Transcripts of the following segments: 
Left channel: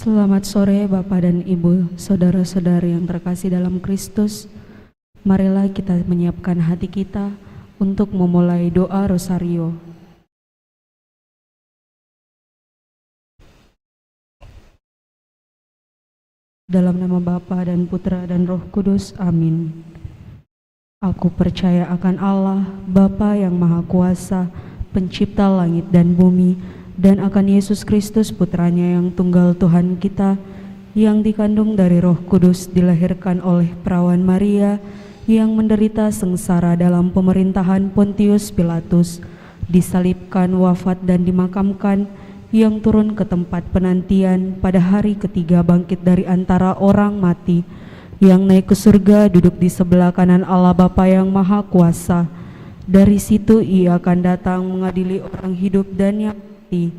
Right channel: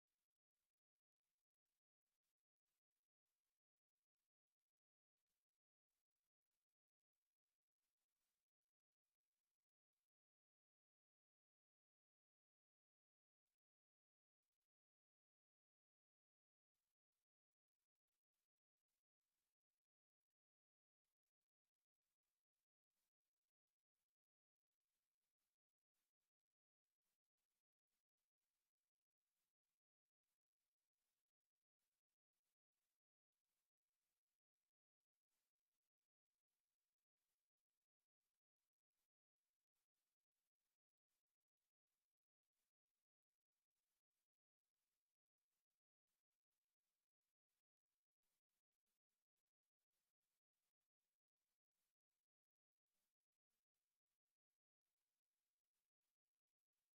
Selamat sore Bapak dan Ibu, saudara-saudari yang terkasih dalam Kristus. Marilah kita menyiapkan hati kita untuk memulai doa Rosario. Dalam nama Bapa dan Putra dan Roh Kudus, amin. Aku percaya akan Allah, Bapa yang Maha Kuasa, pencipta langit dan bumi, dan akan Yesus Kristus Putranya yang tunggal Tuhan kita, yang dikandung dari Roh Kudus, dilahirkan oleh perawan Maria, yang menderita sengsara dalam pemerintahan Pontius Pilatus, disalibkan, wafat dan dimakamkan, yang turun ke tempat penantian, pada hari ketiga bangkit dari antara orang mati, yang naik ke surga, duduk di sebelah kanan Allah Bapa yang Maha Kuasa. Dari situ Ia akan datang mengadili orang hidup dan yang mati.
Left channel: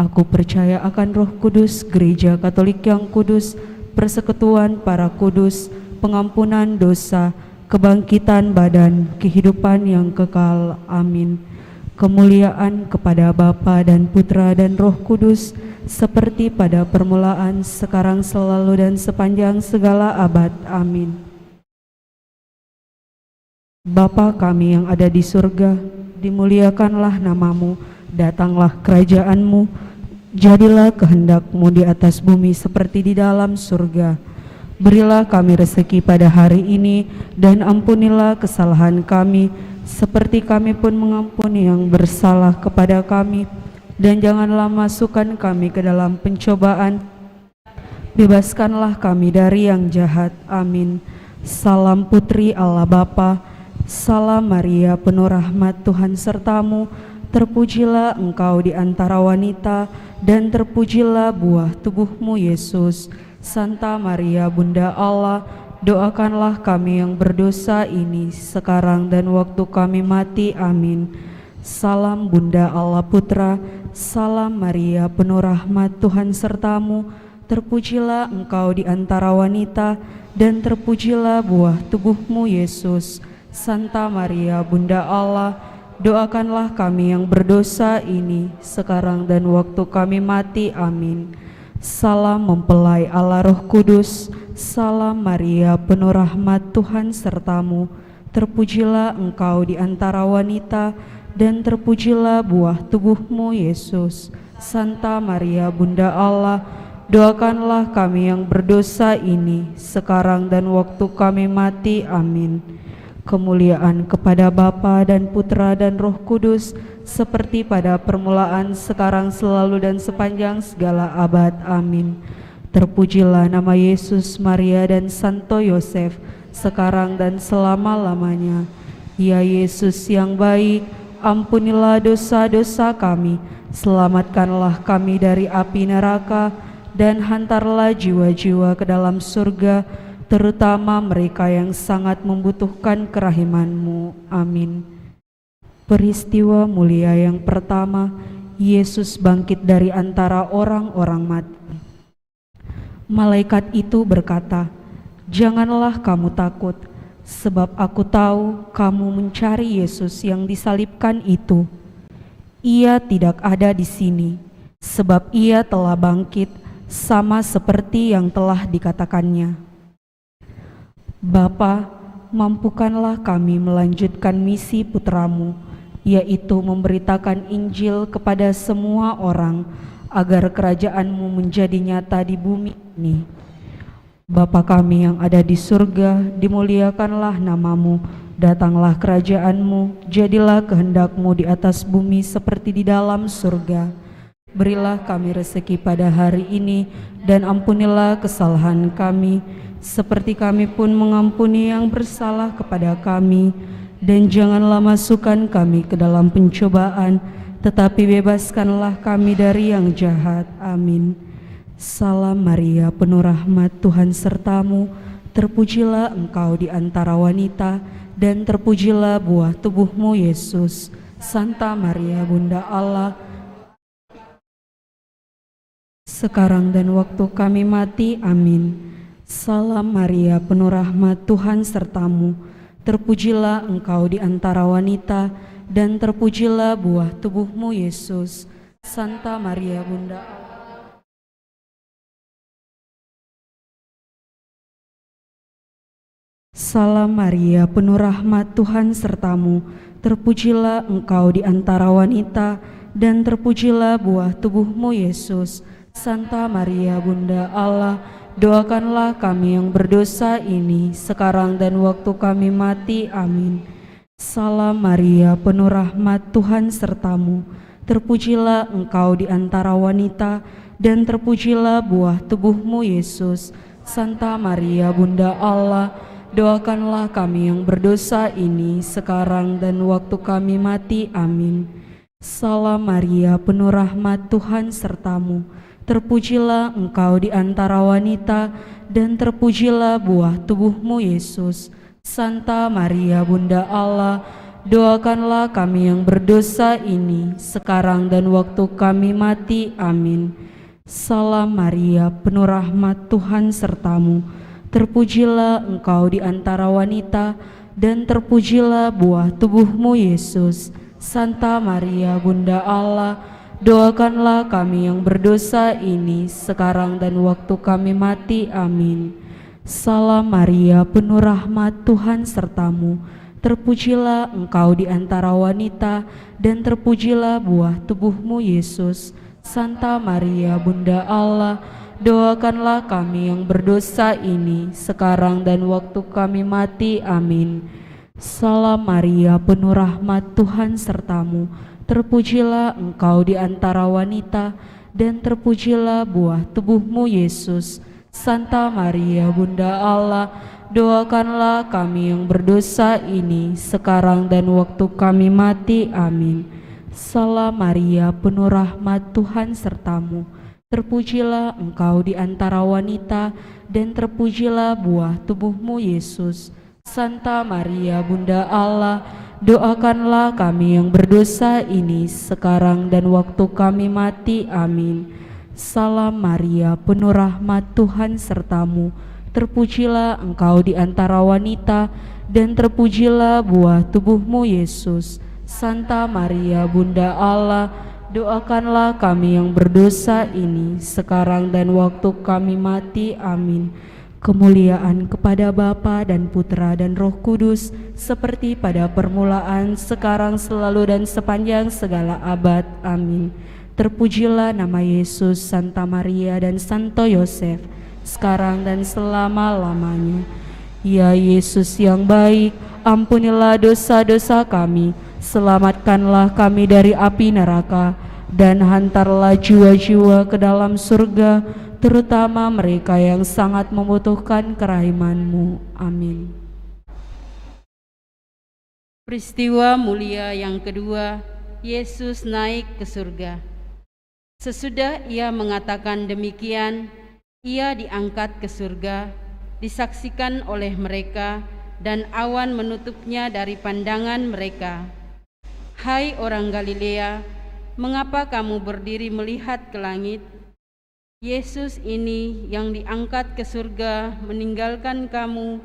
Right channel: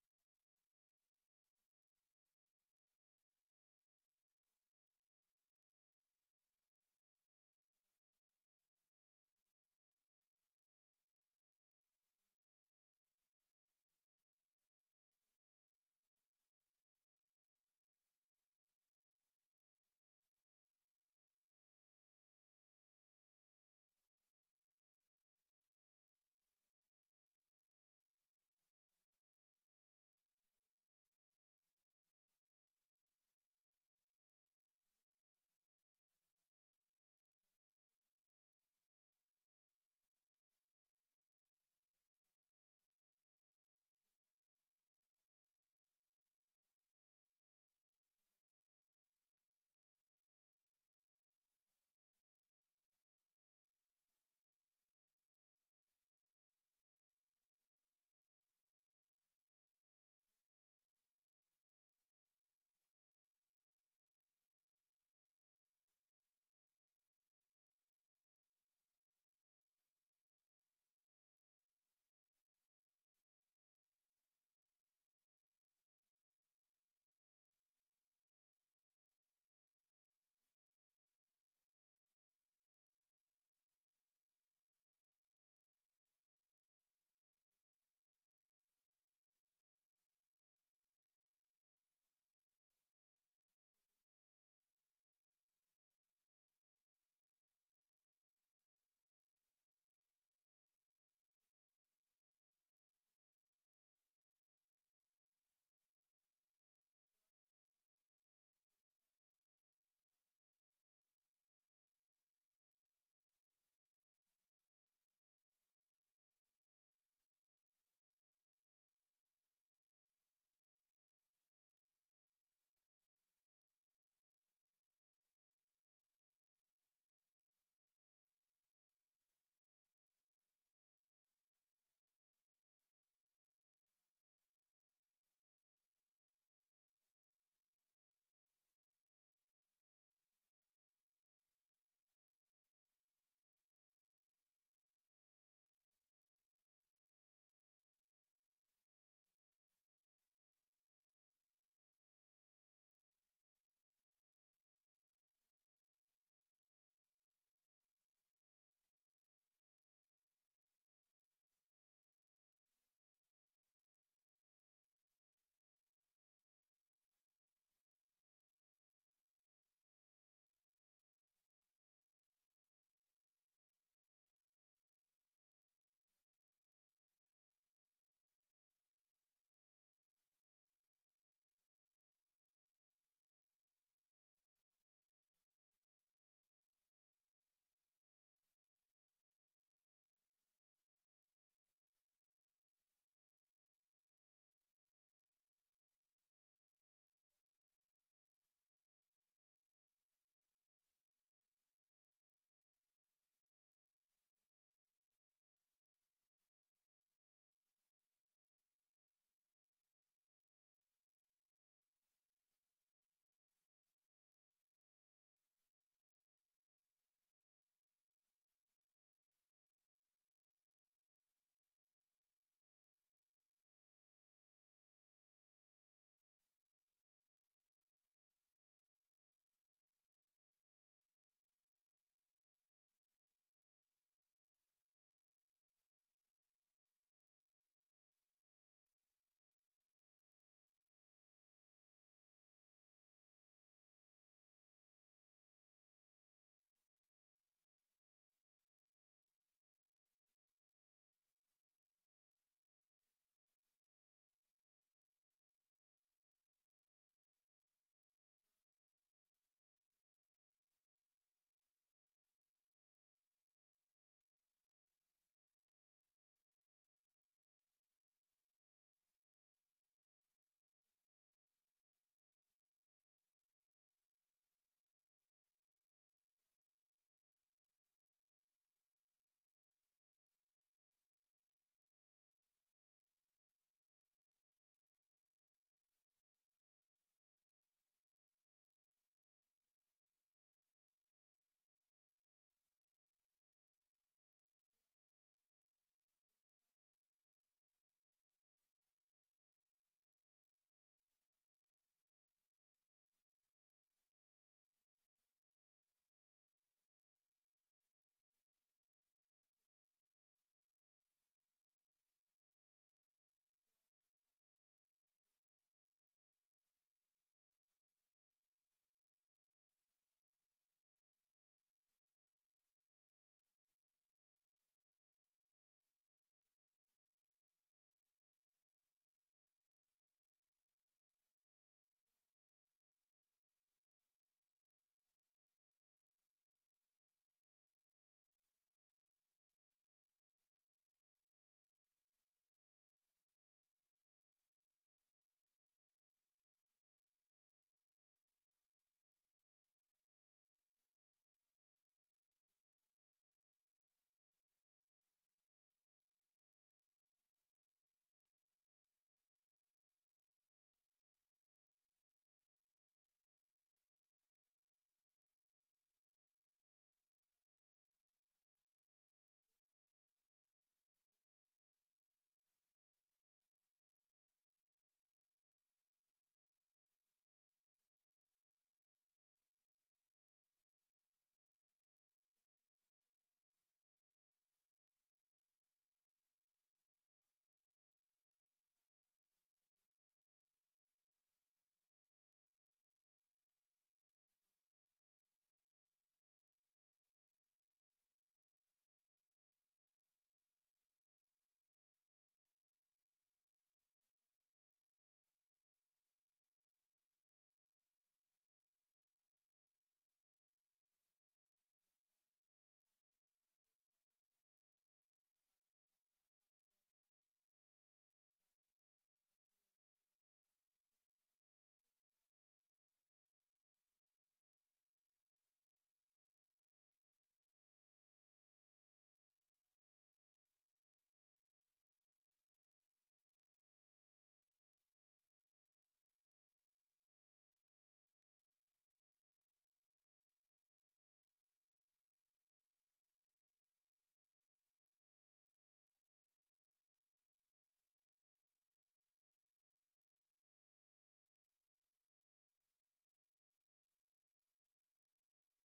Aku percaya akan Roh Kudus, Gereja Katolik yang kudus, persekutuan para kudus, pengampunan dosa, kebangkitan badan, kehidupan yang kekal. Amin. Kemuliaan kepada Bapa dan Putra dan Roh Kudus, seperti pada permulaan, sekarang, selalu, dan sepanjang segala abad. Amin. Bapa kami yang ada di surga, dimuliakanlah namamu, datanglah kerajaan-Mu, jadilah kehendak-Mu di atas bumi seperti di dalam surga. Berilah kami rezeki pada hari ini, dan ampunilah kesalahan kami, seperti kami pun mengampuni yang bersalah kepada kami. Dan janganlah masukkan kami ke dalam pencobaan, bebaskanlah kami dari yang jahat. Amin. Salam Putri Allah Bapa, salam Maria penuh rahmat, Tuhan sertamu, terpujilah engkau di antara wanita, dan terpujilah buah tubuhmu Yesus. Santa Maria Bunda Allah, doakanlah kami yang berdosa ini, sekarang dan waktu kami mati. Amin. Salam Bunda Allah Putra, salam Maria penuh rahmat, Tuhan sertamu, terpujilah engkau di antara wanita, dan terpujilah buah tubuhmu Yesus. Santa Maria Bunda Allah, doakanlah kami yang berdosa ini, sekarang dan waktu kami mati. Amin. Salam mempelai Allah Roh Kudus, salam Maria penuh rahmat, Tuhan sertamu, terpujilah engkau di antara wanita, dan terpujilah buah tubuhmu Yesus. Santa Maria Bunda Allah, doakanlah kami yang berdosa ini, sekarang dan waktu kami mati. Amin. Kemuliaan kepada Bapa dan Putra dan Roh Kudus, seperti pada permulaan, sekarang, selalu, dan sepanjang segala abad. Amin. Terpujilah nama Yesus, Maria, dan Santo Yosef, sekarang dan selama-lamanya. Ya Yesus yang baik, ampunilah dosa-dosa kami, selamatkanlah kami dari api neraka, dan hantarlah jiwa-jiwa ke dalam surga, terutama mereka yang sangat membutuhkan kerahiman-Mu. Amin. Peristiwa mulia yang pertama, Yesus bangkit dari antara orang-orang mati. Malaikat itu berkata, "Janganlah kamu takut, sebab aku tahu kamu mencari Yesus yang disalibkan itu. Ia tidak ada di sini, sebab Ia telah bangkit, sama seperti yang telah dikatakannya. Bapa, mampukanlah kami melanjutkan misi putra-Mu, yaitu memberitakan Injil kepada semua orang, agar kerajaan-Mu menjadi nyata di bumi ini. Bapa kami yang ada di surga, dimuliakanlah namamu, datanglah kerajaan-Mu, jadilah kehendak-Mu di atas bumi seperti di dalam surga. Berilah kami rezeki pada hari ini, dan ampunilah kesalahan kami, seperti kami pun mengampuni yang bersalah kepada kami. Dan janganlah masukkan kami ke dalam pencobaan, tetapi bebaskanlah kami dari yang jahat. Amin. Salam Maria penuh rahmat, Tuhan sertamu, terpujilah engkau di antara wanita, dan terpujilah buah tubuhmu Yesus. Santa Maria Bunda Allah, sekarang dan waktu kami mati. Amin. Salam Maria penuh rahmat, Tuhan sertamu, terpujilah engkau di antara wanita, dan terpujilah buah tubuhmu Yesus. Santa Maria Bunda Allah, Salam Maria, penuh rahmat, Tuhan sertamu. Terpujilah engkau di antara wanita, dan terpujilah buah tubuhmu, Yesus. Santa Maria, Bunda Allah, doakanlah kami yang berdosa ini, sekarang dan waktu kami mati. Amin. Salam Maria, penuh rahmat, Tuhan sertamu. Terpujilah engkau di antara wanita, dan terpujilah buah tubuhmu, Yesus. Santa Maria, Bunda Allah, doakanlah kami yang berdosa ini, sekarang dan waktu kami mati. Amin. Salam Maria, penuh rahmat, Tuhan sertamu. Terpujilah engkau di antara wanita, dan terpujilah buah tubuhmu, Yesus. Santa Maria, Bunda Allah, doakanlah kami yang berdosa ini, sekarang dan waktu kami mati. Amin. Salam Maria, penuh rahmat, Tuhan sertamu. Terpujilah engkau di antara wanita, dan terpujilah buah tubuhmu, Yesus. Santa Maria, Bunda Allah, doakanlah kami yang berdosa ini, sekarang dan waktu kami mati. Amin. Salam Maria, penuh rahmat, Tuhan sertamu. Terpujilah engkau di antara wanita, dan terpujilah buah tubuhmu, Yesus. Santa Maria, Bunda Allah, doakanlah kami yang berdosa ini, sekarang dan waktu kami mati. Amin. Salam Maria, penuh rahmat, Tuhan sertamu. Terpujilah engkau di antara wanita, dan terpujilah buah tubuhmu, Yesus. Santa Maria, Bunda Allah, doakanlah kami yang berdosa ini, sekarang dan waktu kami mati. Amin. Salam Maria, penuh rahmat, Tuhan sertamu. Terpujilah engkau di antara wanita, dan terpujilah buah tubuhmu, Yesus. Santa Maria, Bunda Allah, doakanlah kami yang berdosa ini, sekarang dan waktu kami mati. Amin. Salam Maria, penuh rahmat, Tuhan sertamu. Terpujilah engkau di antara wanita, dan terpujilah buah tubuhmu, Yesus. Santa Maria, Bunda Allah, doakanlah kami yang berdosa ini, sekarang dan waktu kami mati. Amin. Kemuliaan kepada Bapa dan Putra dan Roh Kudus, seperti pada permulaan, sekarang, selalu, dan sepanjang segala abad. Amin. Terpujilah nama Yesus, Santa Maria, dan Santo Yosef, sekarang dan selama-lamanya. Ya Yesus yang baik, ampunilah dosa-dosa kami, selamatkanlah kami dari api neraka, dan hantarlah jiwa-jiwa ke dalam surga, terutama mereka yang sangat membutuhkan kerahiman-Mu. Amin. Peristiwa mulia yang kedua, Yesus naik ke surga. Sesudah ia mengatakan demikian, ia diangkat ke surga, disaksikan oleh mereka, dan awan menutupnya dari pandangan mereka. Hai orang Galilea, mengapa kamu berdiri melihat ke langit? Yesus ini yang diangkat ke surga meninggalkan kamu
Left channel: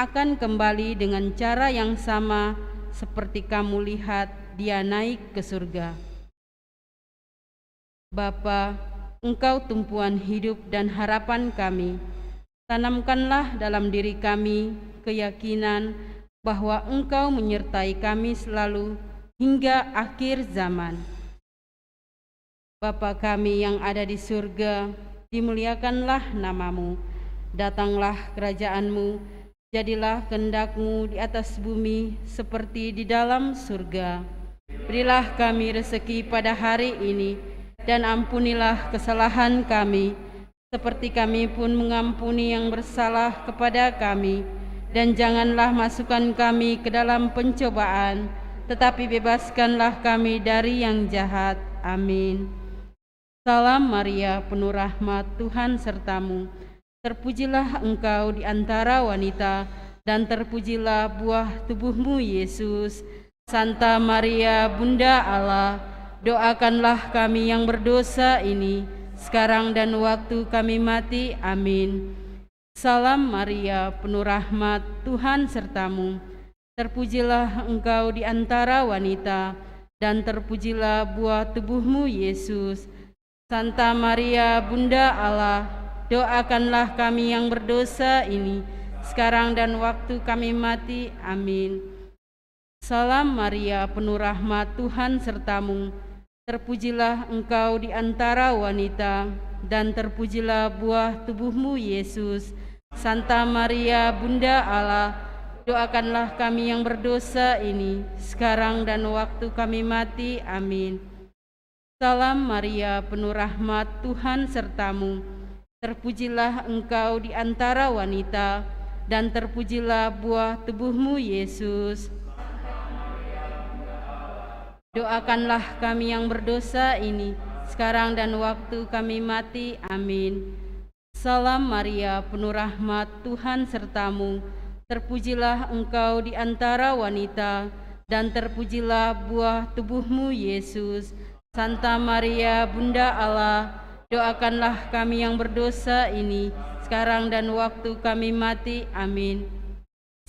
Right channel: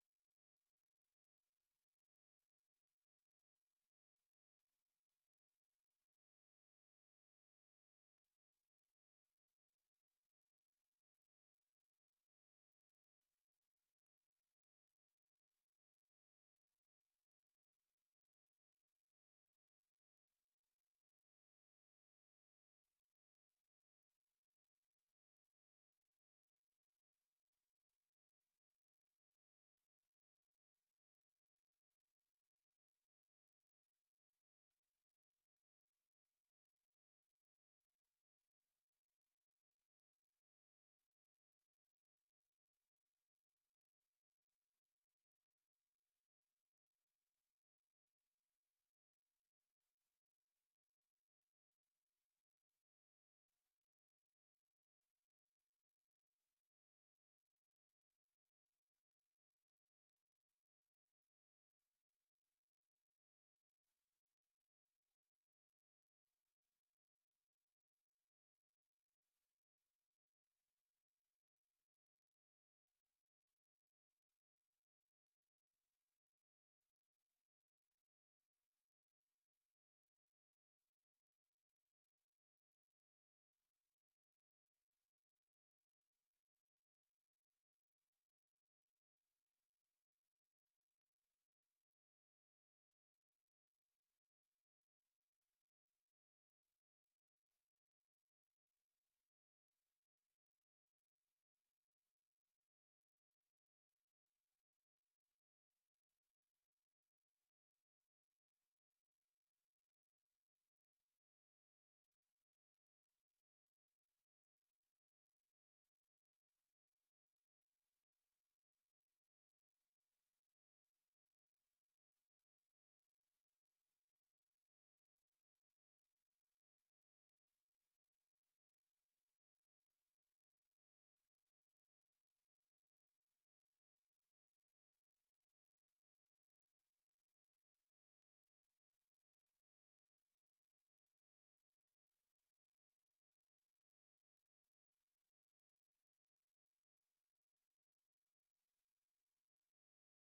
akan kembali dengan cara yang sama seperti kamu lihat dia naik ke surga. Bapa, Engkau tumpuan hidup dan harapan kami. Tanamkanlah dalam diri kami keyakinan bahwa Engkau menyertai kami selalu hingga akhir zaman. Bapa kami yang ada di surga, dimuliakanlah nama-Mu. Datanglah kerajaan-Mu, jadilah kehendak-Mu di atas bumi seperti di dalam surga. Berilah kami rezeki pada hari ini, dan ampunilah kesalahan kami, seperti kami pun mengampuni yang bersalah kepada kami. Dan janganlah masukkan kami ke dalam pencobaan, tetapi bebaskanlah kami dari yang jahat. Amin. Salam Maria, penuh rahmat, Tuhan sertamu. Terpujilah engkau di antara wanita, dan terpujilah buah tubuhmu, Yesus. Santa Maria, Bunda Allah, doakanlah kami yang berdosa ini, sekarang dan waktu kami mati. Amin. Salam Maria, penuh rahmat, Tuhan sertamu. Terpujilah engkau di antara wanita, dan terpujilah buah tubuhmu, Yesus. Santa Maria, Bunda Allah, doakanlah kami yang berdosa ini, sekarang dan waktu kami mati. Amin. Salam Maria, penuh rahmat, Tuhan sertamu. Terpujilah engkau di antara wanita, dan terpujilah buah tubuhmu, Yesus. Santa Maria, Bunda Allah, doakanlah kami yang berdosa ini, sekarang dan waktu kami mati. Amin. Salam Maria, penuh rahmat, Tuhan sertamu. Terpujilah engkau di antara wanita, dan terpujilah buah tubuhmu, Yesus. Doakanlah kami yang berdosa ini, sekarang dan waktu kami mati. Amin. Salam Maria, penuh rahmat, Tuhan sertamu. Terpujilah engkau di antara wanita, dan terpujilah buah tubuhmu, Yesus. Santa Maria, Bunda Allah, doakanlah kami yang berdosa ini, sekarang dan waktu kami mati. Amin.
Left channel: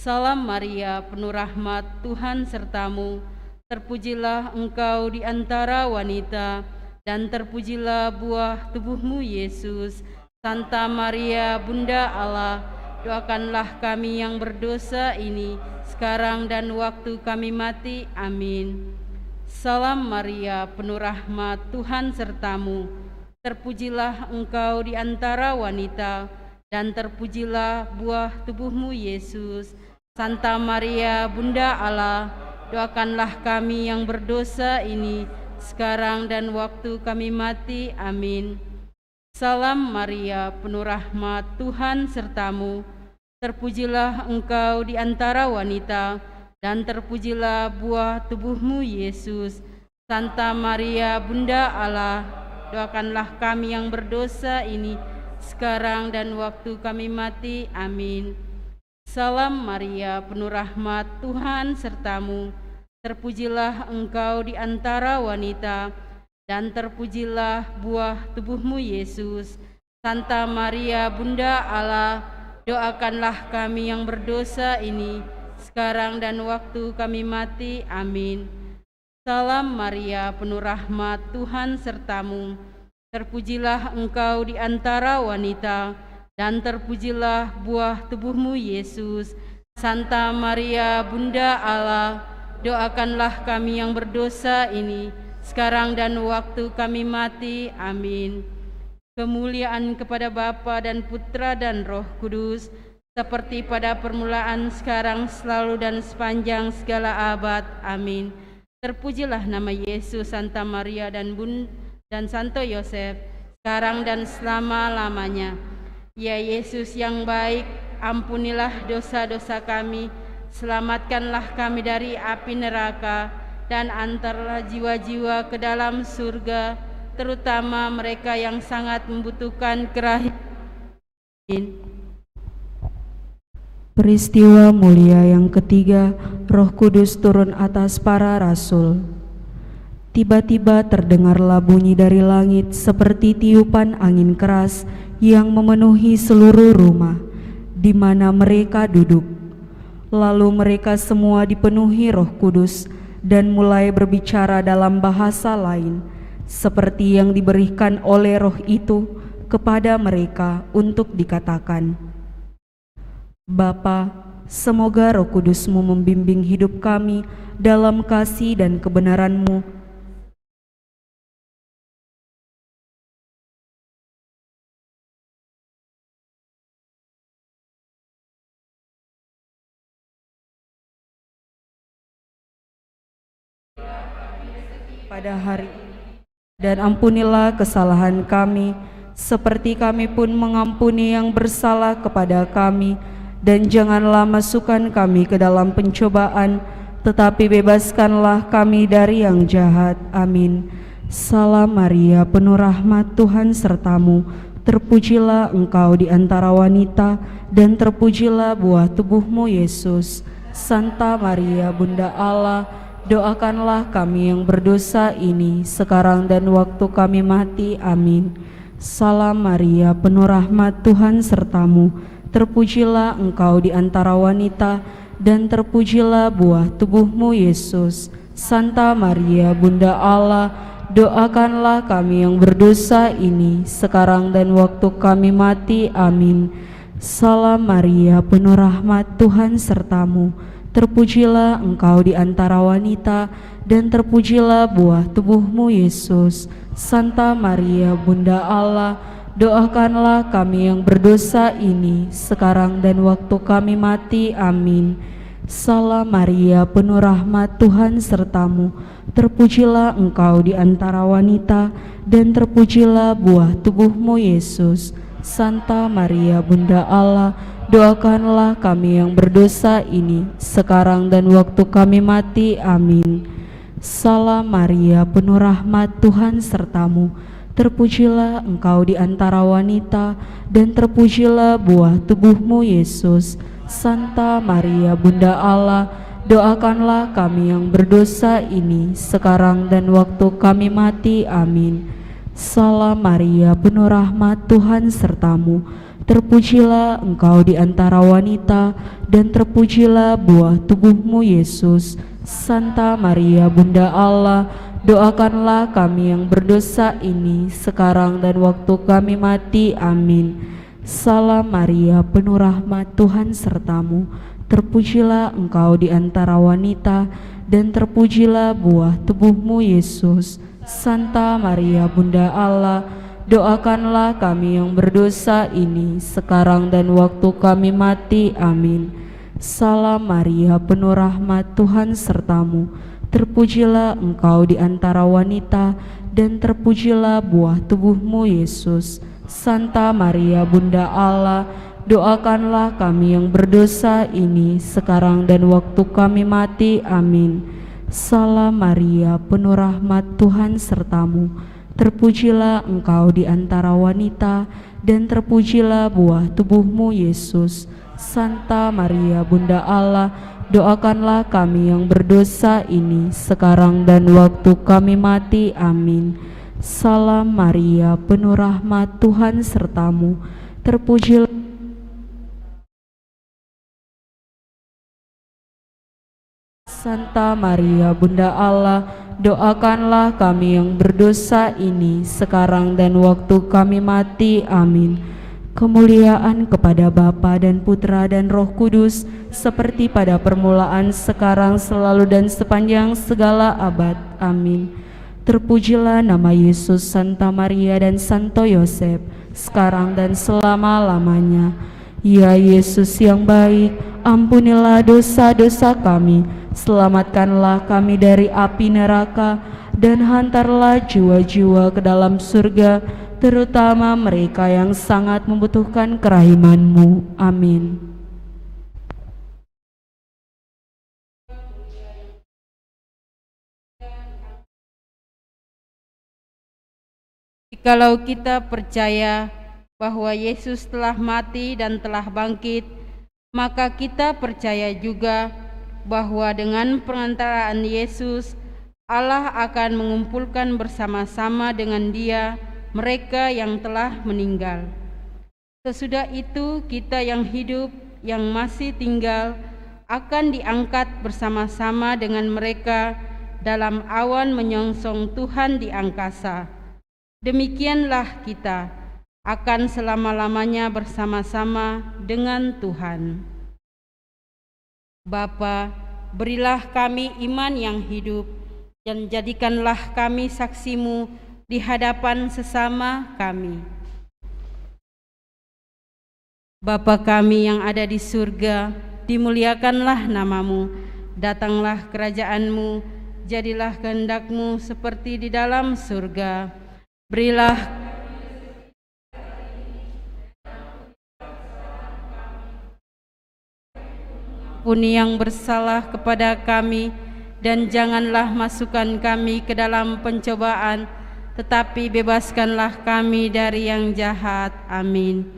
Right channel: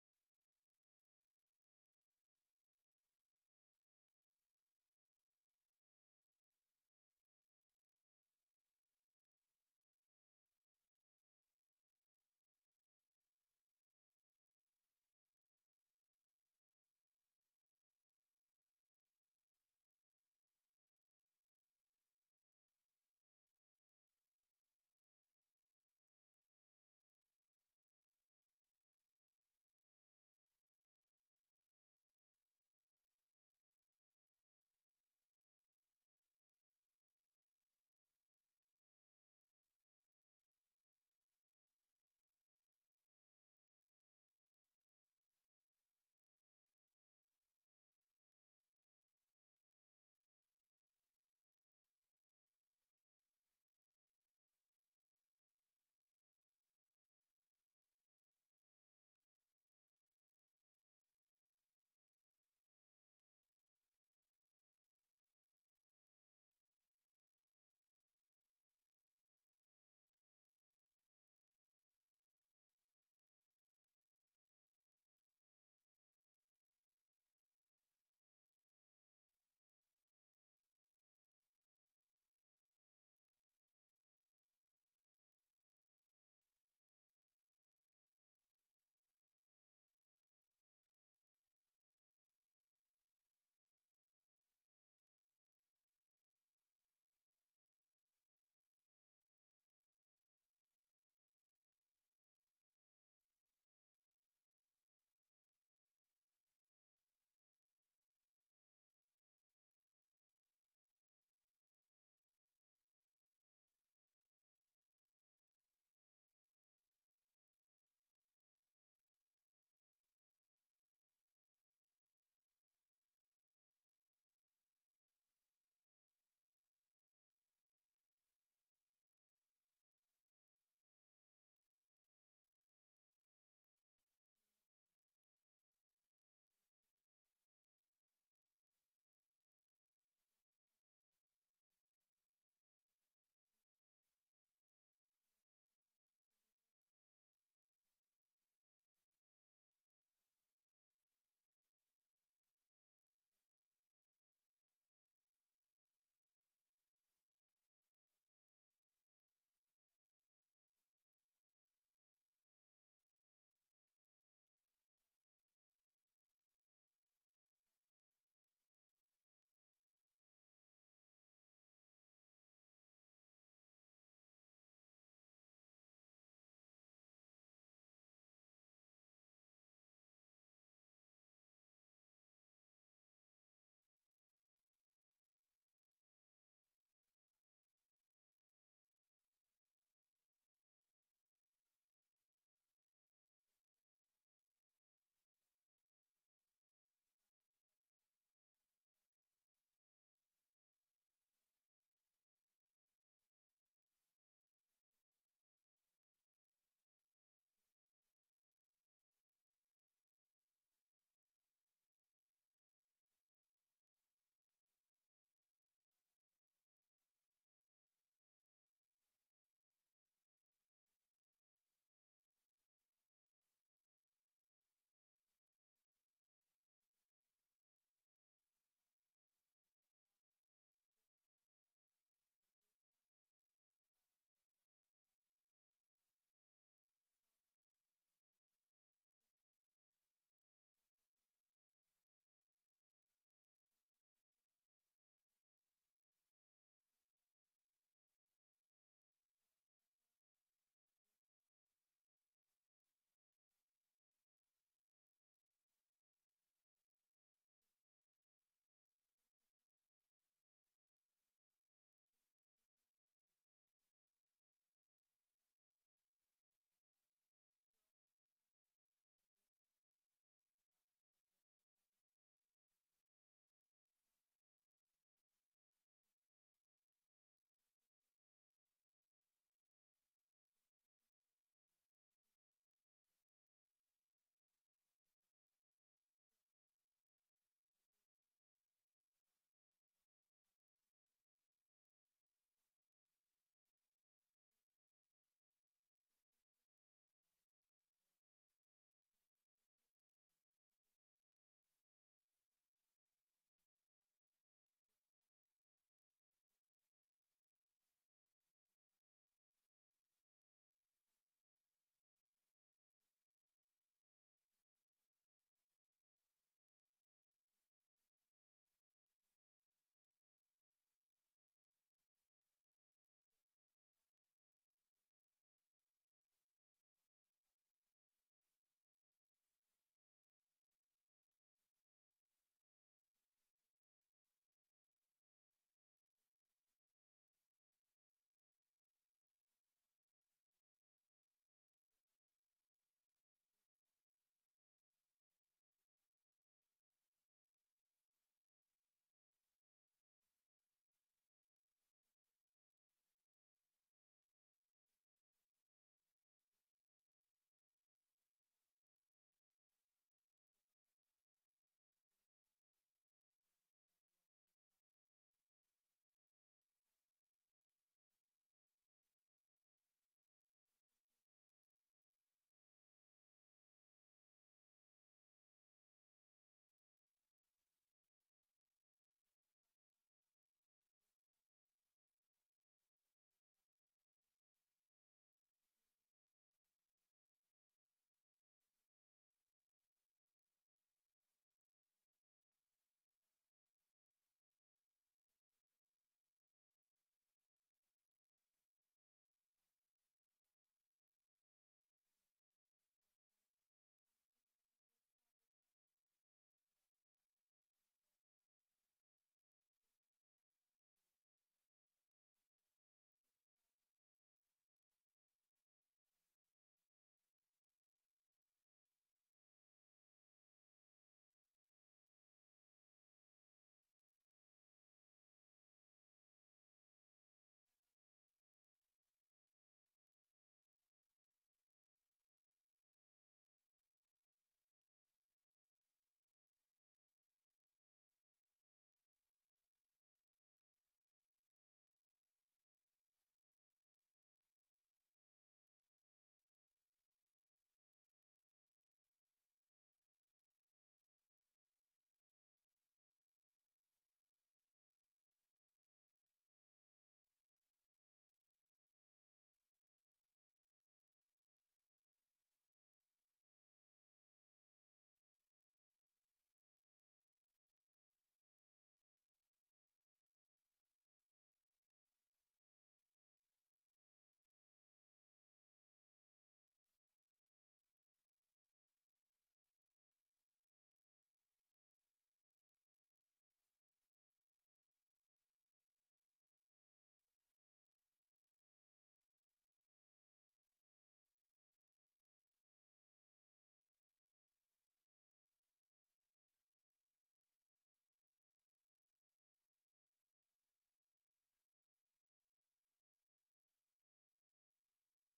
Salam Maria, penuh rahmat, Tuhan sertamu. Terpujilah engkau di antara wanita, dan terpujilah buah tubuhmu, Yesus. Santa Maria, Bunda Allah, doakanlah kami yang berdosa ini, sekarang dan waktu kami mati. Amin. Salam Maria, penuh rahmat, Tuhan sertamu. Terpujilah engkau di antara wanita, dan terpujilah buah tubuhmu, Yesus. Santa Maria, Bunda Allah, doakanlah kami yang berdosa ini, sekarang dan waktu kami mati. Amin. Salam Maria, penuh rahmat, Tuhan sertamu. Terpujilah engkau di antara wanita, dan terpujilah buah tubuhmu, Yesus. Santa Maria, Bunda Allah, doakanlah kami yang berdosa ini, sekarang dan waktu kami mati. Amin. Salam Maria, penuh rahmat, Tuhan sertamu. Terpujilah engkau di antara wanita, dan terpujilah buah tubuhmu, Yesus. Santa Maria, Bunda Allah, doakanlah kami yang berdosa ini, sekarang dan waktu kami mati. Amin. Salam Maria, penuh rahmat, Tuhan sertamu. Terpujilah engkau di antara wanita, dan terpujilah buah tubuhmu, Yesus. Santa Maria, Bunda Allah, doakanlah kami yang berdosa ini, sekarang dan waktu kami mati. Amin. Kemuliaan kepada Bapa dan Putra dan Roh Kudus, seperti pada permulaan, sekarang, selalu, dan sepanjang segala abad. Amin. Terpujilah nama Yesus, Santa Maria dan Santo Yosef, sekarang dan selama-lamanya. Ya Yesus yang baik, ampunilah dosa-dosa kami, selamatkanlah kami dari api neraka, dan antarlah jiwa-jiwa ke dalam surga, terutama mereka yang sangat membutuhkan kerahiman. Peristiwa mulia yang ketiga, Roh Kudus turun atas para rasul. Tiba-tiba terdengarlah bunyi dari langit seperti tiupan angin keras yang memenuhi seluruh rumah di mana mereka duduk. Lalu mereka semua dipenuhi Roh Kudus dan mulai berbicara dalam bahasa lain, seperti yang diberikan oleh Roh itu kepada mereka untuk dikatakan. Bapa, semoga Roh Kudus-Mu membimbing hidup kami dalam kasih dan kebenaran-Mu, pada hari ini, dan ampunilah kesalahan kami, seperti kami pun mengampuni yang bersalah kepada kami, dan janganlah masukkan kami ke dalam pencobaan, tetapi bebaskanlah kami dari yang jahat. Amin. Salam Maria, penuh rahmat, Tuhan sertamu. Terpujilah engkau di antara wanita, dan terpujilah buah tubuhmu, Yesus. Santa Maria, Bunda Allah, doakanlah kami yang berdosa ini, sekarang dan waktu kami mati. Amin. Salam Maria, penuh rahmat, Tuhan sertamu. Terpujilah engkau di antara wanita, dan terpujilah buah tubuhmu, Yesus. Santa Maria, Bunda Allah, doakanlah kami yang berdosa ini, sekarang dan waktu kami mati. Amin. Salam Maria, penuh rahmat, Tuhan sertamu. Terpujilah engkau di antara wanita, dan terpujilah buah tubuhmu, Yesus. Santa Maria, Bunda Allah, doakanlah kami yang berdosa ini, sekarang dan waktu kami mati. Amin. Salam Maria, penuh rahmat, Tuhan sertamu. Terpujilah engkau di antara wanita, dan terpujilah buah tubuhmu, Yesus. Santa Maria, Bunda Allah, doakanlah kami yang berdosa ini, sekarang dan waktu kami mati. Amin. Salam Maria, penuh rahmat, Tuhan sertamu. Terpujilah engkau di antara wanita, dan terpujilah buah tubuhmu, Yesus. Santa Maria, Bunda Allah, doakanlah kami yang berdosa ini, sekarang dan waktu kami mati. Amin. Salam Maria, penuh rahmat, Tuhan sertamu. Terpujilah engkau di antara wanita, dan terpujilah buah tubuhmu, Yesus. Santa Maria, Bunda Allah, doakanlah kami yang berdosa ini, sekarang dan waktu kami mati. Amin. Salam Maria, penuh rahmat, Tuhan sertamu. Terpujilah engkau di antara wanita, dan terpujilah buah tubuhmu, Yesus. Santa Maria, Bunda Allah, doakanlah kami yang berdosa ini, sekarang dan waktu kami mati. Amin. Salam Maria, penuh rahmat, Tuhan sertamu. Terpujilah engkau di antara wanita, dan terpujilah buah tubuhmu, Yesus. Santa Maria, Bunda Allah, doakanlah kami yang berdosa ini, sekarang dan waktu kami mati. Amin. Salam Maria, penuh rahmat, Tuhan sertamu. Terpujilah engkau di antara wanita, dan terpujilah buah tubuhmu, Yesus. Santa Maria, Bunda Allah, doakanlah kami yang berdosa ini, sekarang dan waktu kami mati. Amin. Salam Maria, penuh rahmat, Tuhan sertamu. Terpujilah Santa Maria, Bunda Allah, doakanlah kami yang berdosa ini, sekarang dan waktu kami mati. Amin. Kemuliaan kepada Bapa dan Putra dan Roh Kudus, seperti pada permulaan, sekarang, selalu, dan sepanjang segala abad. Amin. Terpujilah nama Yesus, Santa Maria, dan Santo Yosef, sekarang dan selama-lamanya. Ya Yesus yang baik, ampunilah dosa-dosa kami, selamatkanlah kami dari api neraka, dan hantarlah jiwa-jiwa ke dalam surga, terutama mereka yang sangat membutuhkan kerahiman-Mu. Amin. Jikalau kita percaya bahwa Yesus telah mati dan telah bangkit, maka kita percaya juga bahwa dengan perantaraan Yesus, Allah akan mengumpulkan bersama-sama dengan Dia mereka yang telah meninggal. Sesudah itu, kita yang hidup, yang masih tinggal, akan diangkat bersama-sama dengan mereka dalam awan menyongsong Tuhan di angkasa. Demikianlah kita akan selama-lamanya bersama-sama dengan Tuhan. Bapa, berilah kami iman yang hidup, dan jadikanlah kami saksi-Mu di hadapan sesama kami. Bapa kami yang ada di surga, dimuliakanlah nama-Mu, datanglah kerajaan-Mu, jadilah kehendak-Mu seperti di dalam surga. Berilah ampuni yang bersalah kepada kami, dan janganlah masukkan kami ke dalam pencobaan, tetapi bebaskanlah kami dari yang jahat. Amin.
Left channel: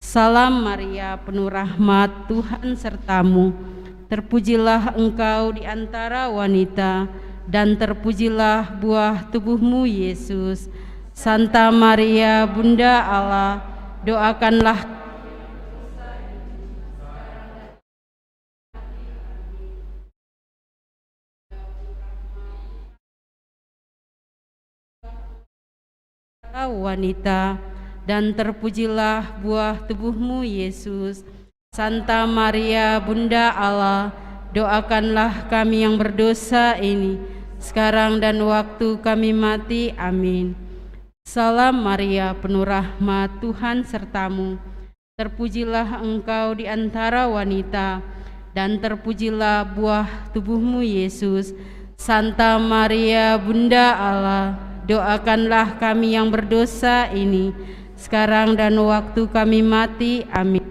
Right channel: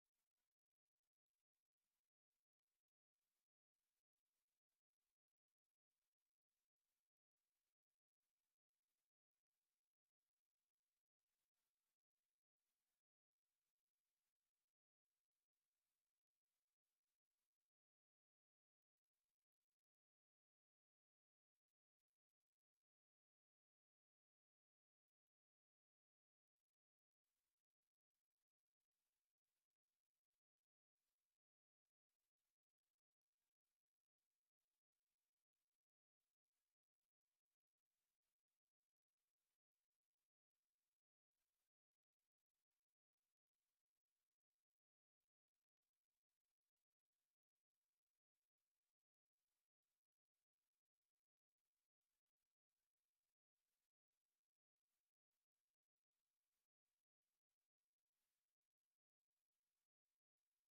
Salam Maria, penuh rahmat, Tuhan sertamu. Terpujilah engkau di antara wanita, dan terpujilah buah tubuhmu, Yesus. Santa Maria, Bunda Allah, doakanlah wanita, dan terpujilah buah tubuhmu, Yesus. Santa Maria, Bunda Allah, doakanlah kami yang berdosa ini, sekarang dan waktu kami mati. Amin. Salam Maria, penuh rahmat, Tuhan sertamu. Terpujilah engkau di antara wanita, dan terpujilah buah tubuhmu, Yesus. Santa Maria, Bunda Allah, doakanlah kami yang berdosa ini, sekarang dan waktu kami mati. Amin.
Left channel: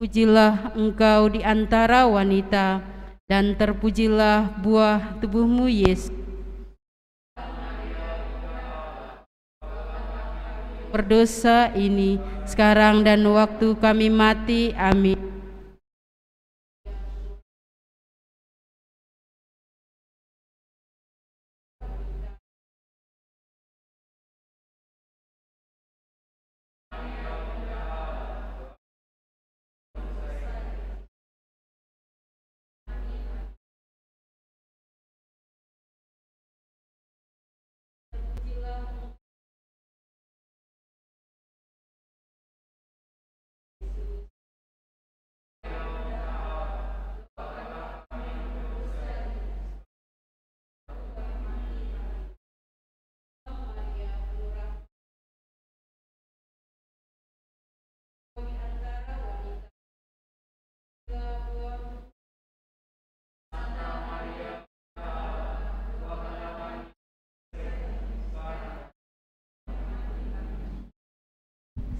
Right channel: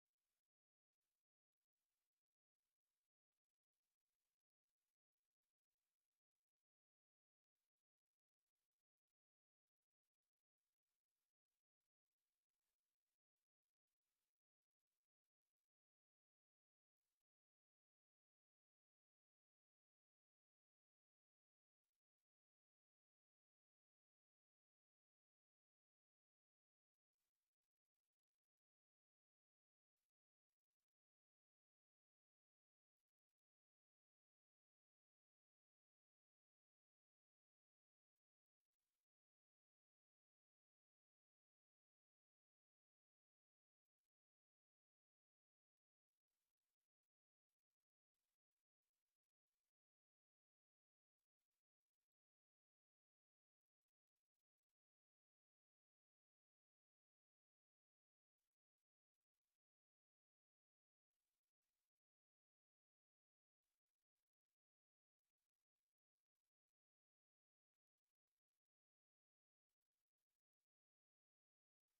Terpujilah engkau di antara wanita, dan terpujilah buah tubuhmu, Yesus. Berdosa ini, sekarang dan waktu kami mati. Amin.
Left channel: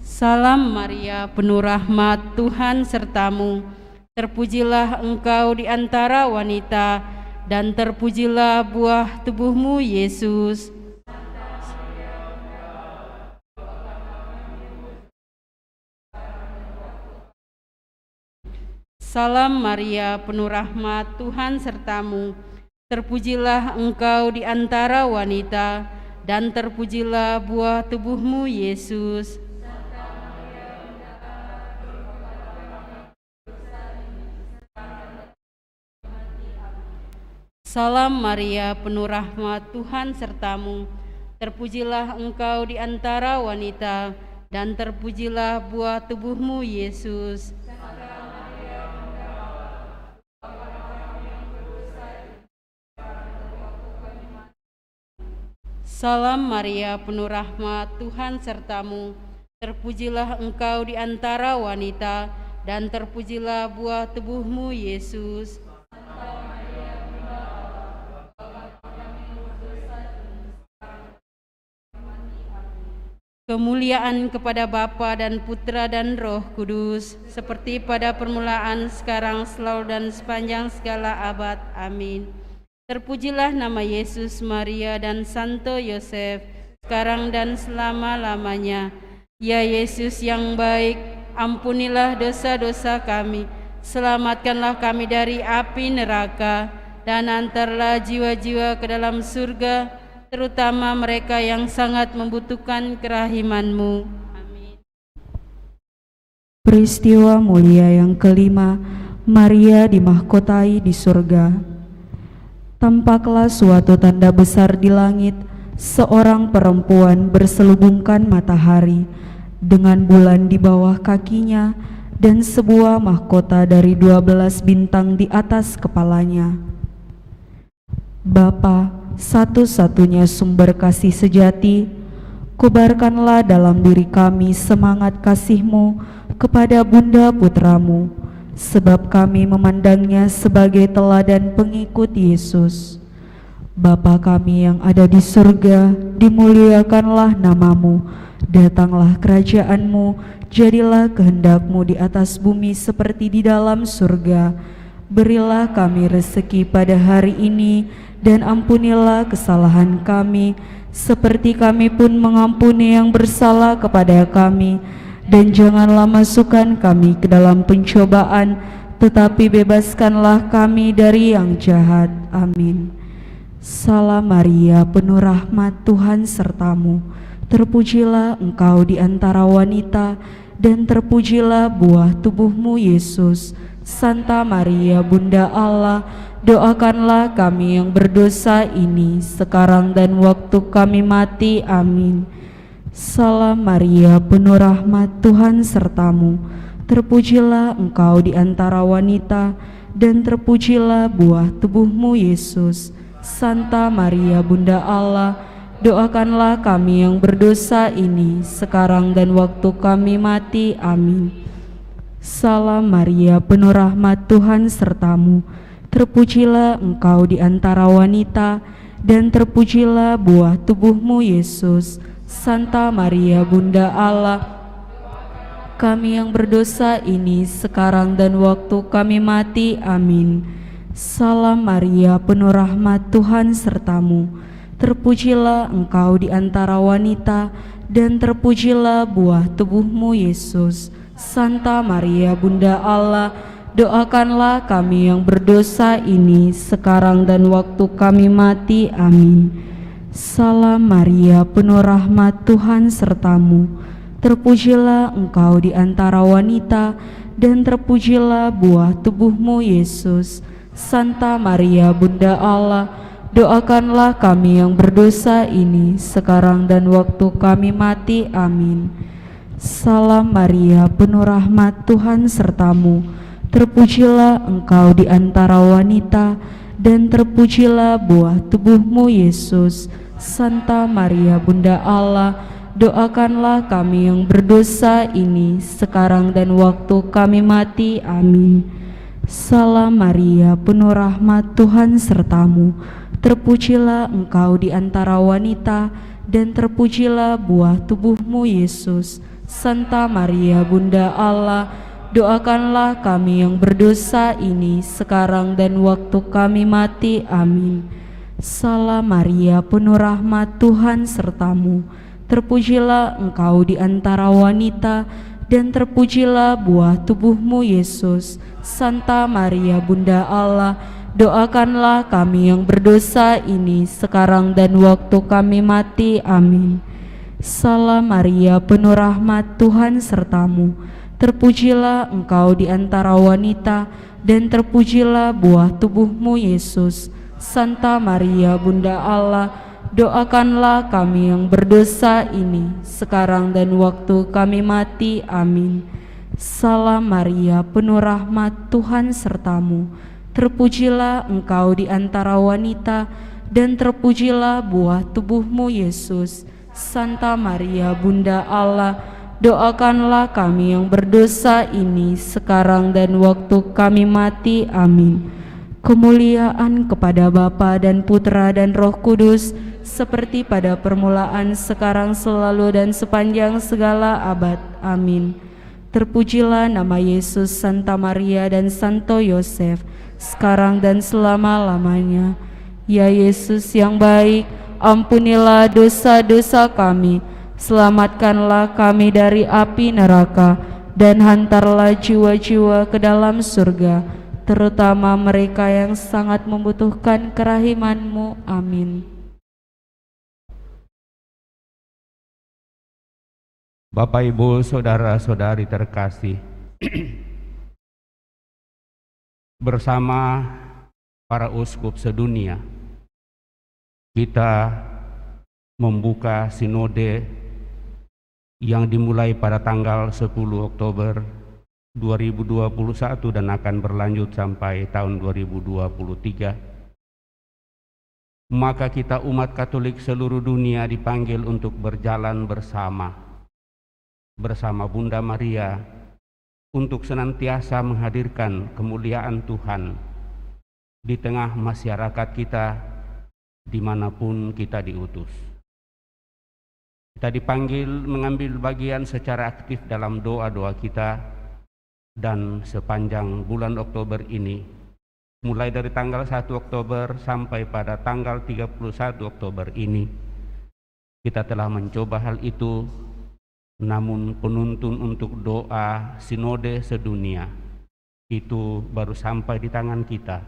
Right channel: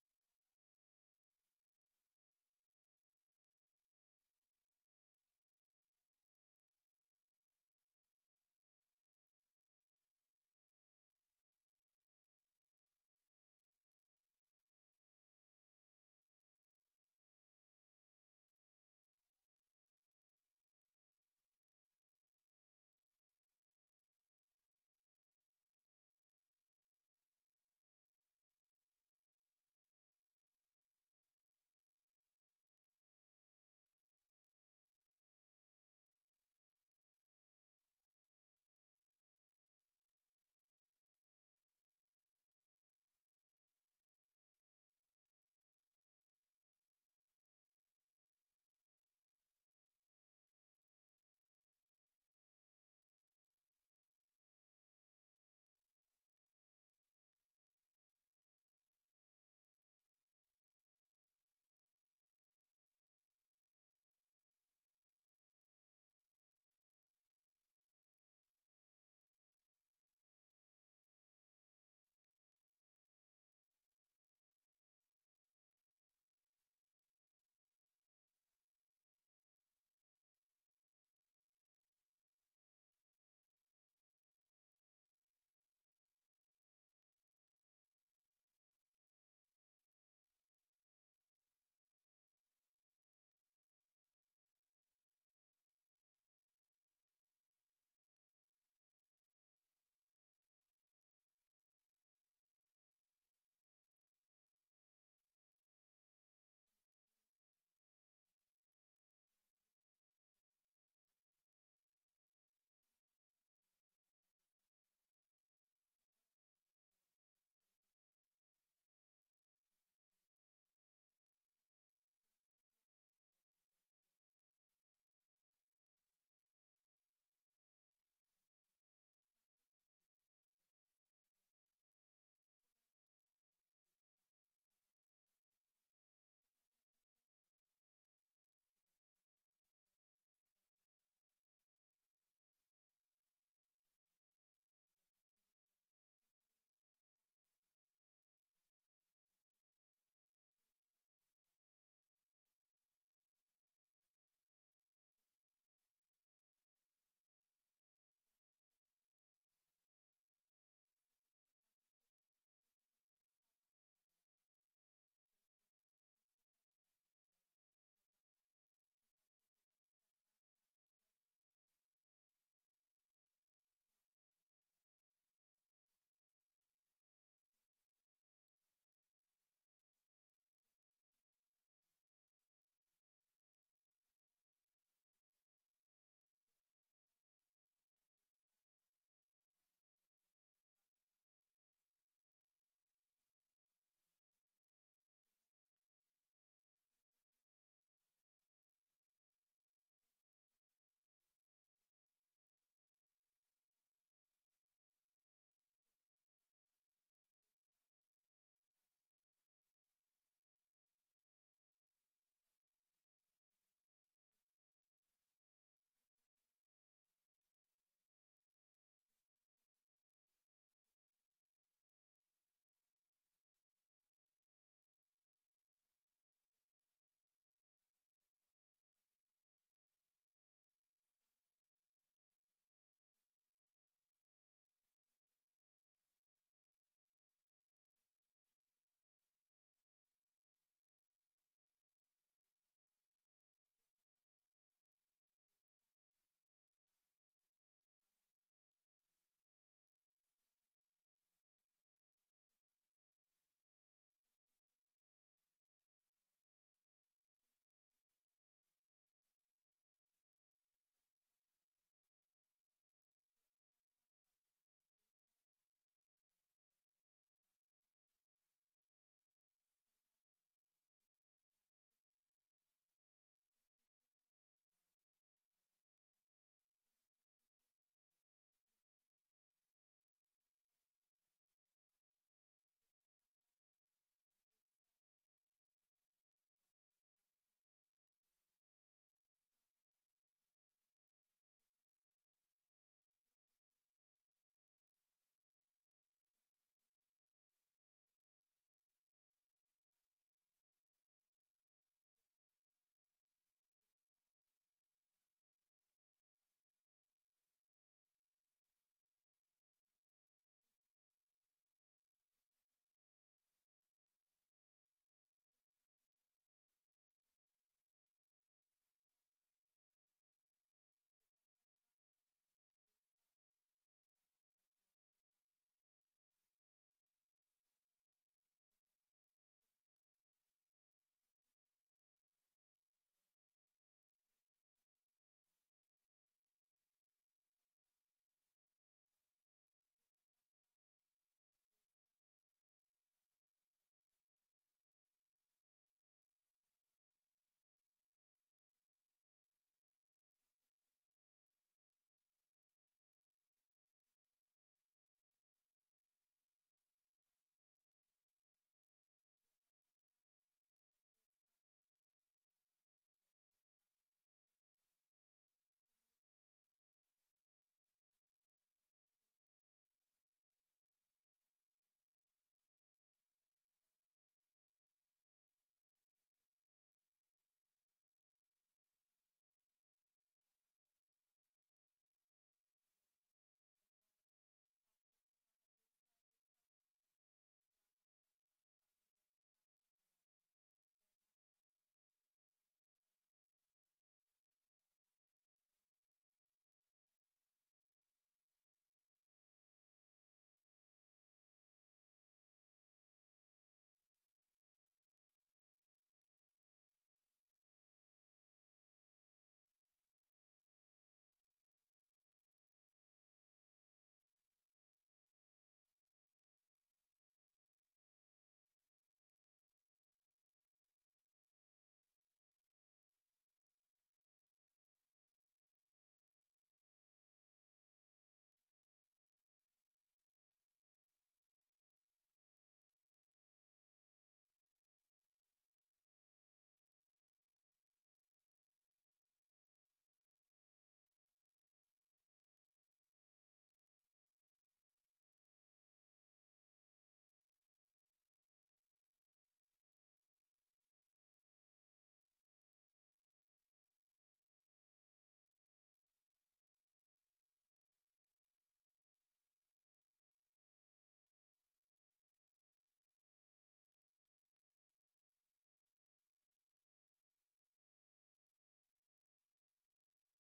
Salam Maria, penuh rahmat, Tuhan sertamu. Terpujilah engkau di antara wanita, dan terpujilah buah tubuhmu, Yesus. Salam Maria, penuh rahmat, Tuhan sertamu. Terpujilah engkau di antara wanita, dan terpujilah buah tubuhmu, Yesus. Salam Maria, penuh rahmat, Tuhan sertamu. Terpujilah engkau di antara wanita, dan terpujilah buah tubuhmu, Yesus. Salam Maria, penuh rahmat, Tuhan sertamu. Terpujilah engkau di antara wanita, dan terpujilah buah tubuhmu, Yesus. Kemuliaan kepada Bapa dan Putra dan Roh Kudus, seperti pada permulaan, sekarang, selalu, dan sepanjang segala abad. Amin. Terpujilah nama Yesus, Maria, dan Santo Yosef, sekarang dan selama-lamanya. Ya Yesus yang baik, ampunilah dosa-dosa kami, selamatkanlah kami dari api neraka, dan antarlah jiwa-jiwa ke dalam surga, terutama mereka yang sangat membutuhkan kerahiman-Mu. Amin. Peristiwa mulia yang kelima, Maria dimahkotai di surga. Tampaklah suatu tanda besar di langit, seorang perempuan berselubungkan matahari, dengan bulan di bawah kakinya, dan sebuah mahkota dari 12 bintang di atas kepalanya. Bapa, satu-satunya sumber kasih sejati, kobarkanlah dalam diri kami semangat kasih-Mu kepada Bunda Putramu, sebab kami memandangnya sebagai teladan pengikut Yesus. Bapa kami yang ada di surga, dimuliakanlah nama-Mu, datanglah kerajaan-Mu, jadilah kehendak-Mu di atas bumi seperti di dalam surga. Berilah kami rezeki pada hari ini, dan ampunilah kesalahan kami, seperti kami pun mengampuni yang bersalah kepada kami. Dan janganlah masukkan kami ke dalam pencobaan, tetapi bebaskanlah kami dari yang jahat. Amin. Salam Maria, penuh rahmat, Tuhan sertamu. Terpujilah engkau di antara wanita, dan terpujilah buah tubuhmu, Yesus. Santa Maria, Bunda Allah, doakanlah kami yang berdosa ini sekarang dan waktu kami mati. Amin. Salam Maria, penuh rahmat, Tuhan sertamu. Terpujilah engkau di antara wanita, dan terpujilah buah tubuhmu, Yesus. Santa Maria, Bunda Allah, doakanlah kami yang berdosa ini sekarang dan waktu kami mati. Amin. Salam Maria, penuh rahmat, Tuhan sertamu. Terpujilah engkau di antara wanita, dan terpujilah buah tubuhmu, Yesus. Santa Maria, Bunda Allah, kami yang berdosa ini sekarang dan waktu kami mati. Amin. Salam Maria, penuh rahmat, Tuhan sertamu. Terpujilah engkau di antara wanita, dan terpujilah buah tubuhmu, Yesus. Santa Maria, Bunda Allah, doakanlah kami yang berdosa ini sekarang dan waktu kami mati. Amin. Salam Maria, penuh rahmat, Tuhan sertamu. Terpujilah engkau di antara wanita, dan terpujilah buah tubuhmu, Yesus. Santa Maria, Bunda Allah, doakanlah kami yang berdosa ini sekarang dan waktu kami mati. Amin. Salam Maria, penuh rahmat, Tuhan sertamu. Terpujilah engkau di antara wanita, dan terpujilah buah tubuhmu, Yesus. Santa Maria, Bunda Allah, doakanlah kami yang berdosa ini sekarang dan waktu kami mati. Amin. Salam Maria, penuh rahmat, Tuhan sertamu. Terpujilah engkau di antara wanita, dan terpujilah buah tubuhmu, Yesus. Santa Maria, Bunda Allah, doakanlah kami yang berdosa ini sekarang dan waktu kami mati. Amin. Salam Maria, penuh rahmat, Tuhan sertamu. Terpujilah engkau di antara wanita, dan terpujilah buah tubuhmu, Yesus. Santa Maria, Bunda Allah, doakanlah kami yang berdosa ini sekarang dan waktu kami mati. Amin. Salam Maria, penuh rahmat, Tuhan sertamu. Terpujilah engkau di antara wanita, dan terpujilah buah tubuhmu, Yesus. Santa Maria, Bunda Allah, doakanlah kami yang berdosa ini sekarang dan waktu kami mati. Amin. Salam Maria, penuh rahmat, Tuhan sertamu. Terpujilah engkau di antara wanita, dan terpujilah buah tubuhmu, Yesus. Santa Maria, Bunda Allah, doakanlah kami yang berdosa ini sekarang dan waktu kami mati. Amin. Kemuliaan kepada Bapa dan Putra dan Roh Kudus, seperti pada permulaan, sekarang, selalu, dan sepanjang segala abad. Amin. Terpujilah nama Yesus, Santa Maria, dan Santo Yosef, sekarang dan selama-lamanya. Ya Yesus yang baik, ampunilah dosa-dosa kami, selamatkanlah kami dari api neraka, dan hantarlah jiwa-jiwa ke dalam surga, terutama mereka yang sangat membutuhkan kerahiman-Mu. Amin. Bapak, Ibu, saudara-saudari terkasih, bersama para uskup sedunia, kita membuka sinode yang dimulai pada tanggal 10 Oktober 2021 dan akan berlanjut sampai tahun 2023. Maka kita umat Katolik seluruh dunia dipanggil untuk berjalan bersama Bunda Maria untuk senantiasa menghadirkan kemuliaan Tuhan di tengah masyarakat kita dimanapun kita diutus. Kita dipanggil mengambil bagian secara aktif dalam doa-doa kita, dan sepanjang bulan Oktober ini, mulai dari tanggal 1 Oktober sampai pada tanggal 31 Oktober ini, kita telah mencoba hal itu, namun penuntun untuk doa sinode sedunia itu baru sampai di tangan kita.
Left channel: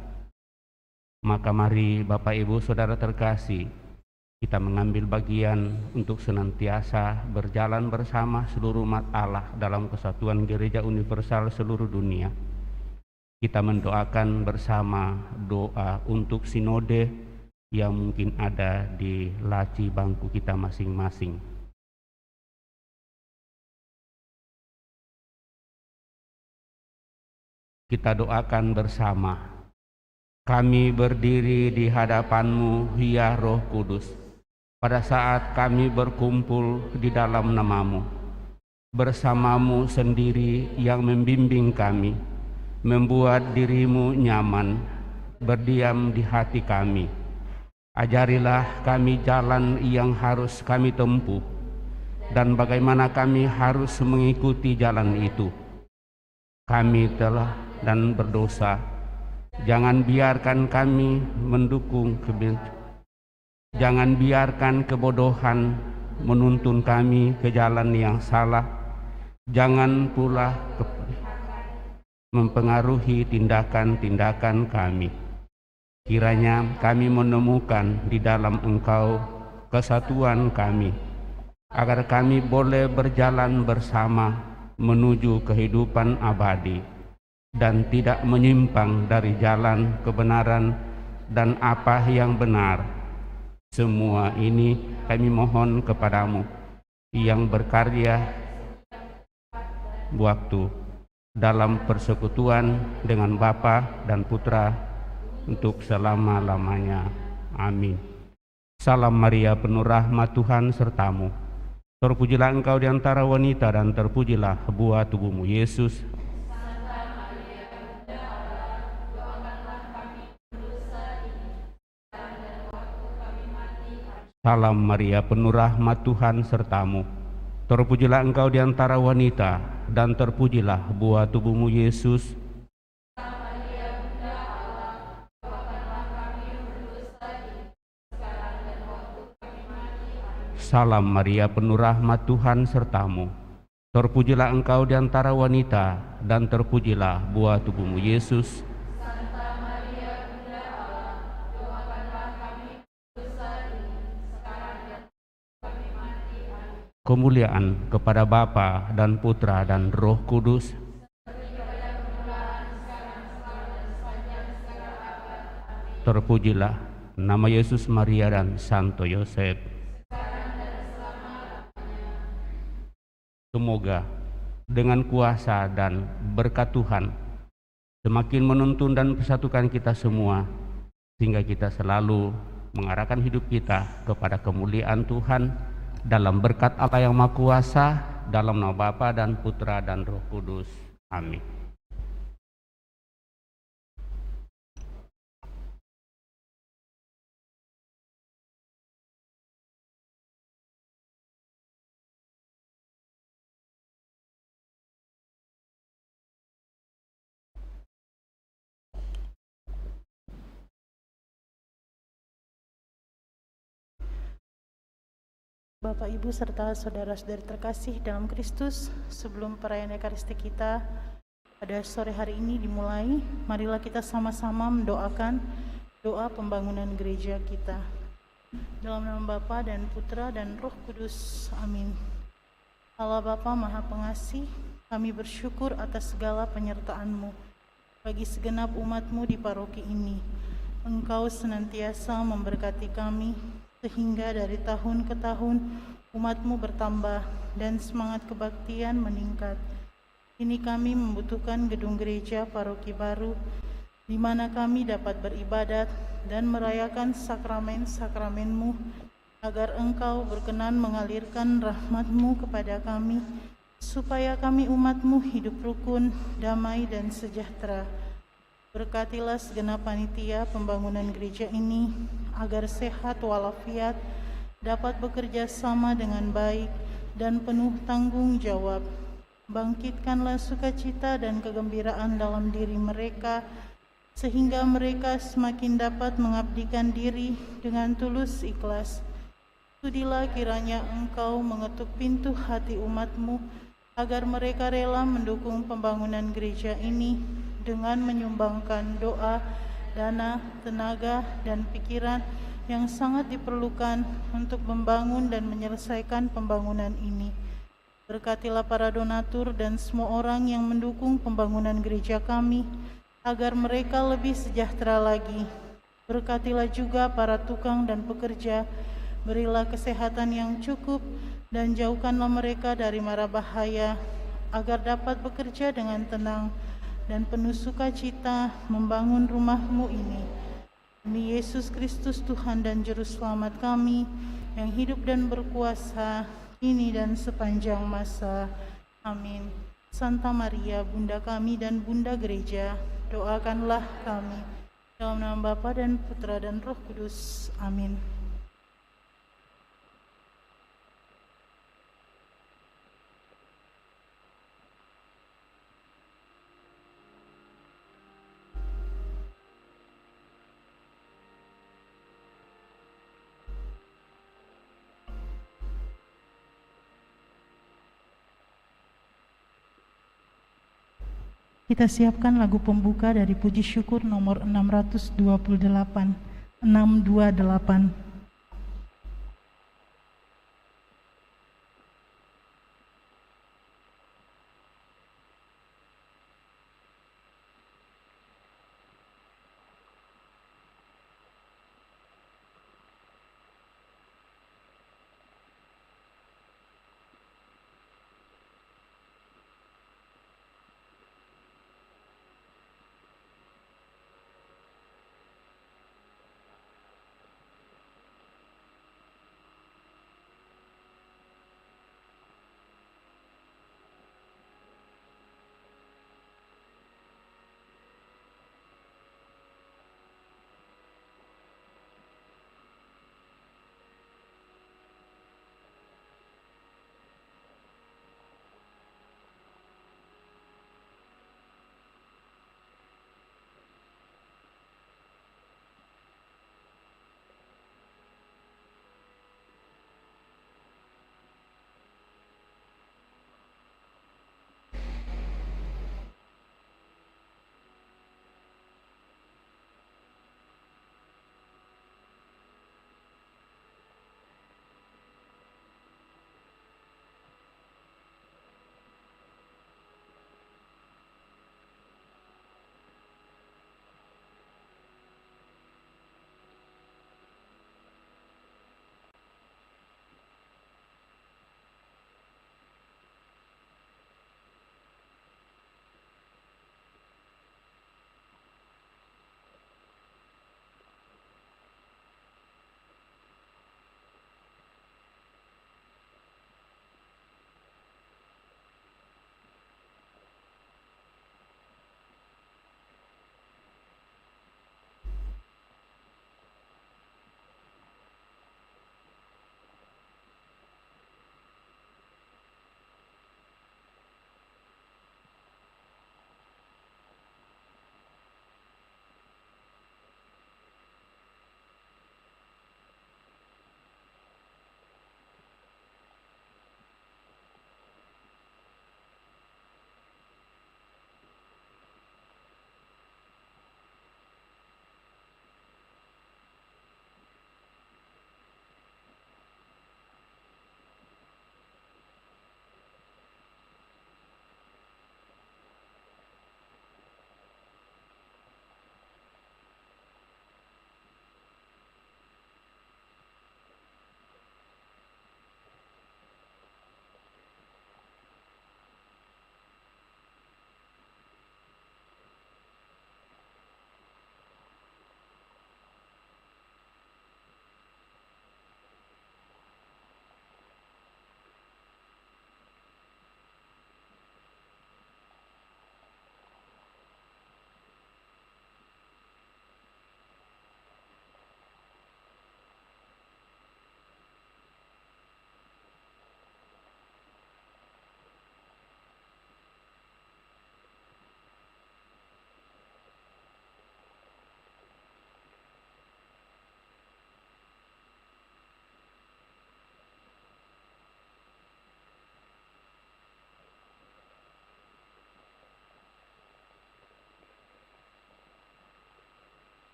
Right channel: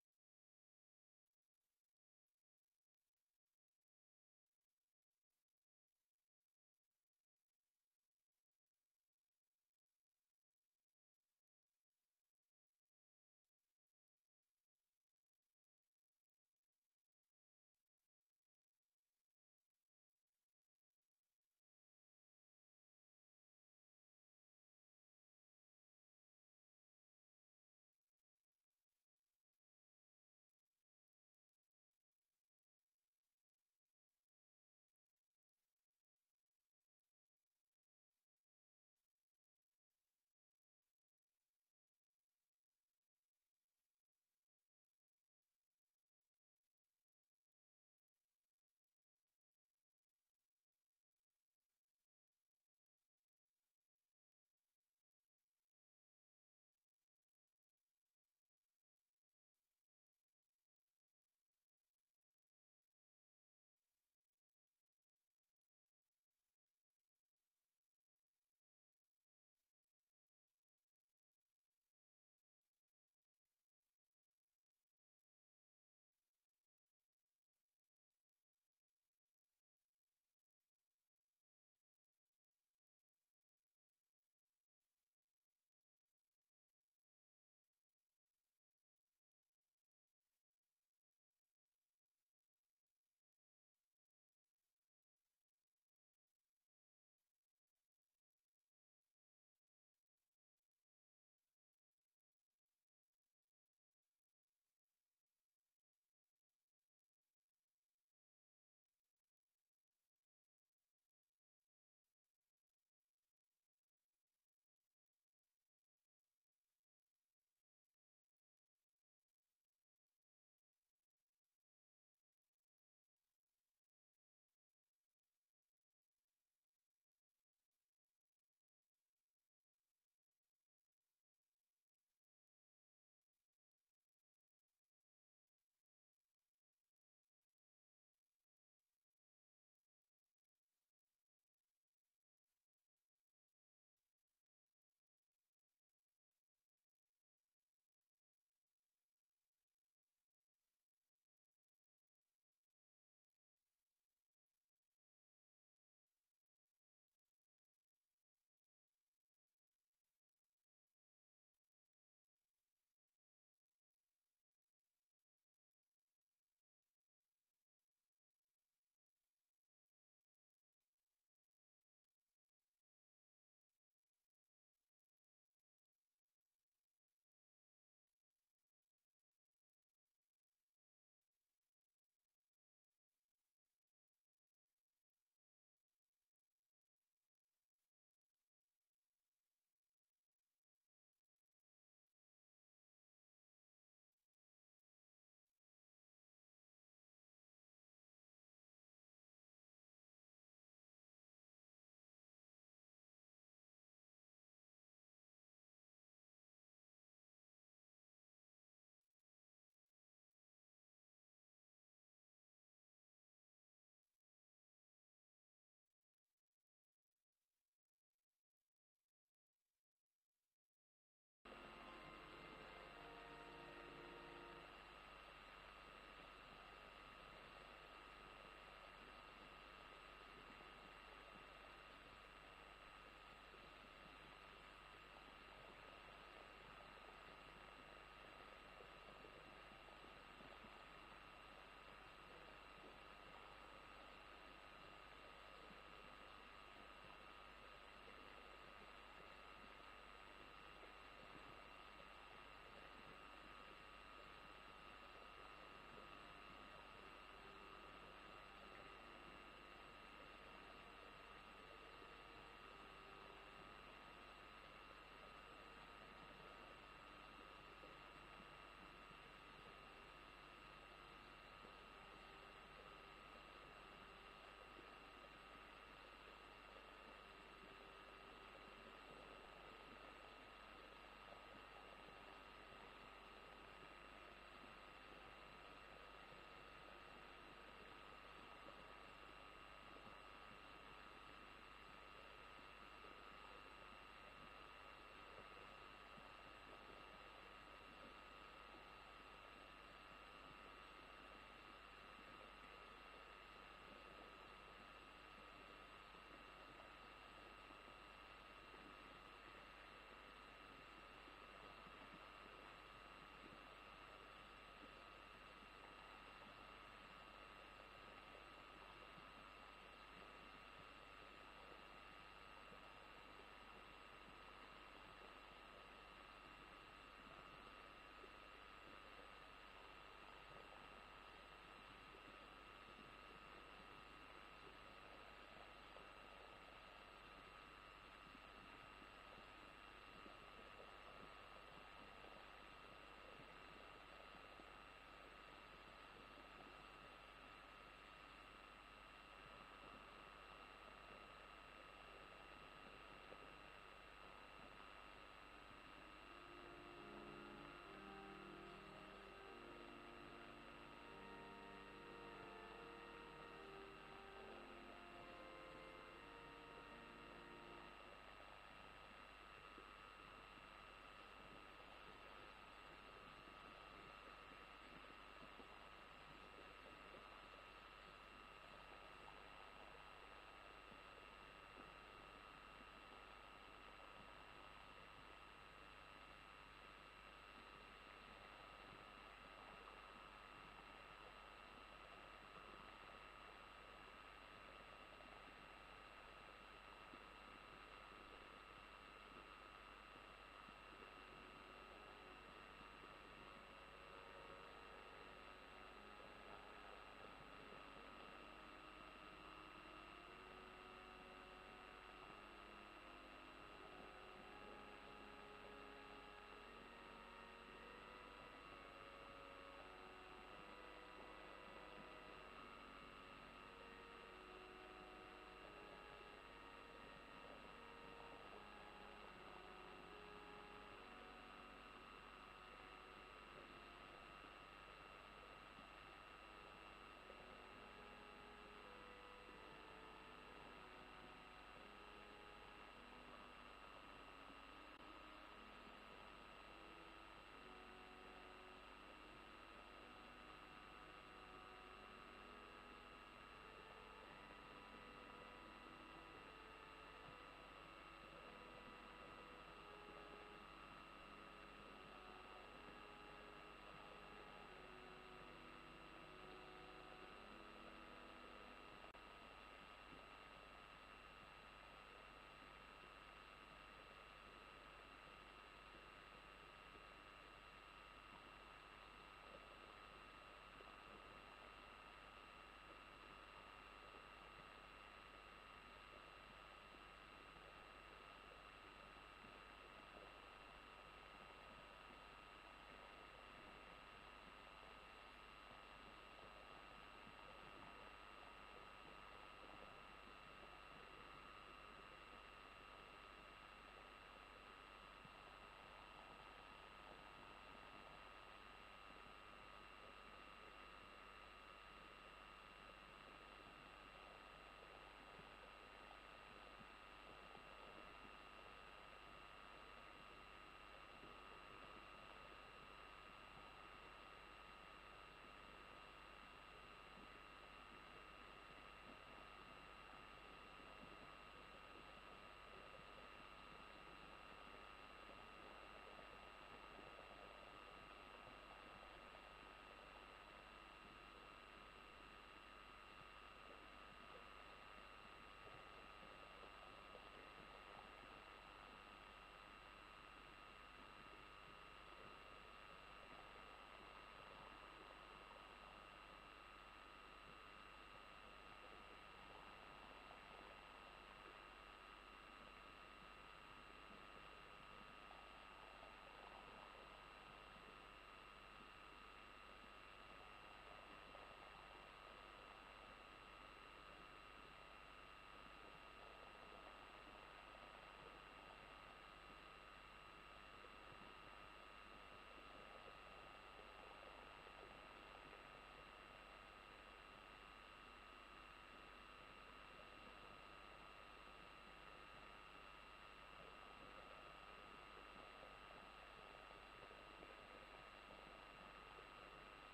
Maka mari Bapak, Ibu, Saudara terkasih, kita mengambil bagian untuk senantiasa berjalan bersama seluruh umat Allah dalam kesatuan Gereja Universal seluruh dunia, Kita mendoakan bersama doa untuk sinode yang mungkin ada di laci bangku kita masing-masing. Kita doakan bersama. Kami berdiri di hadapan-Mu, ya Roh Kudus, pada saat kami berkumpul di dalam nama-Mu. Bersama-Mu sendiri yang membimbing kami, membuat diri-Mu nyaman, berdiam di hati kami. Ajarilah kami jalan yang harus kami tempuh, dan bagaimana kami harus mengikuti jalan itu. Kami telah dan berdosa, jangan biarkan kami mendukung jangan biarkan kebodohan menuntun kami ke jalan yang salah, jangan pula mempengaruhi tindakan-tindakan kami. Kiranya kami menemukan di dalam Engkau kesatuan kami, agar kami boleh berjalan bersama menuju kehidupan abadi dan tidak menyimpang dari jalan kebenaran dan apa yang benar. Semua ini kami mohon kepadamu yang berkarya waktu dalam persekutuan dengan Bapa dan Putra untuk selama-lamanya. Amin. Salam Maria, penuh rahmat, Tuhan sertamu. Terpujilah engkau di antara wanita dan terpujilah buah tubuhmu, Yesus. Salam Maria, penuh rahmat, Tuhan sertamu. Terpujilah engkau di antara wanita dan terpujilah buah tubuhmu, Yesus. Salam Maria, penuh rahmat, Tuhan sertamu. Terpujilah engkau di antara wanita dan terpujilah buah tubuhmu, Yesus. Kemuliaan kepada Bapa dan Putra dan Roh Kudus. Terpujilah nama Yesus, Maria dan Santo Yosef. Semoga dengan kuasa dan berkat Tuhan semakin menuntun dan persatukan kita semua, sehingga kita selalu mengarahkan hidup kita kepada kemuliaan Tuhan dalam berkat Allah yang Maha Kuasa, dalam nama Bapa dan Putra dan Roh Kudus. Amin. Bapak, Ibu, serta saudara-saudari terkasih dalam Kristus, sebelum perayaan Ekaristi kita pada sore hari ini dimulai, marilah kita sama-sama mendoakan doa pembangunan gereja kita. Dalam nama Bapa dan Putra dan Roh Kudus. Amin. Allah Bapa Maha Pengasih, kami bersyukur atas segala penyertaan-Mu bagi segenap umat-Mu di paroki ini. Engkau senantiasa memberkati kami, sehingga dari tahun ke tahun umat-Mu bertambah dan semangat kebaktian meningkat. Kini kami membutuhkan gedung gereja paroki baru, di mana kami dapat beribadat dan merayakan sakramen-sakramen-Mu, agar Engkau berkenan mengalirkan rahmat-Mu kepada kami, supaya kami umat-Mu hidup rukun, damai, dan sejahtera. Berkatilah segenap panitia pembangunan gereja ini, agar sehat walafiat, dapat bekerja sama dengan baik dan penuh tanggung jawab. Bangkitkanlah sukacita dan kegembiraan dalam diri mereka, sehingga mereka semakin dapat mengabdikan diri dengan tulus ikhlas. Sudilah kiranya Engkau mengetuk pintu hati umat-Mu, agar mereka rela mendukung pembangunan gereja ini dengan menyumbangkan doa, dana, tenaga, dan pikiran yang sangat diperlukan untuk membangun dan menyelesaikan pembangunan ini. Berkatilah para donatur dan semua orang yang mendukung pembangunan gereja kami, agar mereka lebih sejahtera lagi. Berkatilah juga para tukang dan pekerja, berilah kesehatan yang cukup, dan jauhkanlah mereka dari mara bahaya, agar dapat bekerja dengan tenang dan penuh sukacita membangun rumah-Mu ini. Demi Yesus Kristus Tuhan dan Juru Selamat kami, yang hidup dan berkuasa kini dan sepanjang masa. Amin. Santa Maria, Bunda kami dan Bunda Gereja, doakanlah kami. Dalam nama Bapa dan Putra dan Roh Kudus. Amin. Kita siapkan lagu pembuka dari Puji Syukur nomor 628. 628.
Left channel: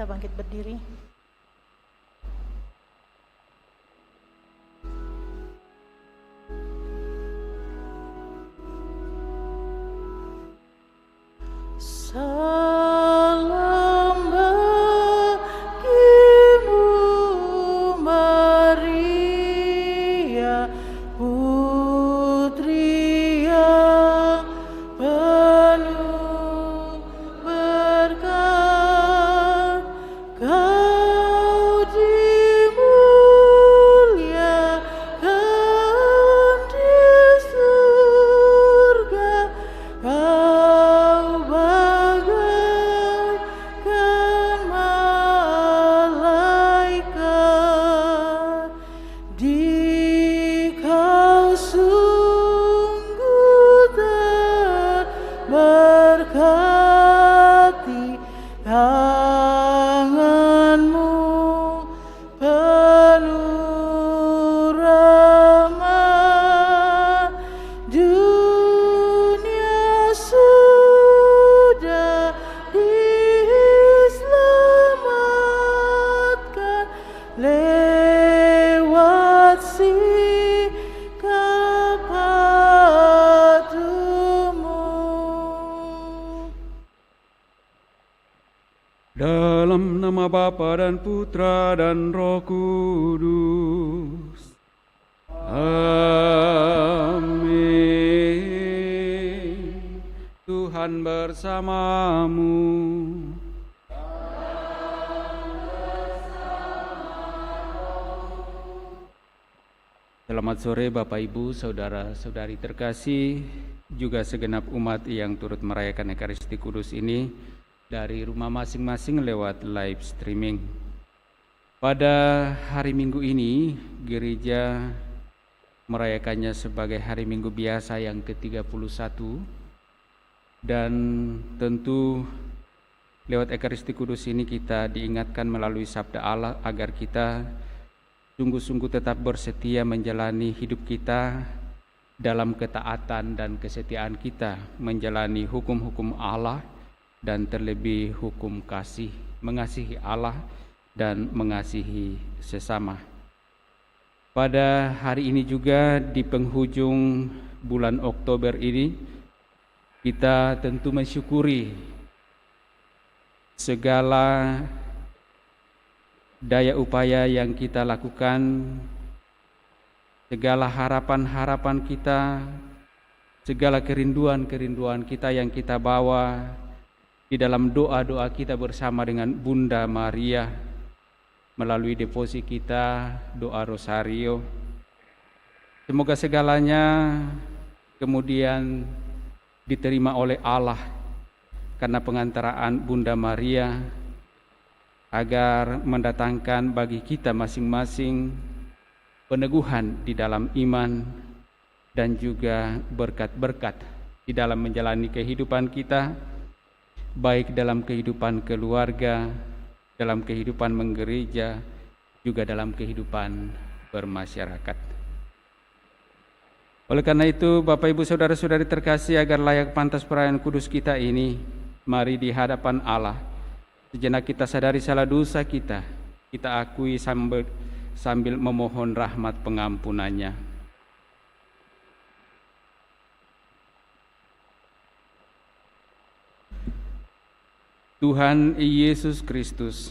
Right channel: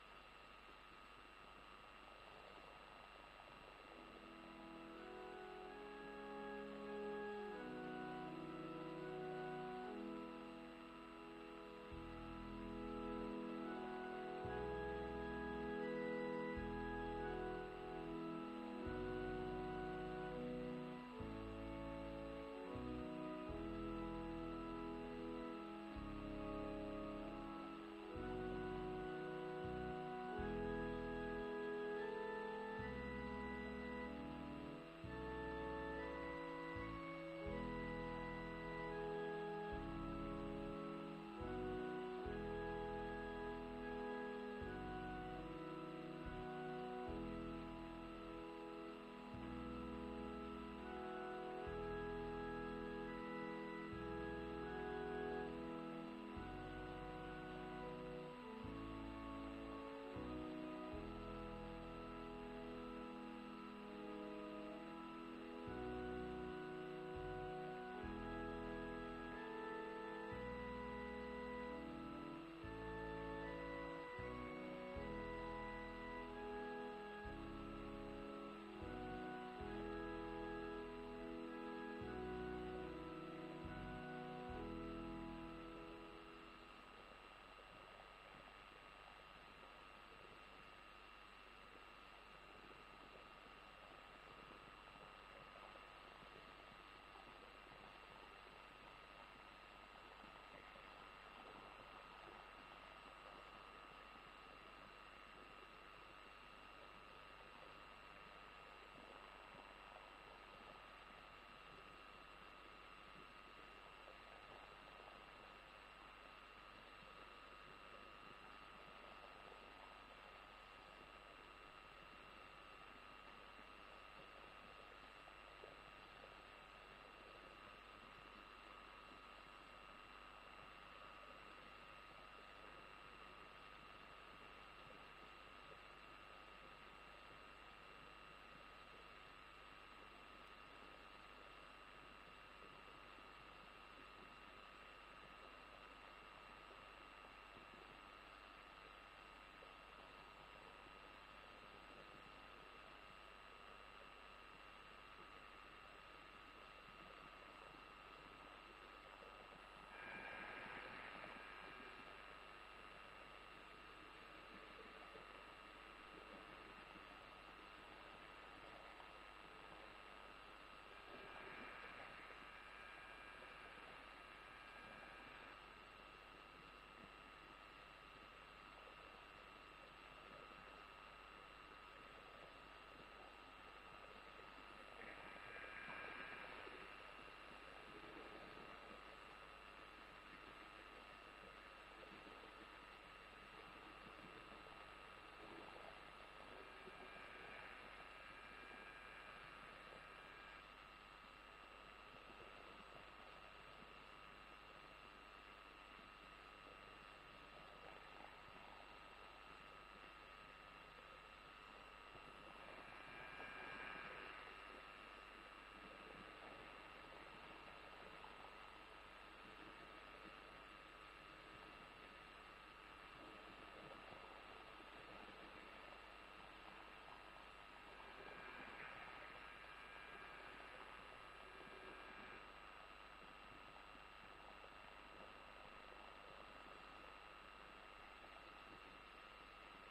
kita bangkit berdiri. Salam bagimu Maria, putri yang penuh berkat, kau dimuliakan di surga, kau bagaikan malaikat, dikau sungguh terberkati, tanganmu penuh rahmat, dunia sudah diselamatkan lewat sikap patuhmu. Dalam nama Bapa dan Putra dan Roh Kudus. Amin. Tuhan bersamamu. Selamat sore Bapak Ibu, Saudara-saudari terkasih, juga segenap umat yang turut merayakan Ekaristi Kudus ini dari rumah masing-masing lewat live streaming. Pada hari Minggu ini, gereja merayakannya sebagai hari Minggu biasa yang ke-31, dan tentu lewat Ekaristi Kudus ini kita diingatkan melalui sabda Allah agar kita sungguh-sungguh tetap bersetia menjalani hidup kita dalam ketaatan dan kesetiaan kita menjalani hukum-hukum Allah, dan terlebih hukum kasih, mengasihi Allah dan mengasihi sesama. Pada hari ini juga di penghujung bulan Oktober ini, kita tentu mensyukuri segala daya upaya yang kita lakukan, segala harapan-harapan kita, segala kerinduan-kerinduan kita yang kita bawa di dalam doa-doa kita bersama dengan Bunda Maria melalui devosi kita, doa rosario. Semoga segalanya kemudian diterima oleh Allah karena pengantaraan Bunda Maria, agar mendatangkan bagi kita masing-masing peneguhan di dalam iman dan juga berkat-berkat di dalam menjalani kehidupan kita, baik dalam kehidupan keluarga, dalam kehidupan menggereja, juga dalam kehidupan bermasyarakat. Oleh karena itu, Bapak Ibu Saudara-saudari terkasih, agar layak pantas perayaan kudus kita ini, mari di hadapan Allah sejenak kita sadari salah dosa kita akui sambil memohon rahmat pengampunannya. Tuhan Yesus Kristus,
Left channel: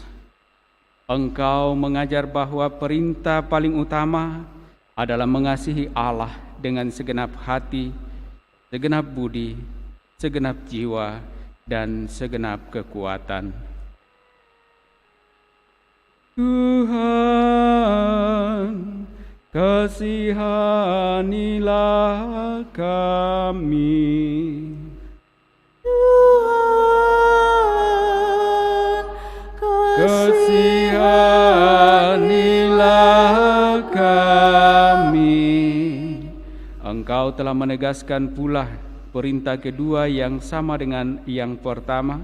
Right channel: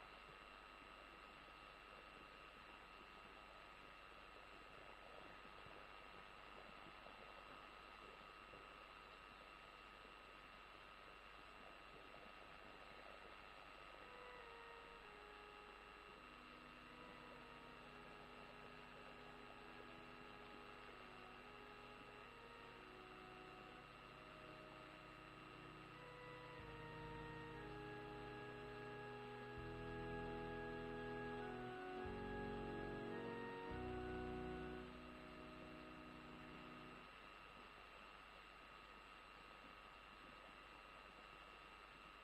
Engkau mengajar bahwa perintah paling utama adalah mengasihi Allah dengan segenap hati, segenap budi, segenap jiwa, dan segenap kekuatan. Tuhan, kasihanilah kami. Kasihanilah kami. Engkau telah menegaskan pula perintah kedua yang sama dengan yang pertama,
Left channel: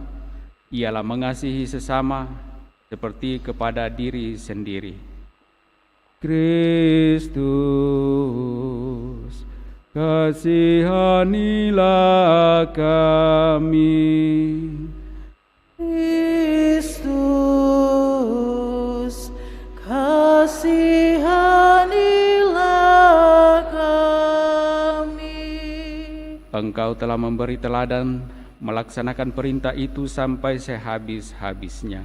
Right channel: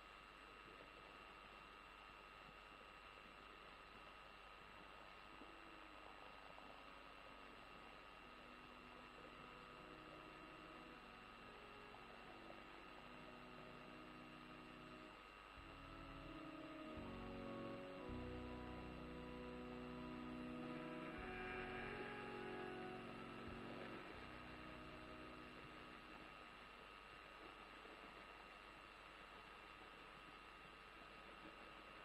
ialah mengasihi sesama seperti kepada diri sendiri. Kristus, kasihanilah kami. Kristus, Engkau telah memberi teladan melaksanakan perintah itu sampai sehabis-habisnya.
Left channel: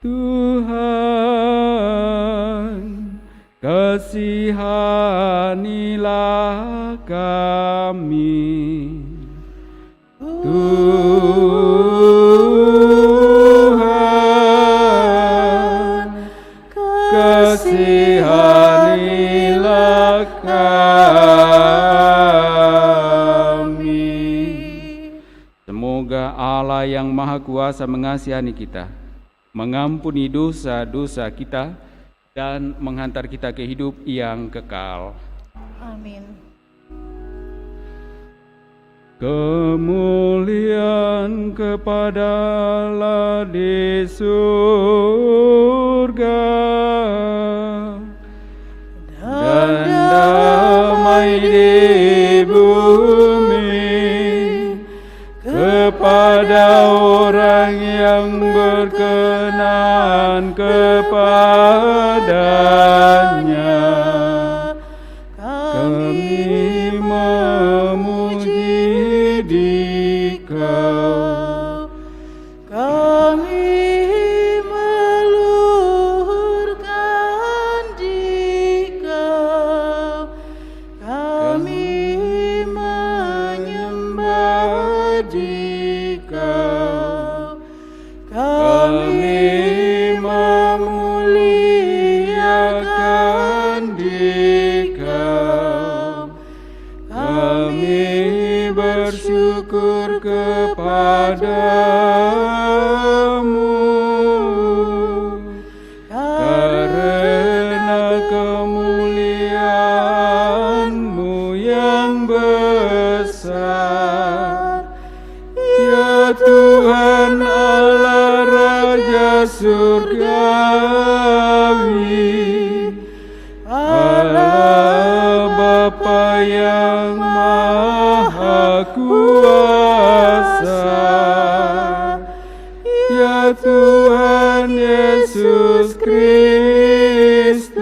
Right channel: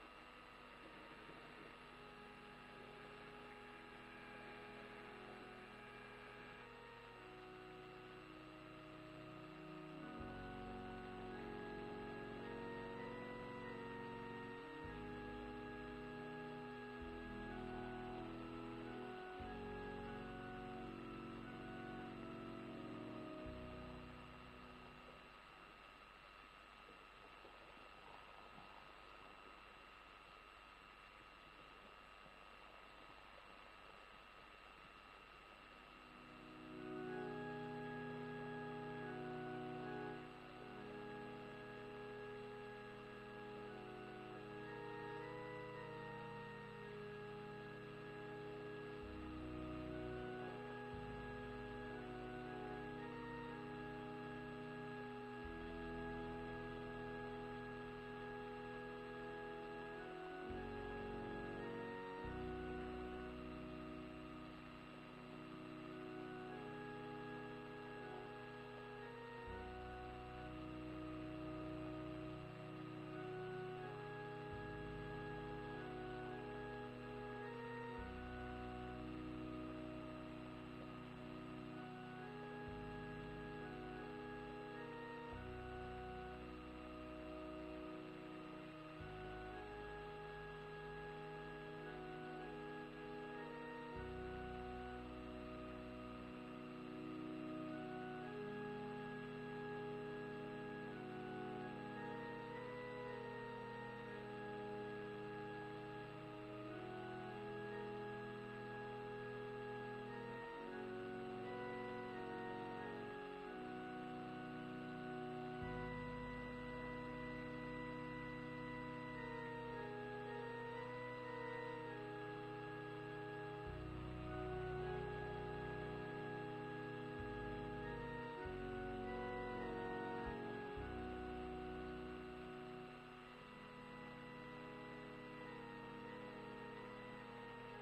Tuhan, kasihanilah kami. Tuhan, kasihanilah kami. Semoga Allah yang Maha Kuasa mengasihani kita, mengampuni dosa-dosa kita, dan menghantar kita ke hidup yang kekal. Amin. Kemuliaan kepada Allah di surga dan damai di bumi kepada orang yang berkenan kepadanya. Kami memuji Dikau, Kami meluhurkan Dikau, kami menyembah Dikau, kami memuliakan Dikau, kami bersyukur kepadamu karena kemuliaan-Mu yang besar, ya Tuhan Allah Raja surgawi, Allah Bapa yang Maha Kuasa, ya Tuhan Yesus Kristus,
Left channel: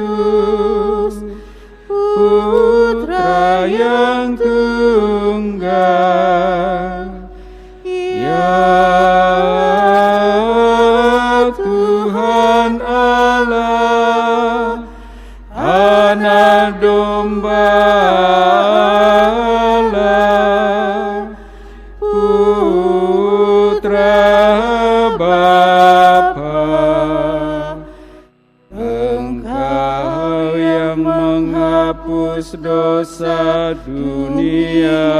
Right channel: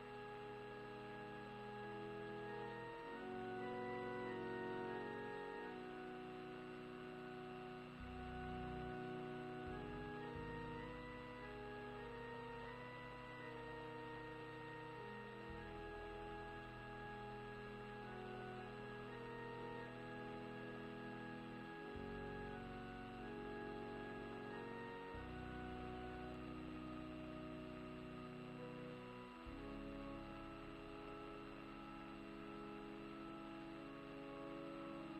Putra yang tunggal, ya Tuhan Allah, Anak Domba Allah, Putra Bapa, Engkau yang menghapus dosa dunia,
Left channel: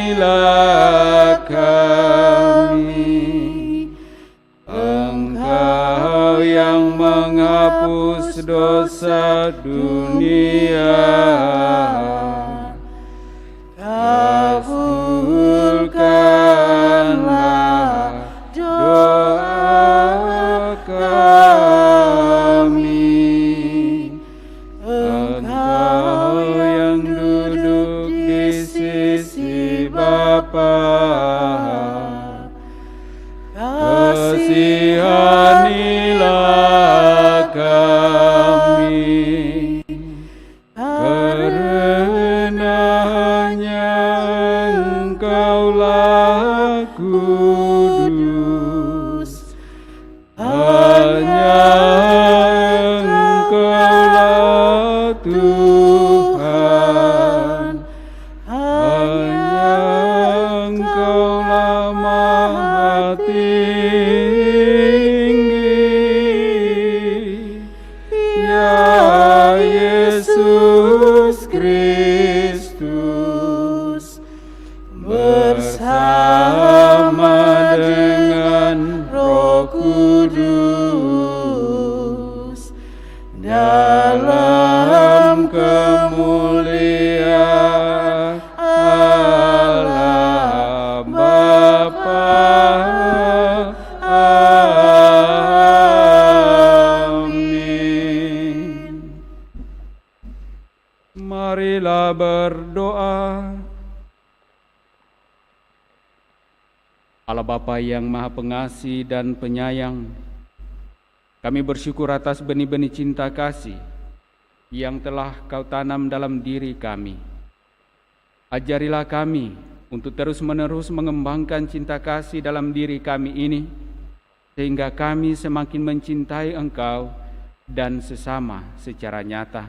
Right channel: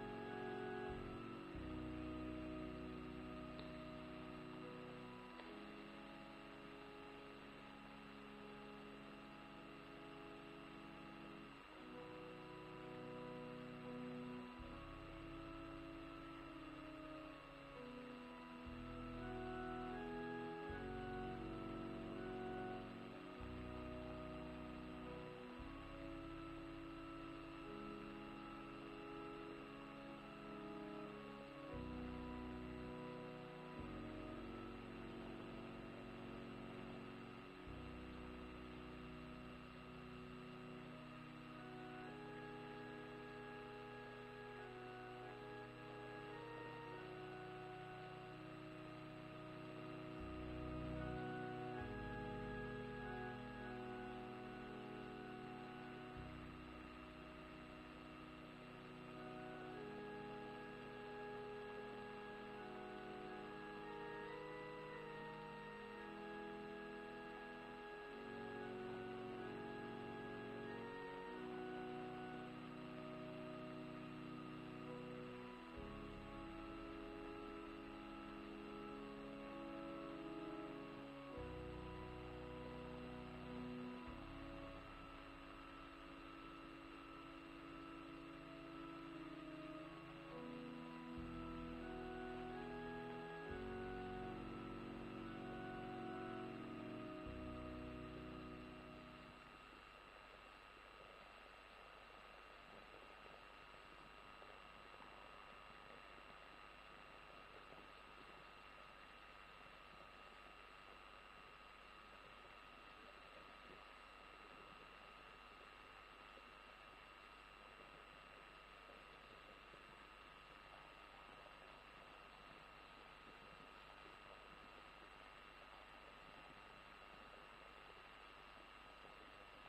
kasihanilah kami. Engkau yang menghapus dosa dunia, kabulkanlah doa kami. Engkau yang duduk di sisi Bapa, kasihanilah kami, karena hanya Engkaulah kudus, hanya Engkaulah Tuhan, hanya Engkaulah Maha Tinggi, ya Yesus Kristus, bersama dengan Roh Kudus, dalam kemuliaan Allah Bapa. Amin. Marilah berdoa. Allah Bapa yang Maha Pengasih dan Penyayang, kami bersyukur atas benih-benih cinta kasih yang telah Kau tanam dalam diri kami. Ajarilah kami untuk terus-menerus mengembangkan cinta kasih dalam diri kami ini, sehingga kami semakin mencintai Engkau dan sesama secara nyata.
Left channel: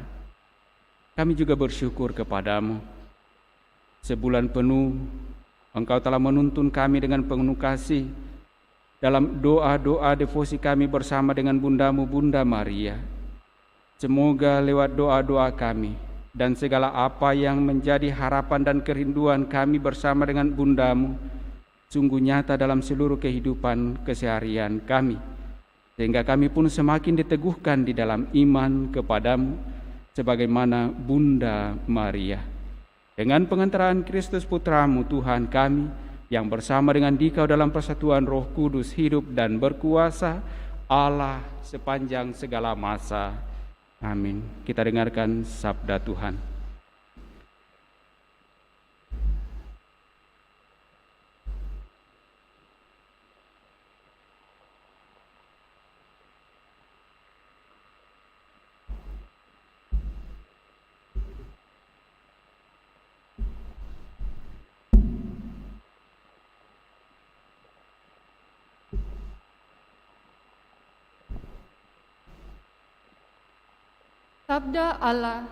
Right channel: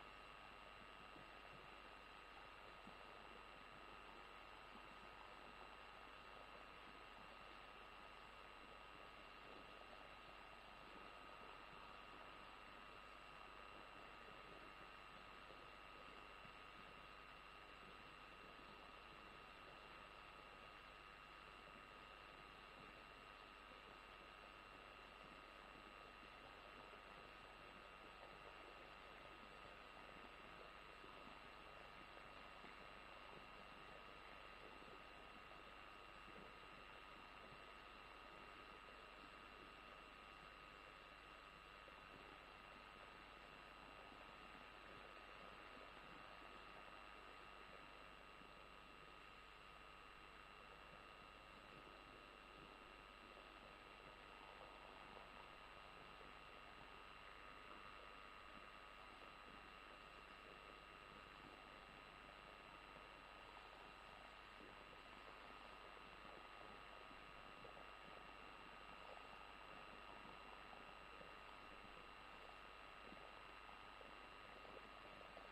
Kami juga bersyukur kepadamu. Sebulan penuh Engkau telah menuntun kami dengan penuh kasih dalam doa-doa devosi kami bersama dengan Bundamu, Bunda Maria. Semoga lewat doa-doa kami dan segala apa yang menjadi harapan dan kerinduan kami bersama dengan Bundamu sungguh nyata dalam seluruh kehidupan keseharian kami, sehingga kami pun semakin diteguhkan di dalam iman kepadamu sebagaimana Bunda Maria. Dengan pengantaran Kristus Putramu Tuhan kami, yang bersama dengan Dikau dalam persatuan Roh Kudus hidup dan berkuasa Allah sepanjang segala masa. Amin. Kita dengarkan sabda Tuhan. Sabda Allah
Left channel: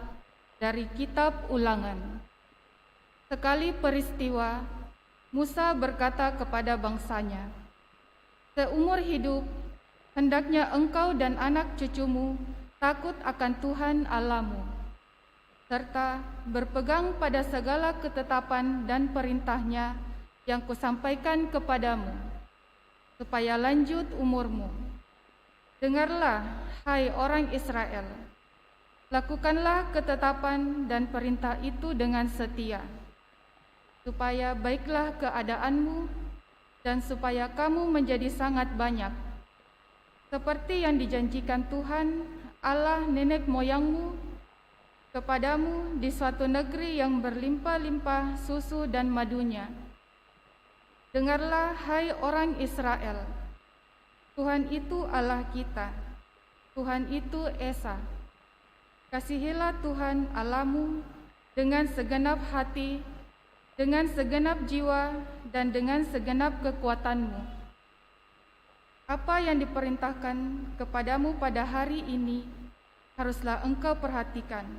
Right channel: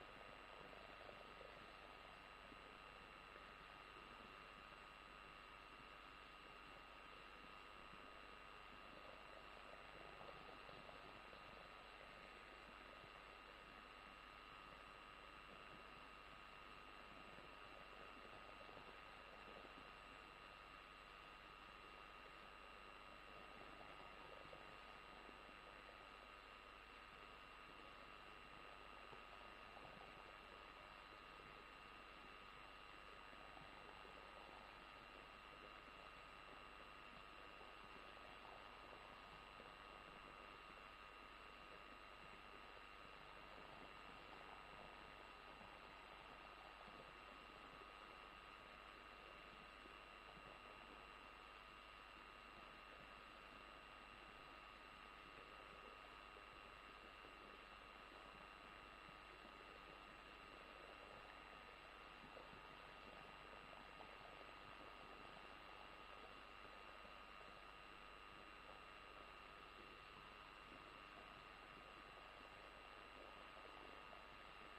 dari Kitab Ulangan. Sekali peristiwa, Musa berkata kepada bangsanya, "Seumur hidup, hendaknya engkau dan anak cucumu takut akan Tuhan Allahmu, serta berpegang pada segala ketetapan dan perintahnya yang kusampaikan kepadamu, supaya lanjut umurmu. Dengarlah, hai orang Israel, lakukanlah ketetapan dan perintah itu dengan setia, supaya baiklah keadaanmu dan supaya kamu menjadi sangat banyak, seperti yang dijanjikan Tuhan Allah nenek moyangmu kepadamu di suatu negeri yang berlimpah-limpah susu dan madunya. Dengarlah, hai orang Israel, Tuhan itu Allah kita, Tuhan itu Esa. Kasihilah Tuhan Allahmu dengan segenap hati, dengan segenap jiwa, dan dengan segenap kekuatanmu. Apa yang diperintahkan kepadamu pada hari ini haruslah engkau perhatikan.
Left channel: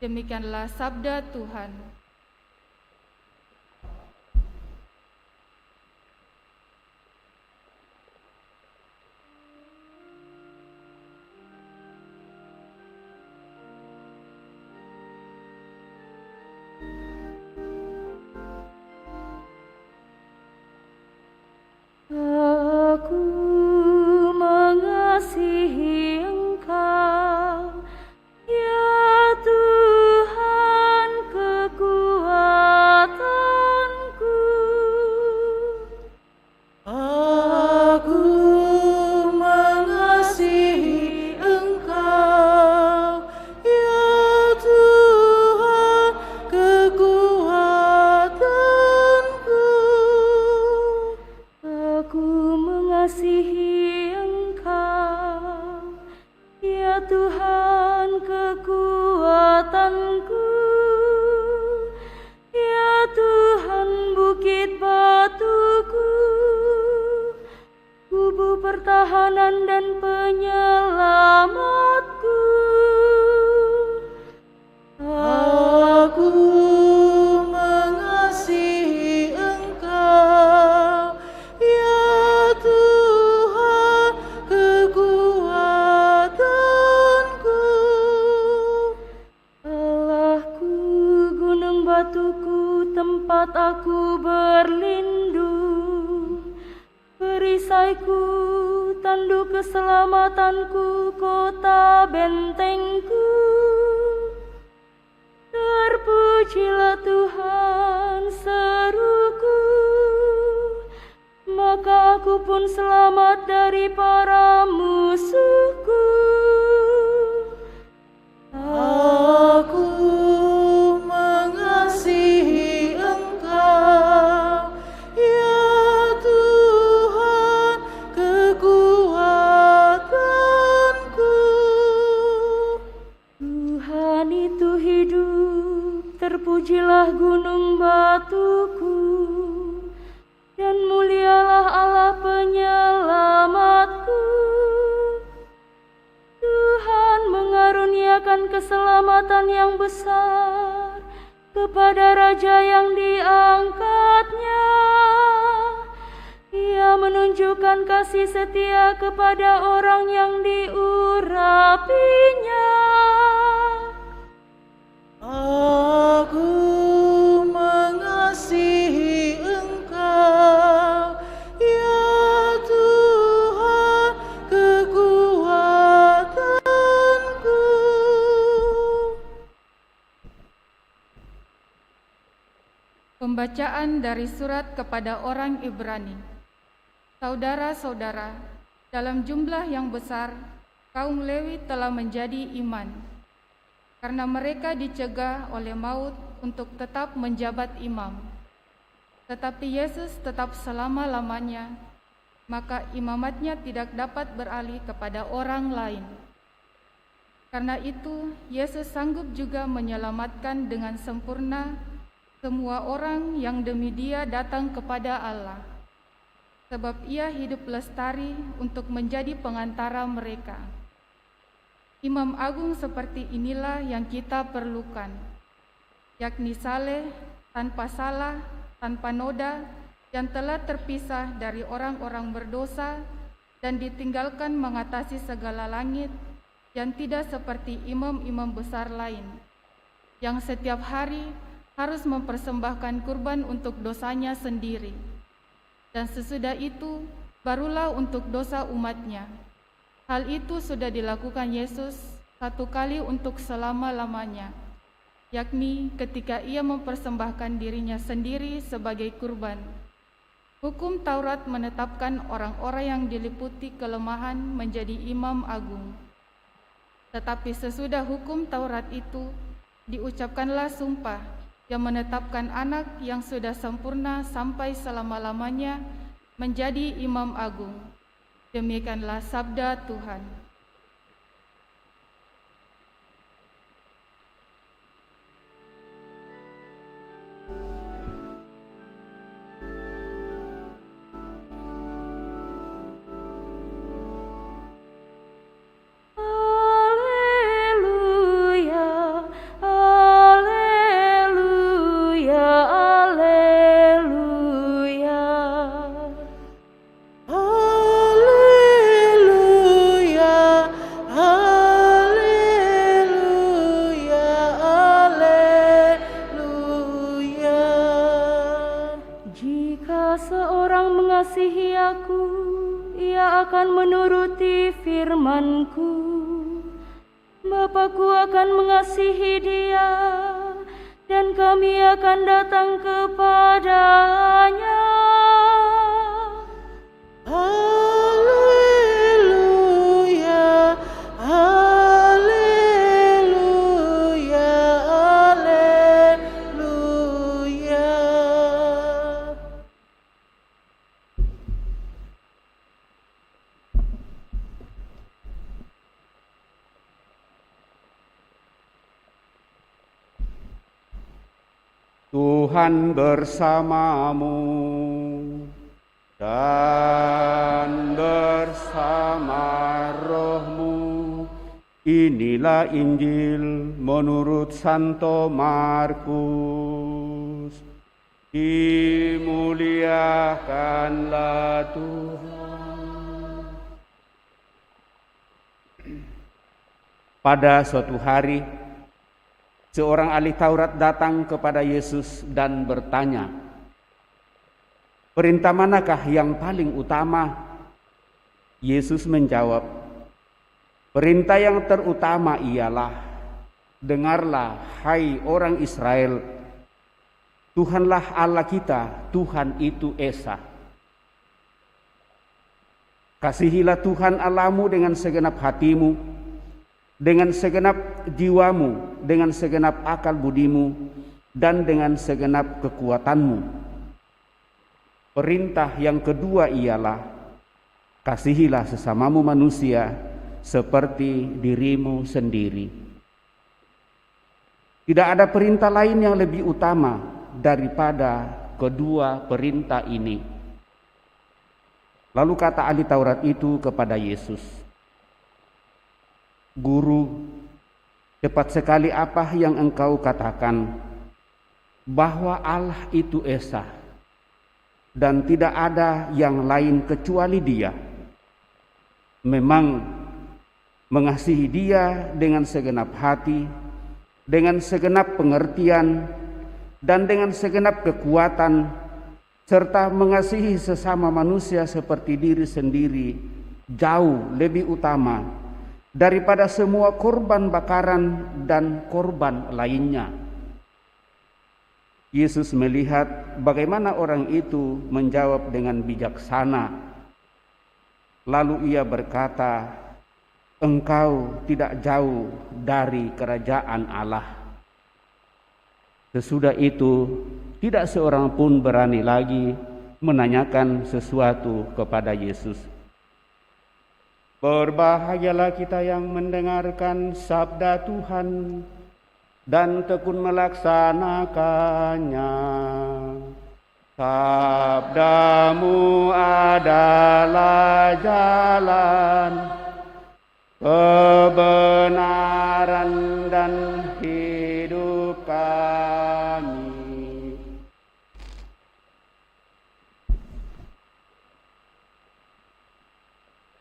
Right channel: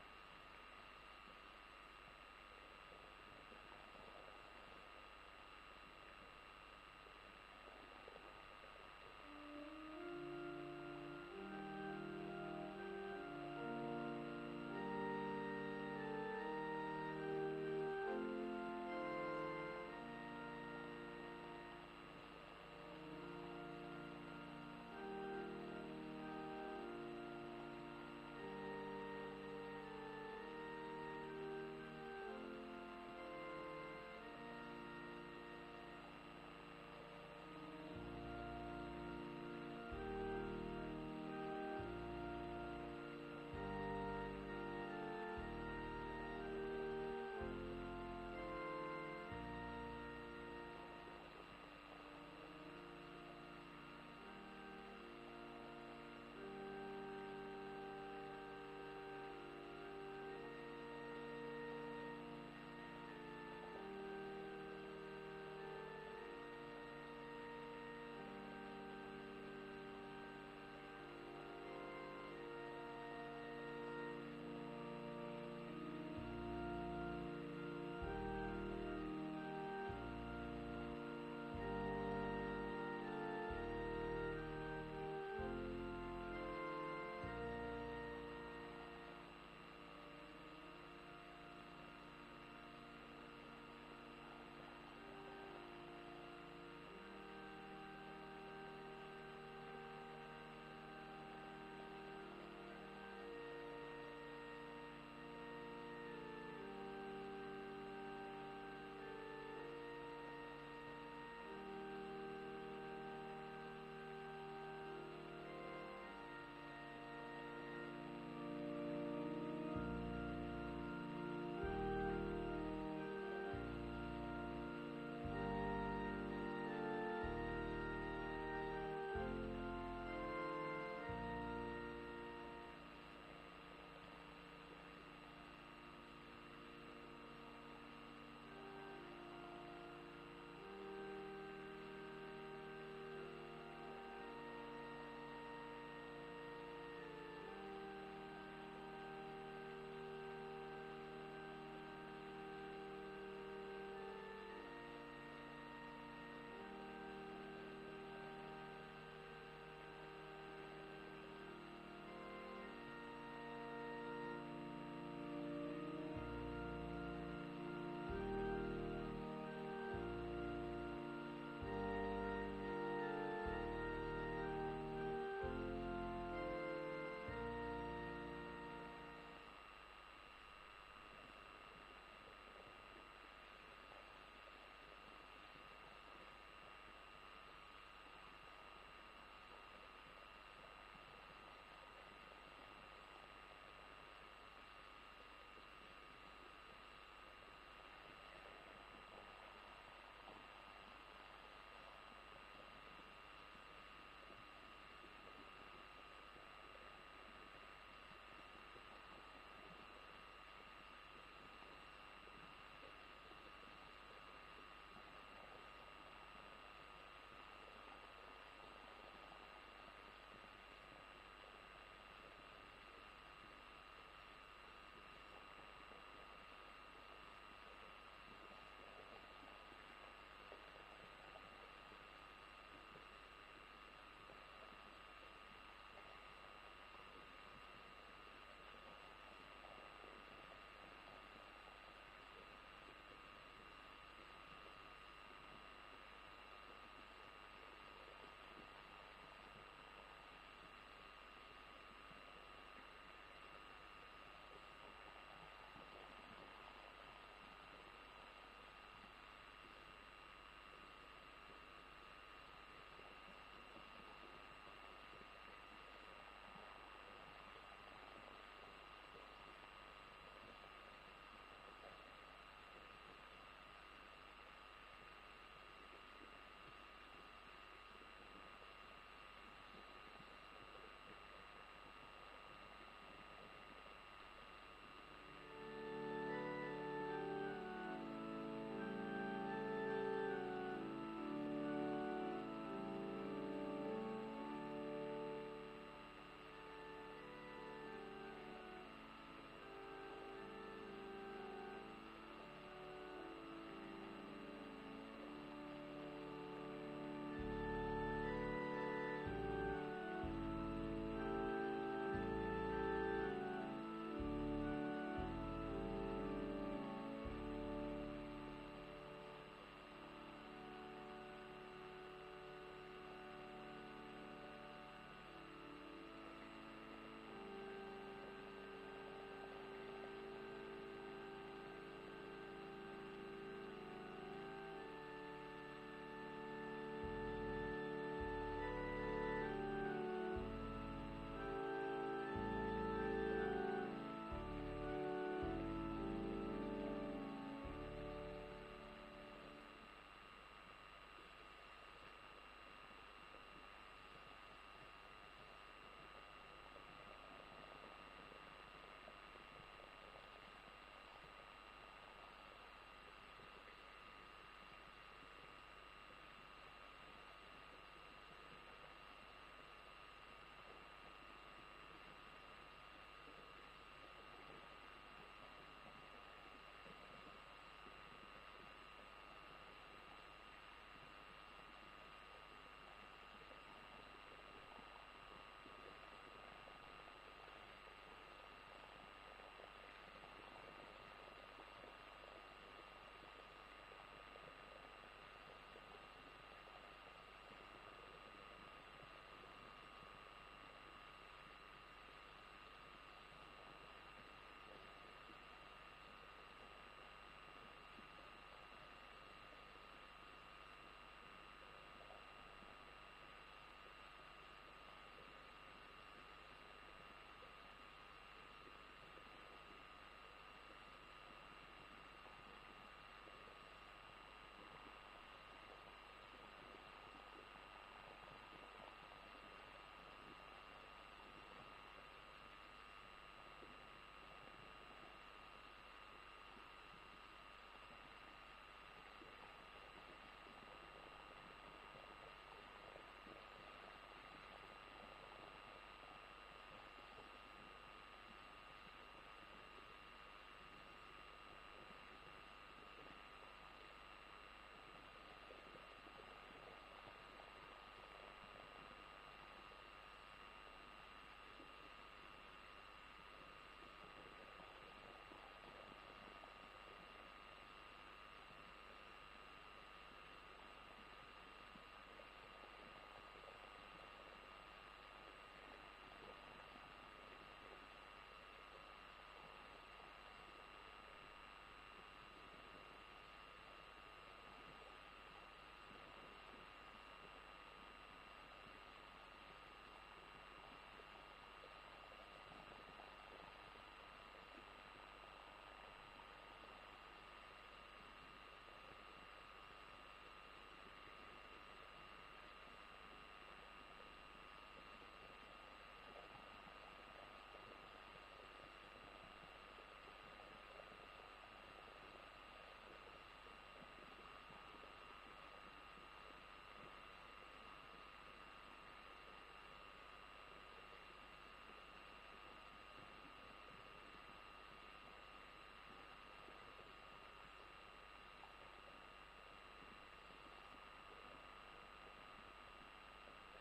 Demikianlah sabda Tuhan. Aku mengasihi Engkau, ya Tuhan kekuatanku. Aku mengasihi Engkau, ya Tuhan kekuatanku. Aku mengasihi Engkau, ya Tuhan kekuatanku, ya Tuhan bukit batuku, kubu pertahanan dan penyelamatku. Aku mengasihi Engkau, ya Tuhan kekuatanku. Allahku, gunung batuku, tempat aku berlindung, perisaiku, tanduk keselamatanku, kota bentengku. Terpujilah Tuhan, seruku, maka aku pun selamat dari para musuhku. Aku mengasihi Engkau, ya Tuhan kekuatanku. Tuhan keselamatan yang besar kepada raja yang diangkatnya. Ia menunjukkan kasih setia kepada orang yang diurapinya. Aku mengasihi Engkau, ya Tuhan kekuatanku. Pembacaan dari surat kepada orang Ibrani. Saudara-saudara, dalam jumlah yang besar, kaum Lewi telah menjadi iman, karena mereka dicegah oleh maut untuk tetap menjabat imam. Tetapi Yesus tetap selama-lamanya, maka imamatnya tidak dapat beralih kepada orang lain. Karena itu, Yesus sanggup juga menyelamatkan dengan sempurna semua orang yang demi Dia datang kepada Allah. Sebab Ia hidup lestari untuk menjadi pengantara mereka. Imam agung seperti inilah yang kita perlukan, yakni saleh, tanpa salah, tanpa noda, yang telah terpisah dari orang-orang berdosa dan ditinggalkan mengatasi segala langit, yang tidak seperti imam-imam besar lain, yang setiap hari harus mempersembahkan kurban untuk dosanya sendiri. Dan sesudah itu, barulah untuk dosa umatnya. Hal itu sudah dilakukan Yesus satu kali untuk selama-lamanya, yakni ketika Ia mempersembahkan dirinya sendiri sebagai kurban. Hukum Taurat menetapkan orang-orang yang diliputi kelemahan menjadi imam agung. Tetapi sesudah hukum Taurat itu, diucapkanlah sumpah yang menetapkan anak yang sudah sempurna sampai selama-lamanya menjadi imam agung. Demikianlah sabda Tuhan. Bapa-Ku akan mengasihi dia, dan kami akan datang kepadanya. Haleluya, haleluya, haleluya. Tuhan bersamamu dan bersama rohmu. Inilah Injil menurut Santo Markus. Dimuliakanlah Tuhan. Pada suatu hari, seorang ahli Taurat datang kepada Yesus dan bertanya, "Perintah manakah yang paling utama?" Yesus menjawab, "Perintah yang terutama ialah, dengarlah, hai orang Israel, Tuhanlah Allah kita, Tuhan itu Esa. Kasihilah Tuhan Allahmu dengan segenap hatimu, dengan segenap jiwamu, dengan segenap akal budimu, dan dengan segenap kekuatanmu. Perintah yang kedua ialah, kasihilah sesamamu manusia seperti dirimu sendiri." Tidak ada perintah lain yang lebih utama daripada kedua perintah ini. Lalu kata ahli Taurat itu kepada Yesus, "Guru, Tepat sekali apa yang engkau katakan, bahwa Allah itu Esa, dan tidak ada yang lain kecuali Dia. Memang mengasihi Dia dengan segenap hati, dengan segenap pengertian, dan dengan segenap kekuatan, serta mengasihi sesama manusia seperti diri sendiri, jauh lebih utama daripada semua korban bakaran dan korban lainnya. Yesus melihat bagaimana orang itu menjawab dengan bijaksana. Lalu ia berkata, "Engkau tidak jauh dari kerajaan Allah." Sesudah itu, tidak seorang pun berani lagi menanyakan sesuatu kepada Yesus. Berbahagialah kita yang mendengarkan sabda Tuhan dan tekun melaksanakannya. Sabdamu adalah jalan, kebenaran dan hidup kami.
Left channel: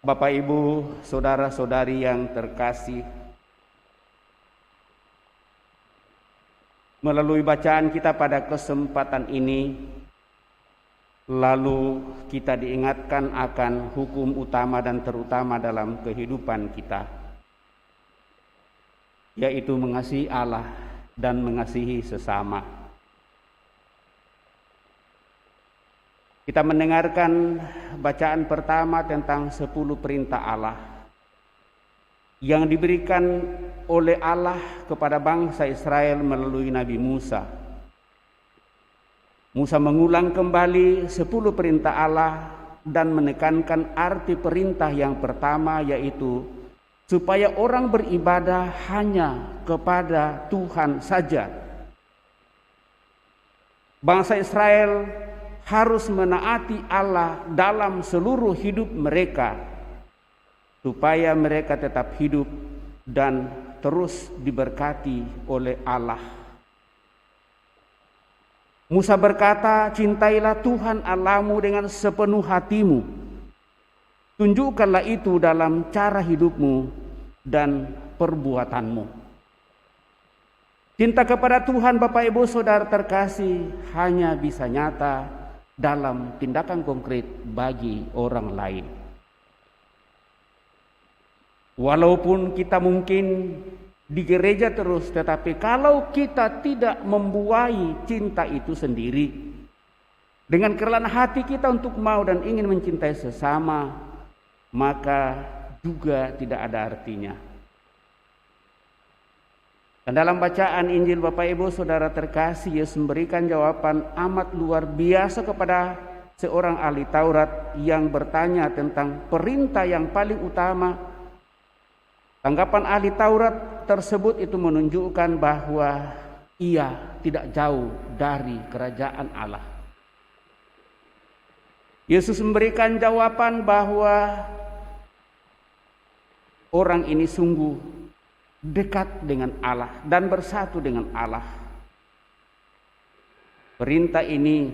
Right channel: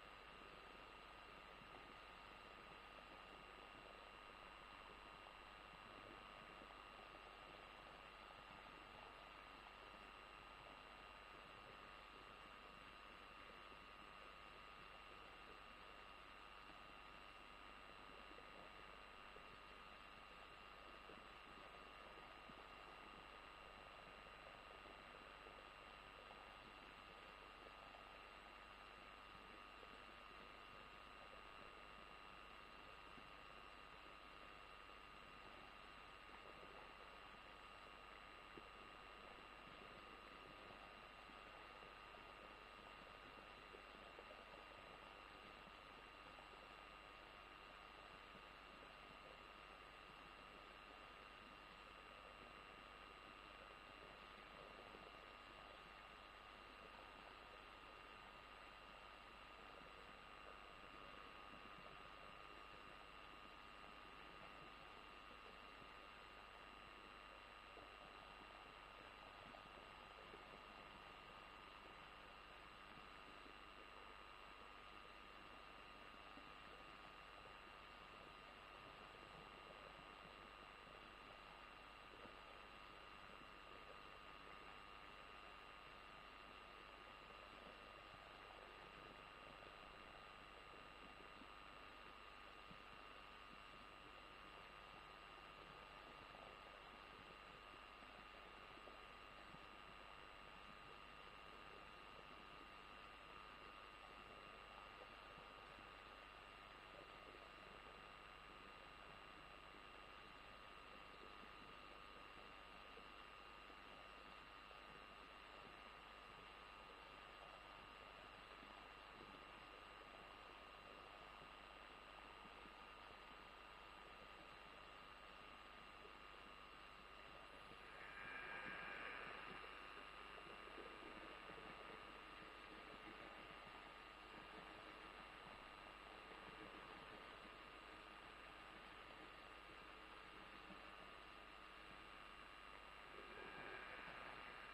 Bapak, Ibu, saudara-saudari yang terkasih, melalui bacaan kita pada kesempatan ini, lalu kita diingatkan akan hukum utama dan terutama dalam kehidupan kita, yaitu mengasihi Allah dan mengasihi sesama. Kita mendengarkan bacaan pertama tentang 10 perintah Allah yang diberikan oleh Allah kepada bangsa Israel melalui Nabi Musa. Musa mengulang kembali 10 perintah Allah dan menekankan arti perintah yang pertama, yaitu supaya orang beribadah hanya kepada Tuhan saja. Bangsa Israel harus menaati Allah dalam seluruh hidup mereka, supaya mereka tetap hidup dan terus diberkati oleh Allah. Musa berkata, "Cintailah Tuhan Allahmu dengan sepenuh hatimu. Tunjukkanlah itu dalam cara hidupmu dan perbuatanmu." Cinta kepada Tuhan, Bapak Ibu Saudara terkasih, hanya bisa nyata dalam tindakan konkret bagi orang lain. Walaupun kita mungkin di gereja terus, tetapi kalau kita tidak membuahi cinta itu sendiri dengan kerelaan hati kita untuk mau dan ingin mencintai sesama, maka juga tidak ada artinya. Dan dalam bacaan Injil, Bapak Ibu Saudara terkasih, Yesus memberikan jawaban amat luar biasa kepada seorang ahli Taurat yang bertanya tentang perintah yang paling utama. Tanggapan ahli Taurat tersebut itu menunjukkan bahwa ia tidak jauh dari kerajaan Allah. Yesus memberikan jawaban bahwa orang ini sungguh dekat dengan Allah dan bersatu dengan Allah. Perintah ini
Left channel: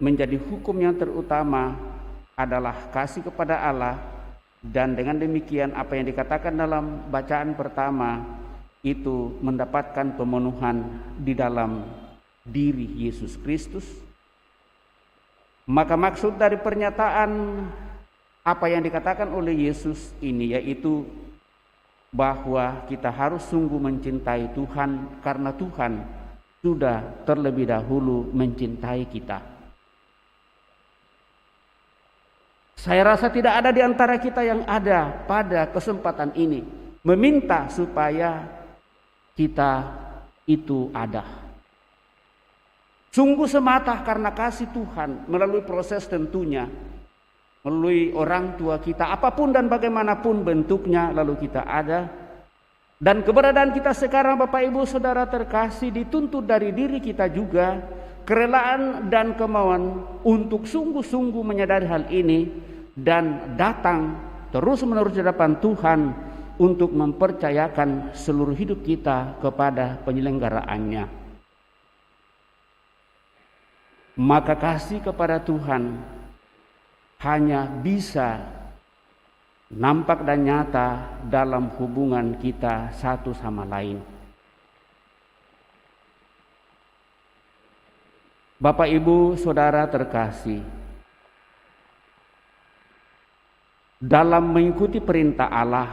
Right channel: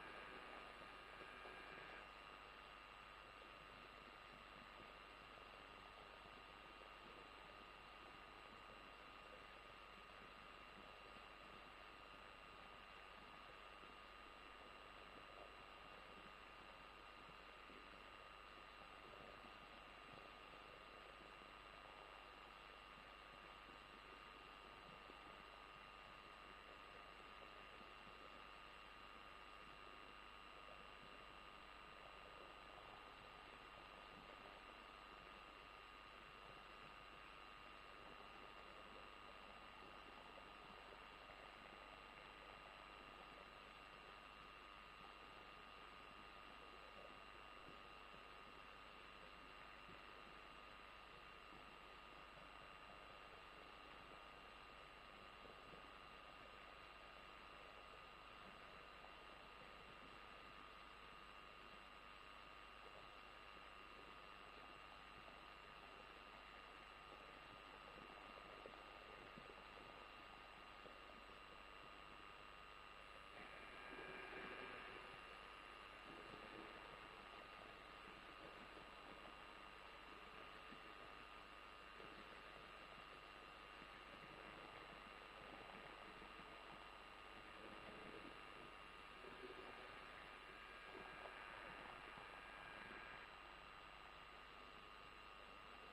menjadi hukum yang terutama adalah kasih kepada Allah, dan dengan demikian apa yang dikatakan dalam bacaan pertama itu mendapatkan pemenuhan di dalam diri Yesus Kristus. Maka maksud dari pernyataan apa yang dikatakan oleh Yesus ini yaitu bahwa kita harus sungguh mencintai Tuhan karena Tuhan sudah terlebih dahulu mencintai kita. Saya rasa tidak ada di antara kita yang ada pada kesempatan ini meminta supaya kita itu ada. Sungguh semata karena kasih Tuhan melalui proses tentunya, melalui orang tua kita, apapun dan bagaimanapun bentuknya, lalu kita ada. Dan keberadaan kita sekarang, Bapak Ibu Saudara terkasih, dituntut dari diri kita juga kerelaan dan kemauan untuk sungguh-sungguh menyadari hal ini dan datang terus menerus di hadapan Tuhan untuk mempercayakan seluruh hidup kita kepada penyelenggaraannya. Maka kasih kepada Tuhan hanya bisa nampak dan nyata dalam hubungan kita satu sama lain. Bapak, Ibu, Saudara terkasih, dalam mengikuti perintah Allah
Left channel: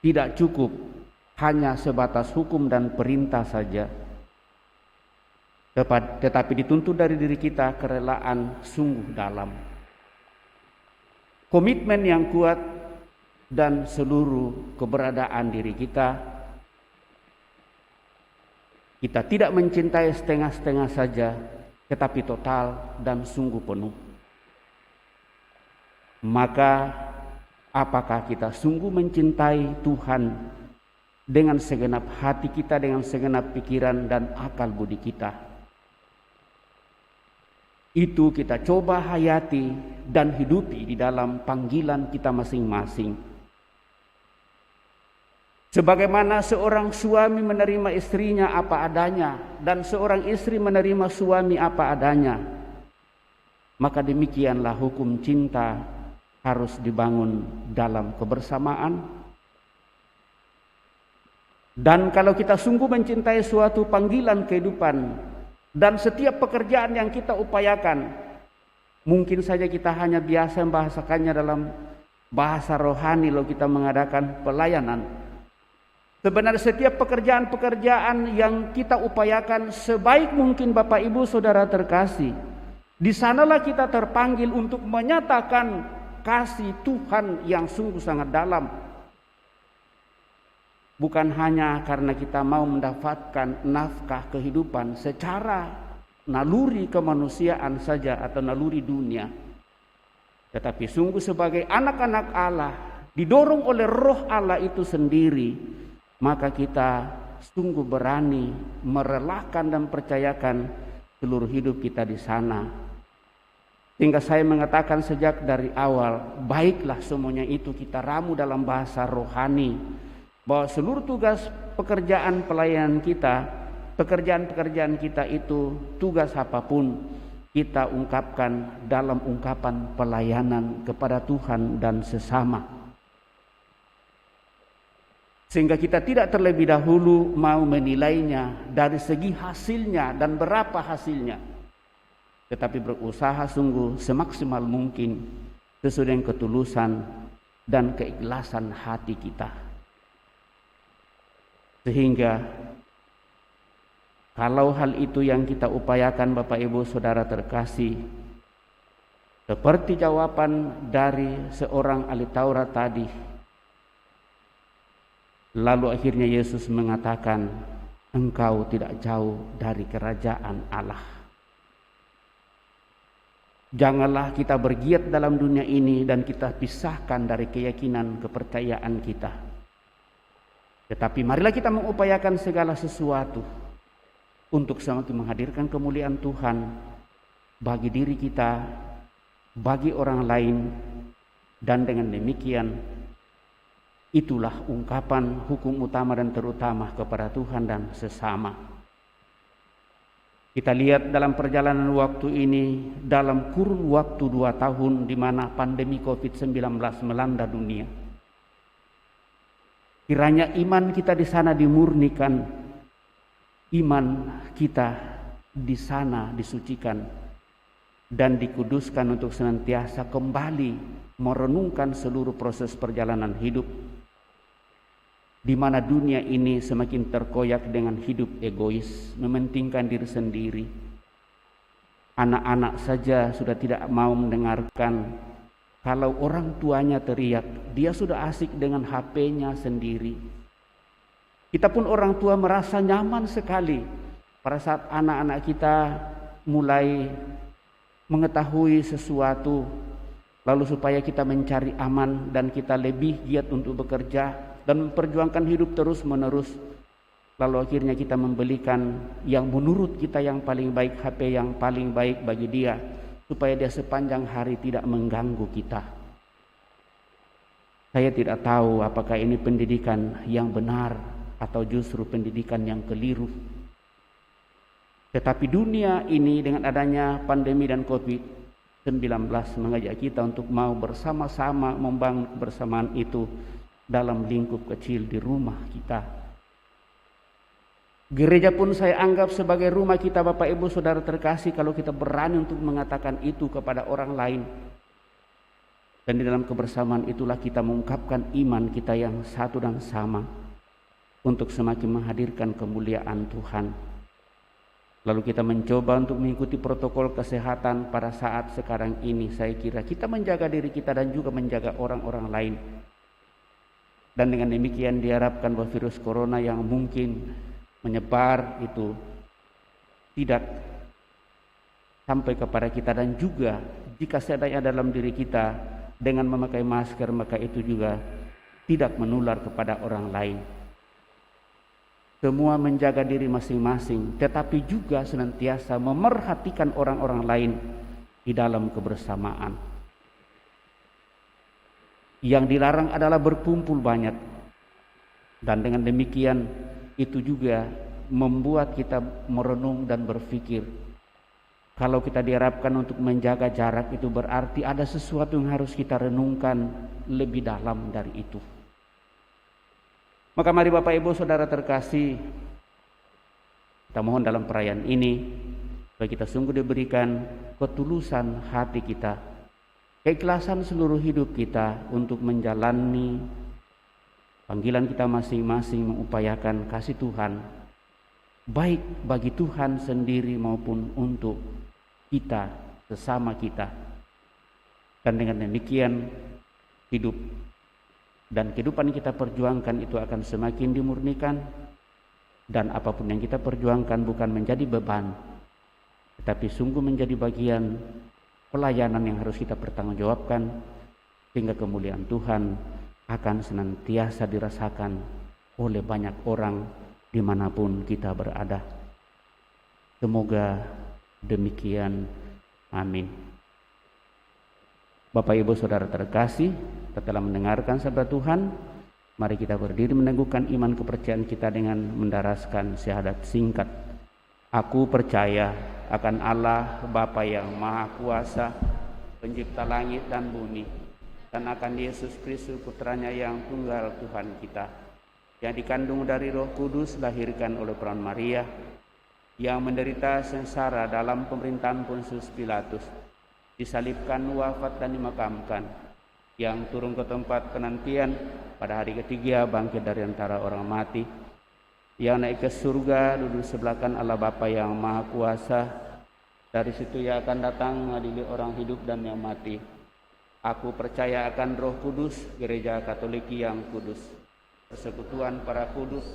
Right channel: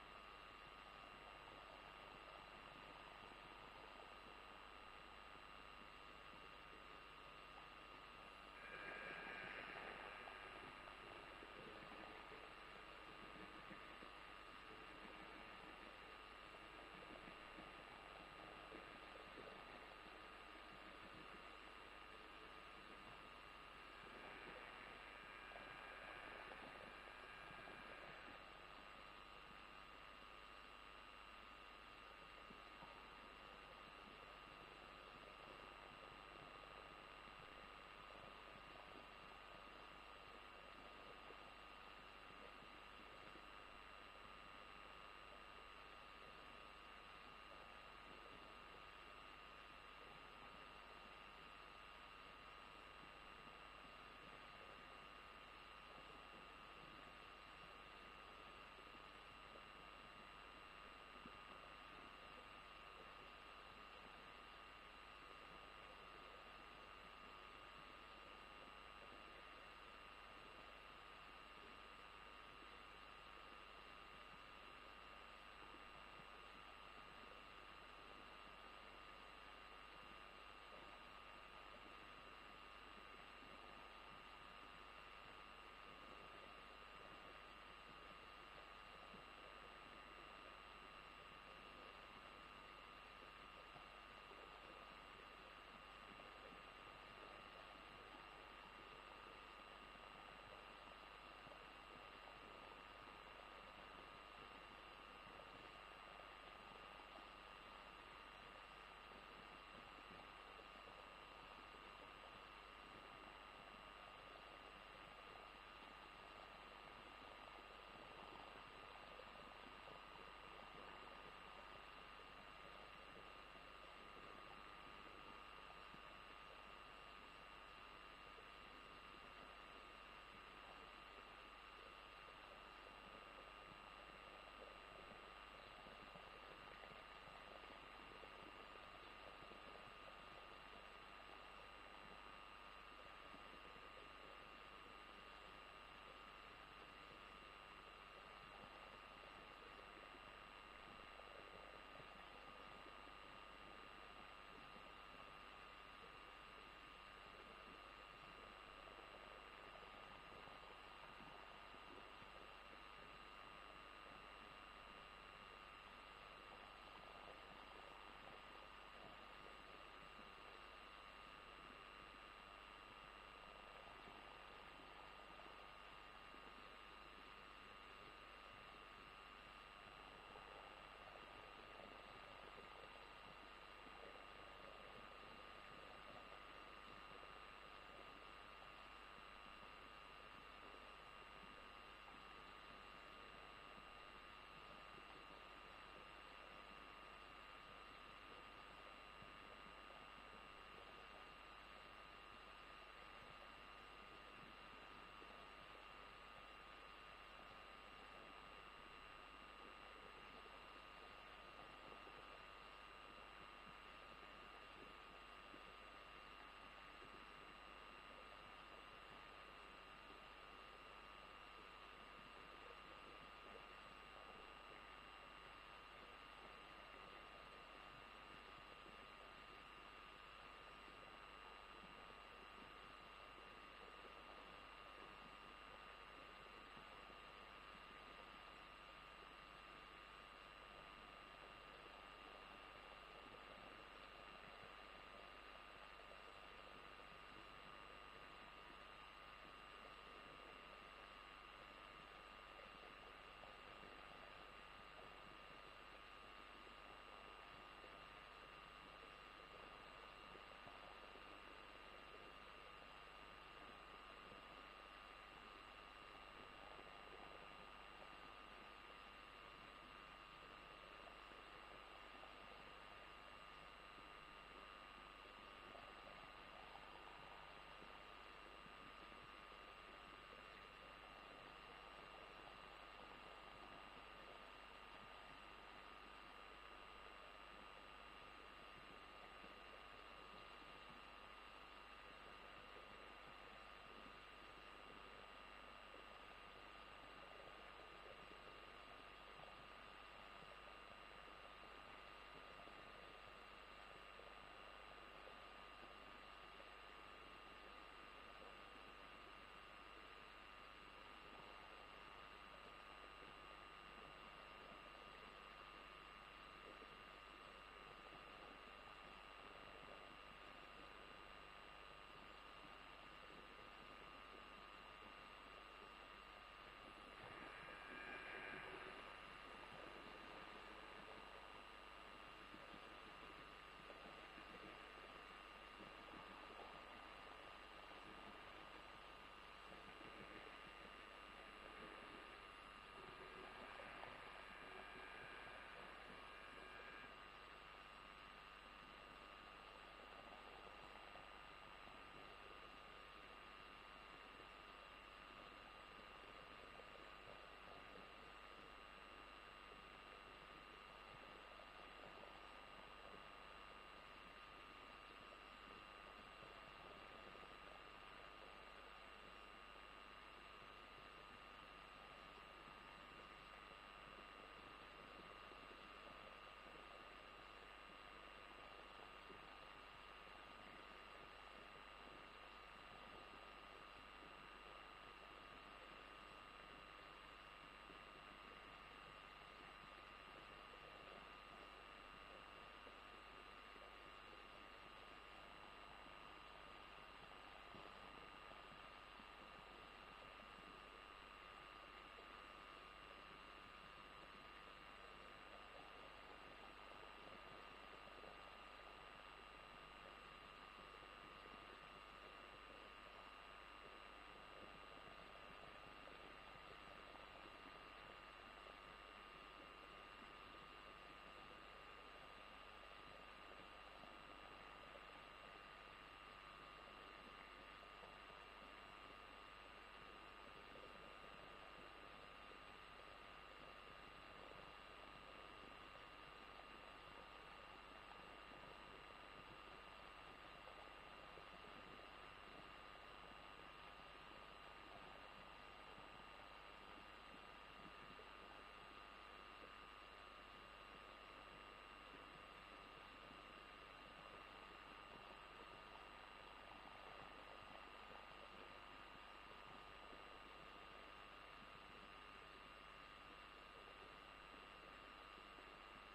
tidak cukup hanya sebatas hukum dan perintah saja, tetapi dituntut dari diri kita kerelaan sungguh dalam, komitmen yang kuat, dan seluruh keberadaan diri kita. Kita tidak mencintai setengah-setengah saja, tetapi total dan sungguh penuh. Maka apakah kita sungguh mencintai Tuhan dengan segenap hati kita, dengan segenap pikiran dan akal budi kita? Itu kita coba hayati dan hidupi di dalam panggilan kita masing-masing. Sebagaimana seorang suami menerima istrinya apa adanya dan seorang istri menerima suami apa adanya, maka demikianlah hukum cinta harus dibangun dalam kebersamaan. Dan kalau kita sungguh mencintai suatu panggilan kehidupan dan setiap pekerjaan yang kita upayakan, mungkin saja kita hanya biasa membahasakannya dalam bahasa rohani lalu kita mengadakan pelayanan. Sebenarnya setiap pekerjaan-pekerjaan yang kita upayakan sebaik mungkin, Bapak, Ibu, Saudara terkasih, di sanalah kita terpanggil untuk menyatakan kasih Tuhan yang sungguh sangat dalam. Bukan hanya karena kita mau mendapatkan nafkah kehidupan secara naluri kemanusiaan saja atau naluri dunia, tetapi sungguh sebagai anak-anak Allah, didorong oleh Roh Allah itu sendiri, maka kita sungguh berani merelakan dan percayakan seluruh hidup kita di sana. Sehingga saya mengatakan sejak dari awal, baiklah semuanya itu kita ramu dalam bahasa rohani, bahwa seluruh tugas pekerjaan pelayanan kita, pekerjaan-pekerjaan kita itu, tugas apapun, kita ungkapkan dalam ungkapan pelayanan kepada Tuhan dan sesama. Sehingga kita tidak terlebih dahulu mau menilainya dari segi hasilnya dan berapa hasilnya, tetapi berusaha sungguh semaksimal mungkin sesuai dengan ketulusan dan keikhlasan hati kita. Sehingga kalau hal itu yang kita upayakan, Bapak, Ibu, Saudara terkasih, seperti jawaban dari seorang ahli Taurat tadi, lalu akhirnya Yesus mengatakan, engkau tidak jauh dari kerajaan Allah. Janganlah kita bergiat dalam dunia ini dan kita pisahkan dari keyakinan kepercayaan kita. Tetapi marilah kita mengupayakan segala sesuatu untuk semakin menghadirkan kemuliaan Tuhan bagi diri kita, bagi orang lain, dan dengan demikian itulah ungkapan hukum utama dan terutama kepada Tuhan dan sesama. Kita lihat dalam perjalanan waktu ini, dalam kurun waktu 2 tahun di mana pandemi COVID-19 melanda dunia, kiranya iman kita di sana dimurnikan, iman kita di sana disucikan dan dikuduskan untuk senantiasa kembali merenungkan seluruh proses perjalanan hidup, di mana dunia ini semakin terkoyak dengan hidup egois, mementingkan diri sendiri. Anak-anak saja sudah tidak mau mendengarkan kalau orang tuanya teriak, dia sudah asik dengan HP-nya sendiri. Kita pun orang tua merasa nyaman sekali pada saat anak-anak kita mulai mengetahui sesuatu, lalu supaya kita mencari aman dan kita lebih giat untuk bekerja dan memperjuangkan hidup terus-menerus. Lalu akhirnya kita membelikan yang menurut kita yang paling baik, HP yang paling baik bagi dia, supaya dia sepanjang hari tidak mengganggu kita. Saya tidak tahu apakah ini pendidikan yang benar atau justru pendidikan yang keliru. Tetapi dunia ini dengan adanya pandemi dan COVID-19 mengajak kita untuk mau bersama-sama membangun kebersamaan itu dalam lingkup kecil di rumah kita. Gereja pun saya anggap sebagai rumah kita, Bapak Ibu Saudara terkasih, kalau kita berani untuk mengatakan itu kepada orang lain. Dan di dalam kebersamaan itulah kita mengungkapkan iman kita yang satu dan sama untuk semakin menghadirkan kemuliaan Tuhan. Lalu kita mencoba untuk mengikuti protokol kesehatan pada saat sekarang ini. Saya kira kita menjaga diri kita dan juga menjaga orang-orang lain. Dan dengan demikian diharapkan bahwa virus corona yang mungkin menyebar itu tidak sampai kepada kita, dan juga jika seadanya dalam diri kita dengan memakai masker, maka itu juga tidak menular kepada orang lain. Semua menjaga diri masing-masing, tetapi juga senantiasa memerhatikan orang-orang lain di dalam kebersamaan. Yang dilarang adalah berkumpul banyak. Dan dengan demikian itu juga membuat kita merenung dan berpikir, kalau kita diharapkan untuk menjaga jarak, itu berarti ada sesuatu yang harus kita renungkan lebih dalam dari itu. Maka mari Bapak Ibu Saudara terkasih, kita mohon dalam perayaan ini supaya kita sungguh diberikan ketulusan hati kita, keikhlasan seluruh hidup kita untuk menjalani panggilan kita masing-masing, mengupayakan kasih Tuhan, baik bagi Tuhan sendiri maupun untuk kita, sesama kita. Dan dengan demikian hidup dan kehidupan yang kita perjuangkan itu akan semakin dimurnikan, dan apapun yang kita perjuangkan bukan menjadi beban, tetapi sungguh menjadi bagian pelayanan yang harus kita pertanggungjawabkan, sehingga kemuliaan Tuhan akan senantiasa dirasakan oleh banyak orang dimanapun kita berada. Semoga demikian. Amin. Bapak Ibu Saudara terkasih, setelah mendengarkan sabda Tuhan, mari kita berdiri meneguhkan iman kepercayaan kita dengan mendaraskan syahadat singkat. Aku percaya akan Allah Bapa yang Maha Kuasa, pencipta langit dan bumi, dan akan Yesus Kristus putranya yang tunggal Tuhan kita, yang dikandung dari Roh Kudus, lahirkan oleh perawan Maria, yang menderita sengsara dalam pemerintahan Pontius Pilatus, disalibkan, wafat dan dimakamkan, yang turun ke tempat penantian, pada hari ketiga bangkit dari antara orang mati, yang naik ke surga, duduk sebelah kanan Allah Bapa yang Maha Kuasa, dari situ ia akan datang mengadili orang hidup dan yang mati. Aku percaya akan Roh Kudus, Gereja Katolik yang kudus, persekutuan para kudus,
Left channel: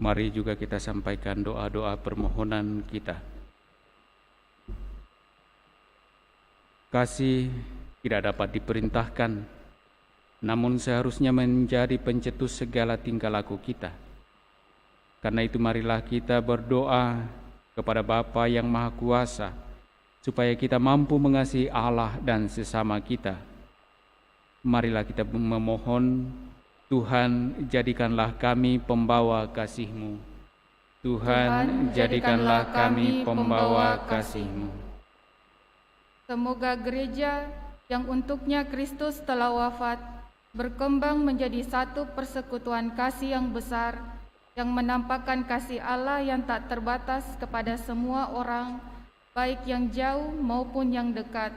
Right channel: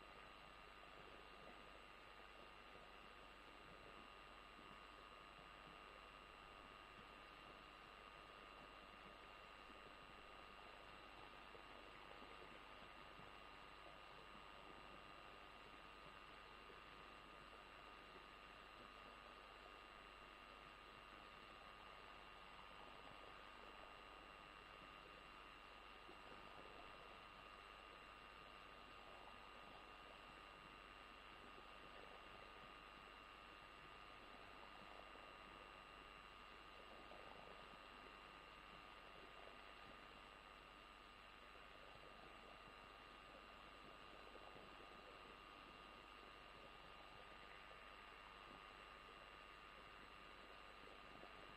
Mari juga kita sampaikan doa-doa permohonan kita. Kasih tidak dapat diperintahkan, namun seharusnya menjadi pencetus segala tingkah laku kita. Karena itu marilah kita berdoa kepada Bapa yang Maha Kuasa, supaya kita mampu mengasihi Allah dan sesama kita. Marilah kita memohon, Tuhan, jadikanlah kami pembawa kasih-Mu. Tuhan, jadikanlah kami pembawa kasih-Mu. Semoga gereja yang untuknya Kristus telah wafat berkembang menjadi satu persekutuan kasih yang besar, yang menampakkan kasih Allah yang tak terbatas kepada semua orang, baik yang jauh maupun yang dekat.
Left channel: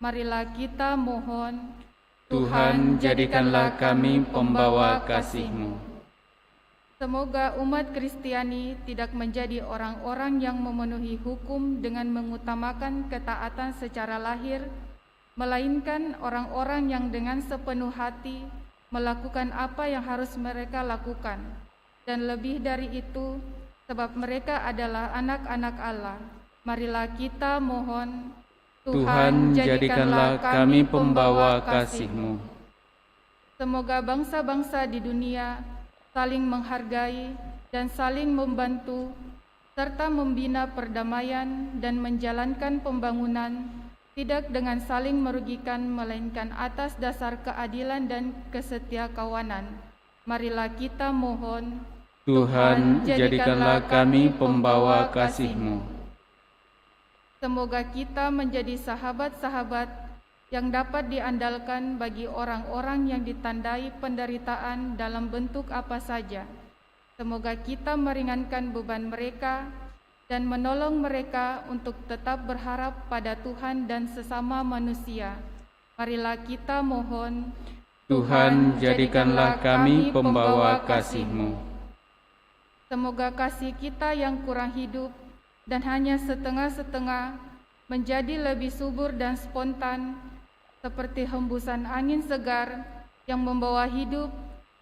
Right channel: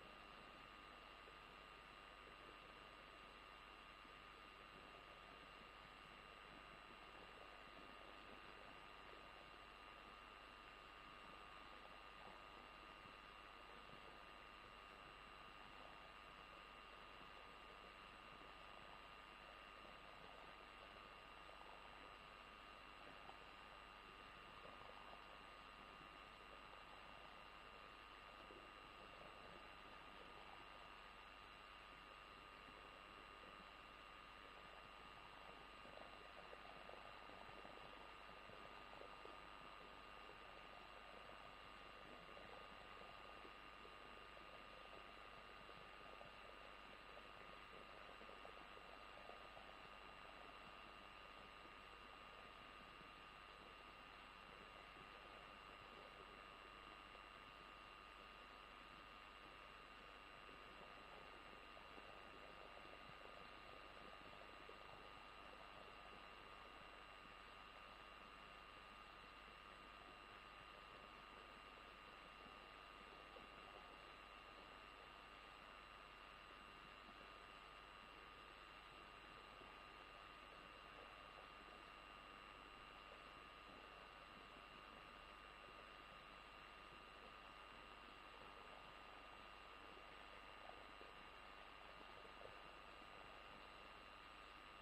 Marilah kita mohon, Tuhan, jadikanlah kami pembawa kasih-Mu. Semoga umat Kristiani tidak menjadi orang-orang yang memenuhi hukum dengan mengutamakan ketaatan secara lahir, melainkan orang-orang yang dengan sepenuh hati melakukan apa yang harus mereka lakukan. Dan lebih dari itu, sebab mereka adalah anak-anak Allah. Marilah kita mohon, Tuhan, jadikanlah kami pembawa kasih-Mu. Semoga bangsa-bangsa di dunia saling menghargai dan saling membantu, serta membina perdamaian dan menjalankan pembangunan, tidak dengan saling merugikan, melainkan atas dasar keadilan dan kesetiakawanan. Marilah kita mohon, Tuhan, jadikanlah kami pembawa kasih-Mu. Semoga kita menjadi sahabat-sahabat yang dapat diandalkan bagi orang-orang yang ditandai penderitaan dalam bentuk apa saja. Semoga kita meringankan beban mereka dan menolong mereka untuk tetap berharap pada Tuhan dan sesama manusia. Marilah kita mohon, Tuhan, jadikanlah kami pembawa kasih-Mu. Semoga kasih kita yang kurang hidup dan hanya setengah-setengah menjadi lebih subur dan spontan, seperti hembusan angin segar yang membawa hidup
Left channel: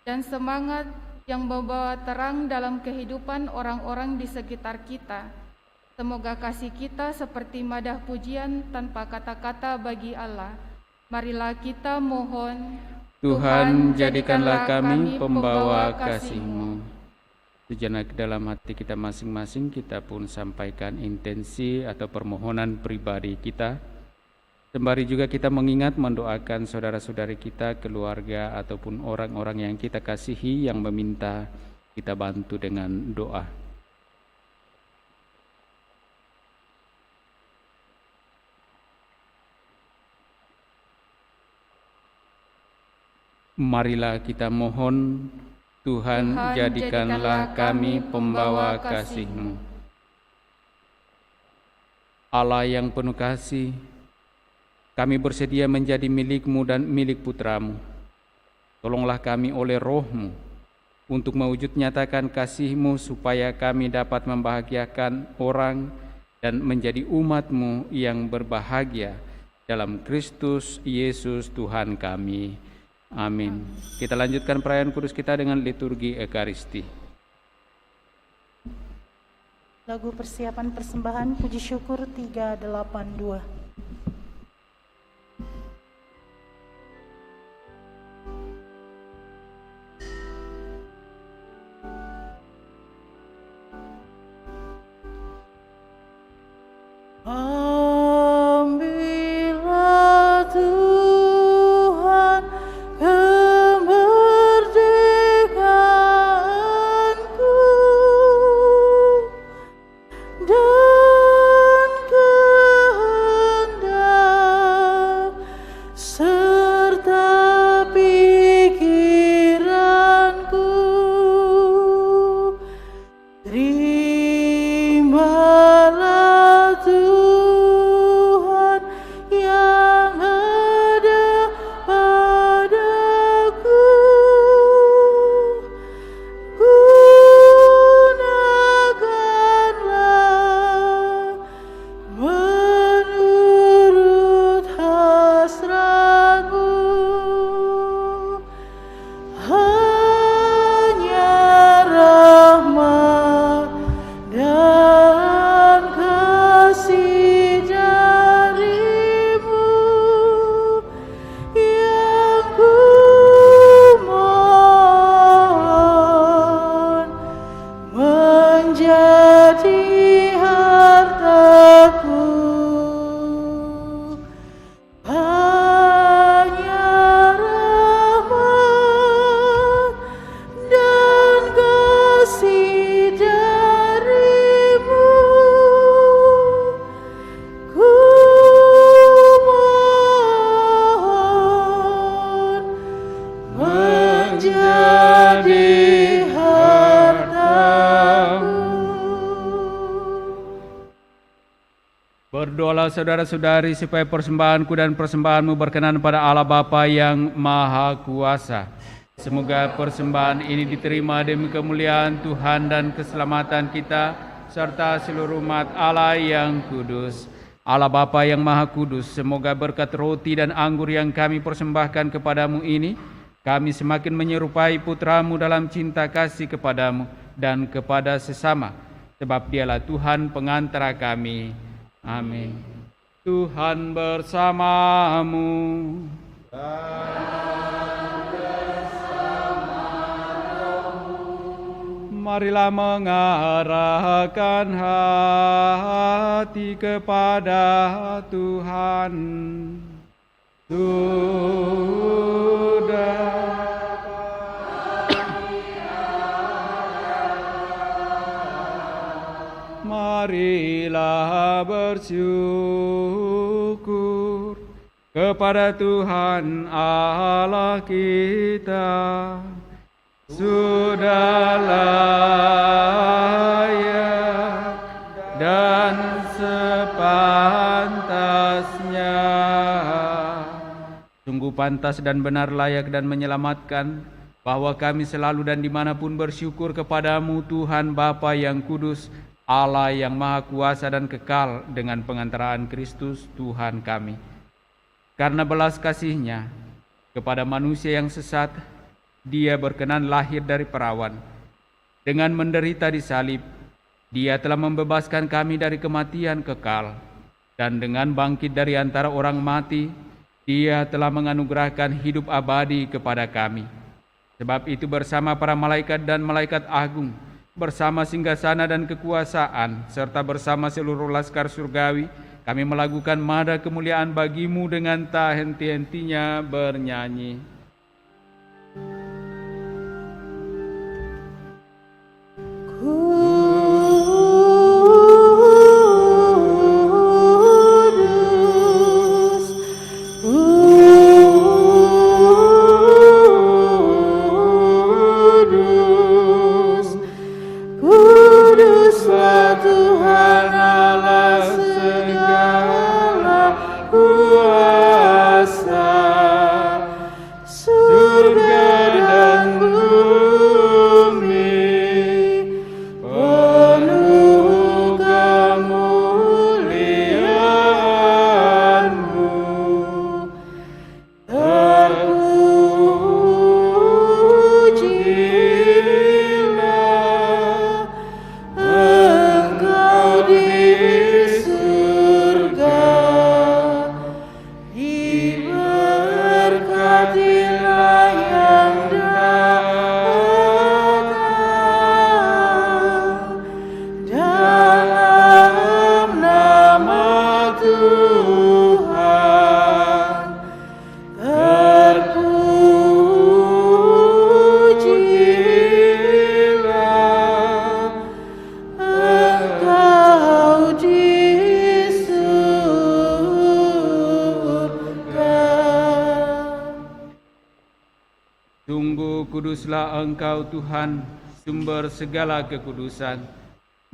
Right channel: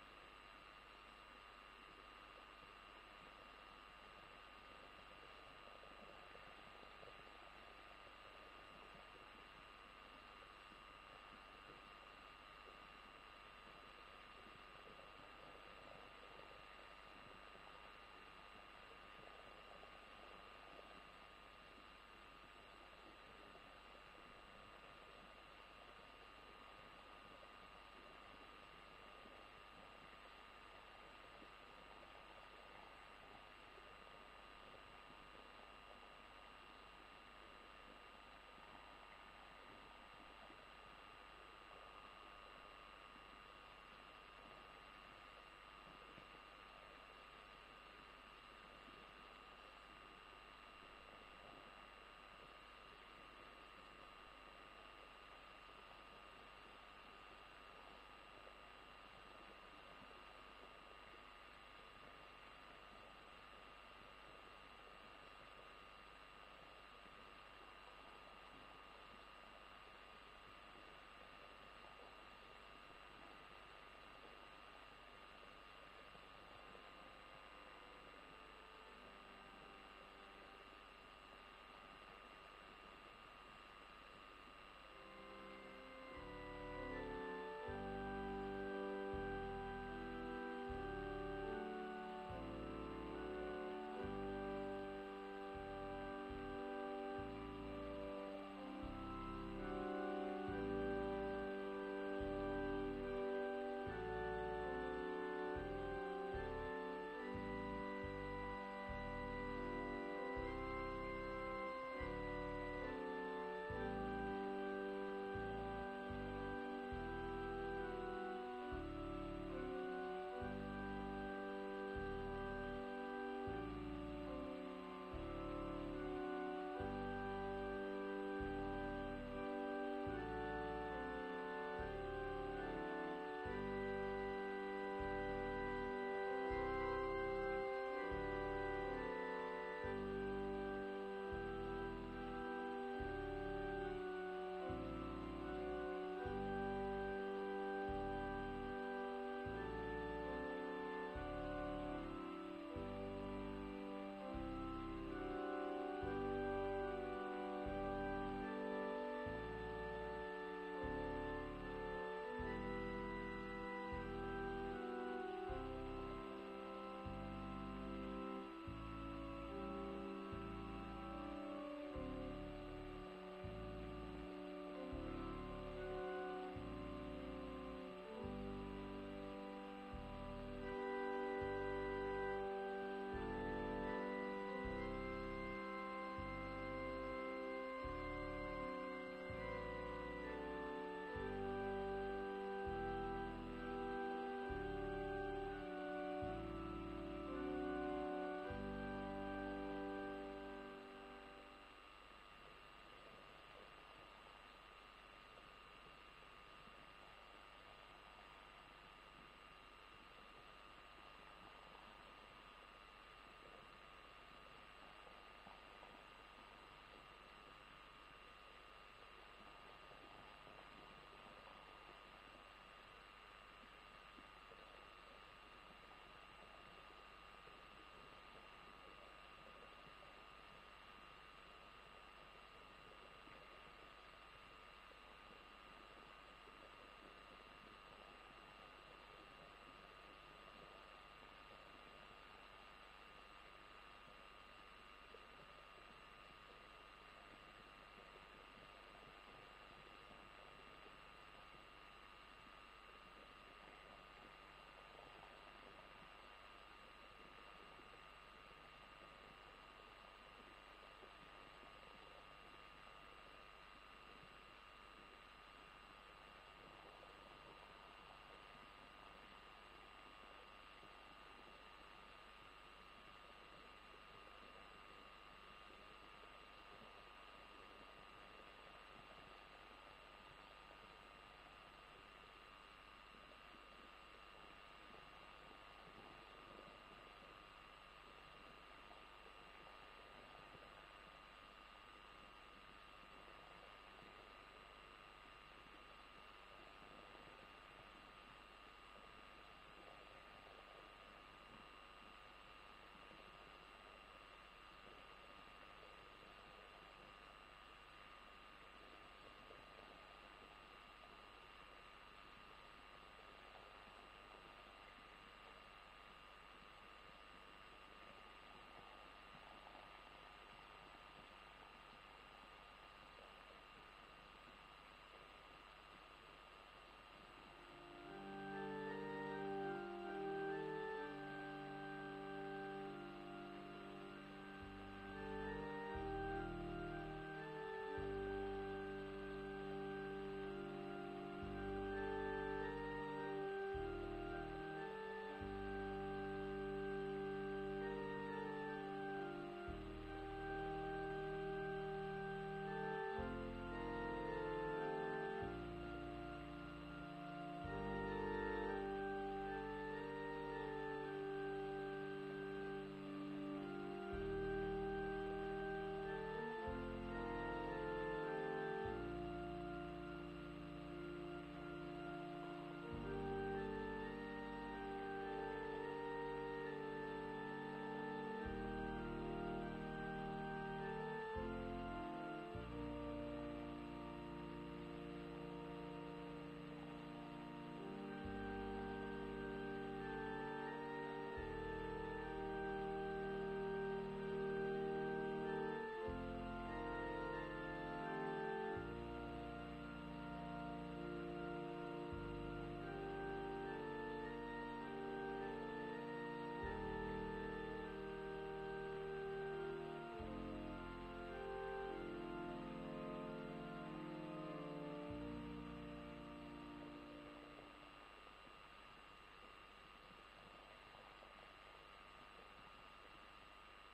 dan semangat yang membawa terang dalam kehidupan orang-orang di sekitar kita. Semoga kasih kita seperti madah pujian tanpa kata-kata bagi Allah. Marilah kita mohon, Tuhan, jadikanlah kami pembawa kasih-Mu. Sejenak dalam hati kita masing-masing, kita pun sampaikan intensi atau permohonan pribadi kita. Sembari juga kita mengingat mendoakan saudara-saudari kita, keluarga, ataupun orang-orang yang kita kasihi yang meminta kita bantu dengan doa. Marilah kita mohon, Tuhan, jadikanlah kami pembawa kasih-Mu. Allah yang penuh kasih, kami bersedia menjadi milik-Mu dan milik Putra-Mu. Tolonglah kami oleh Roh-Mu untuk mewujud nyatakan kasih-Mu supaya kami dapat membahagiakan orang dan menjadi umat-Mu yang berbahagia dalam Kristus Yesus Tuhan kami. Amin. Kita lanjutkan perayaan kudus kita dengan liturgi Ekaristi. Lagu persiapan persembahan puji syukur 382. Berdoalah saudara-saudari supaya persembahanku dan persembahanmu berkenan pada Allah Bapa yang Maha Kuasa. Semoga persembahan ini diterima demi kemuliaan Tuhan dan keselamatan kita, serta seluruh umat Allah yang kudus. Allah Bapa yang Maha Kudus, semoga berkat roti dan anggur yang kami persembahkan kepadamu ini, kami semakin menyerupai Putra-Mu dalam cinta kasih kepadamu dan kepada sesama, sebab Dialah Tuhan pengantara kami. Amin. Tuhan bersamamu. Marilah mengarahkan hati kepada Tuhan. Marilah bersyukur kepada Tuhan Allah kita. Sudah layak dan sepantasnya. Sungguh pantas dan benar, layak dan menyelamatkan, bahwa kami selalu dan dimanapun bersyukur kepadamu Tuhan Bapa yang kudus, Allah yang maha kuasa dan kekal, dengan pengantaraan Kristus Tuhan kami. Karena belas kasih-Nya kepada manusia yang sesat, Dia berkenan lahir dari perawan. Dengan menderita di salib, Dia telah membebaskan kami dari kematian kekal. Dan dengan bangkit dari antara orang mati, Dia telah menganugerahkan hidup abadi kepada kami. Sebab itu bersama para malaikat dan malaikat agung, bersama singgasana dan kekuasaan, serta bersama seluruh laskar surgawi, kami melakukan mada kemuliaan bagi-Mu dengan tak henti-hentinya bernyanyi. Kuduslah Engkau Tuhan, sumber segala kekudusan.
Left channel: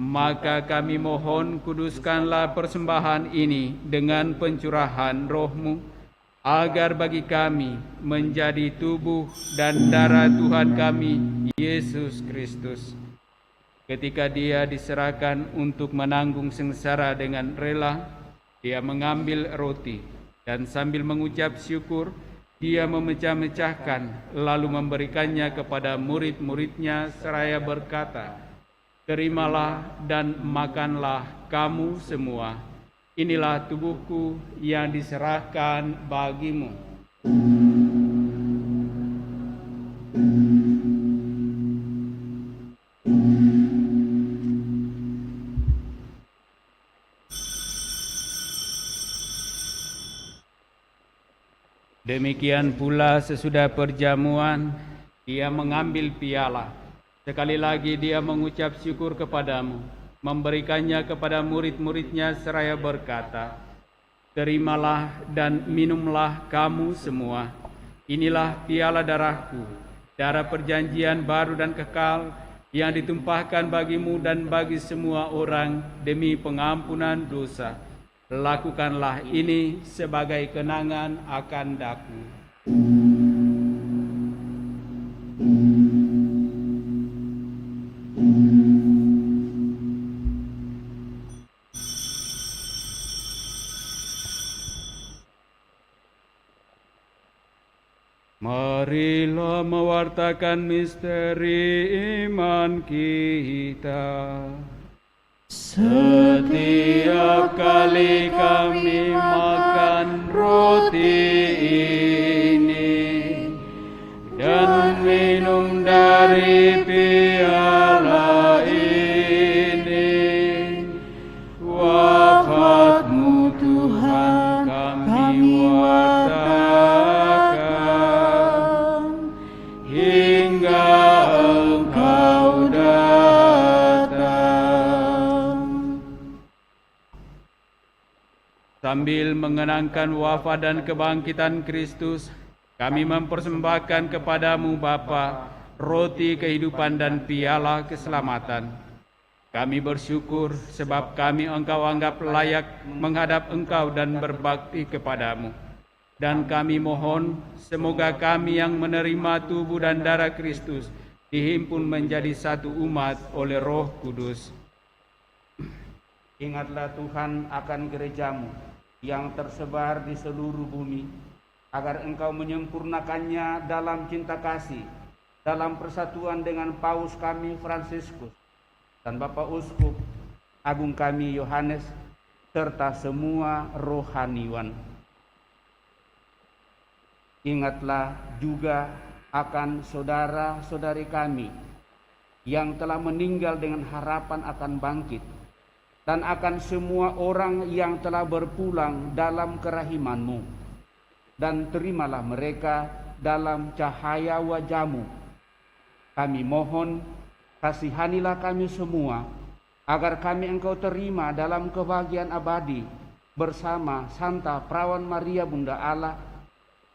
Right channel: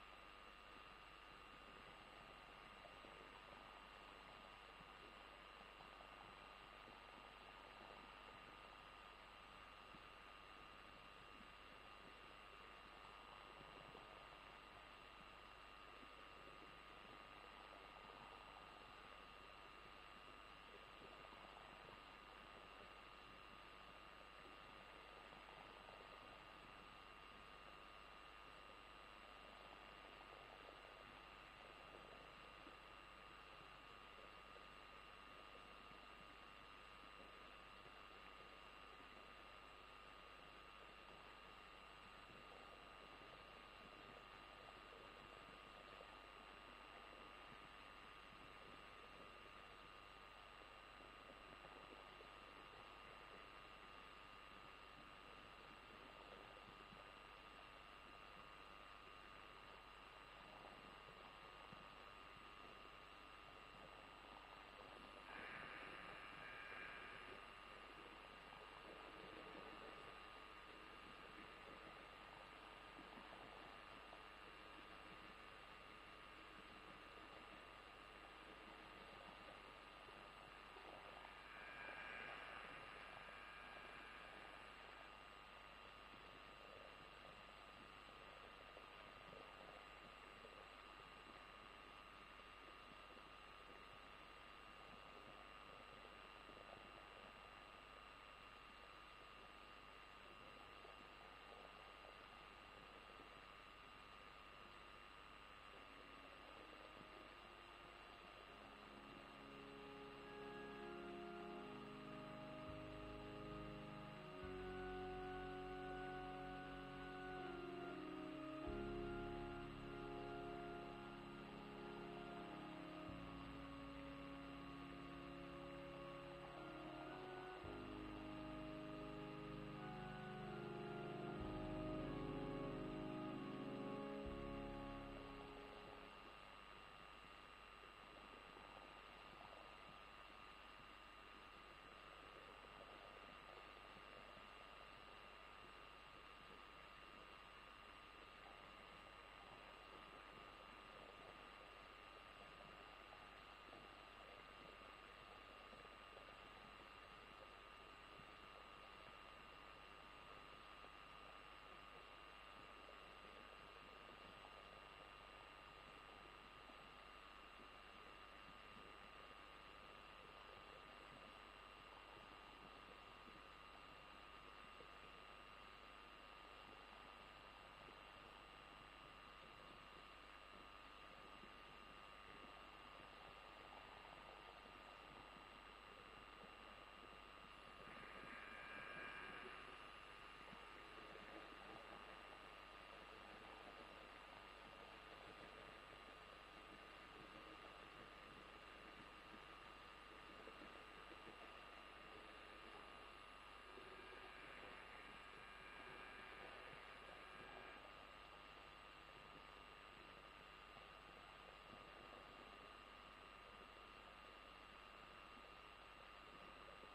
Maka kami mohon, kuduskanlah persembahan ini dengan pencurahan Roh-Mu, agar bagi kami menjadi tubuh dan darah Tuhan kami, Yesus Kristus. Ketika Dia diserahkan untuk menanggung sengsara dengan rela, Dia mengambil roti, dan sambil mengucap syukur, Dia memecah-mecahkan, lalu memberikannya kepada murid-murid-Nya seraya berkata, "Terimalah dan makanlah kamu semua. Inilah tubuhku yang diserahkan bagimu." Demikian pula sesudah perjamuan, Dia mengambil piala. Sekali lagi Dia mengucap syukur kepadamu, memberikannya kepada murid-murid-Nya seraya berkata, "Terimalah dan minumlah kamu semua. Inilah piala darahku, darah perjanjian baru dan kekal, yang ditumpahkan bagimu dan bagi semua orang demi pengampunan dosa. Lakukanlah ini sebagai kenangan akan Daku." Marilah mewartakan misteri iman kita. Setiap kali kami makan roti ini dan minum dari piala ini, wafat-Mu Tuhan kami wartakan hingga Engkau datang. Sambil mengenangkan wafat dan kebangkitan Kristus, kami mempersembahkan kepadamu Bapa, roti kehidupan dan piala keselamatan. Kami bersyukur sebab kami Engkau anggap layak menghadap Engkau dan berbakti kepadamu. Dan kami mohon semoga kami yang menerima tubuh dan darah Kristus dihimpun menjadi satu umat oleh Roh Kudus. Ingatlah Tuhan akan gerejamu yang tersebar di seluruh bumi, agar Engkau menyempurnakannya dalam cinta kasih, dalam persatuan dengan Paus kami Fransiskus dan Bapak Uskup Agung kami Yohanes, serta semua rohaniwan. Ingatlah juga akan saudara-saudari kami yang telah meninggal dengan harapan akan bangkit, dan akan semua orang yang telah berpulang dalam kerahiman-Mu, dan terimalah mereka dalam cahaya wajah-Mu. Kami mohon, kasihanilah kami semua, agar kami Engkau terima dalam kebahagiaan abadi bersama Santa Perawan Maria Bunda Allah,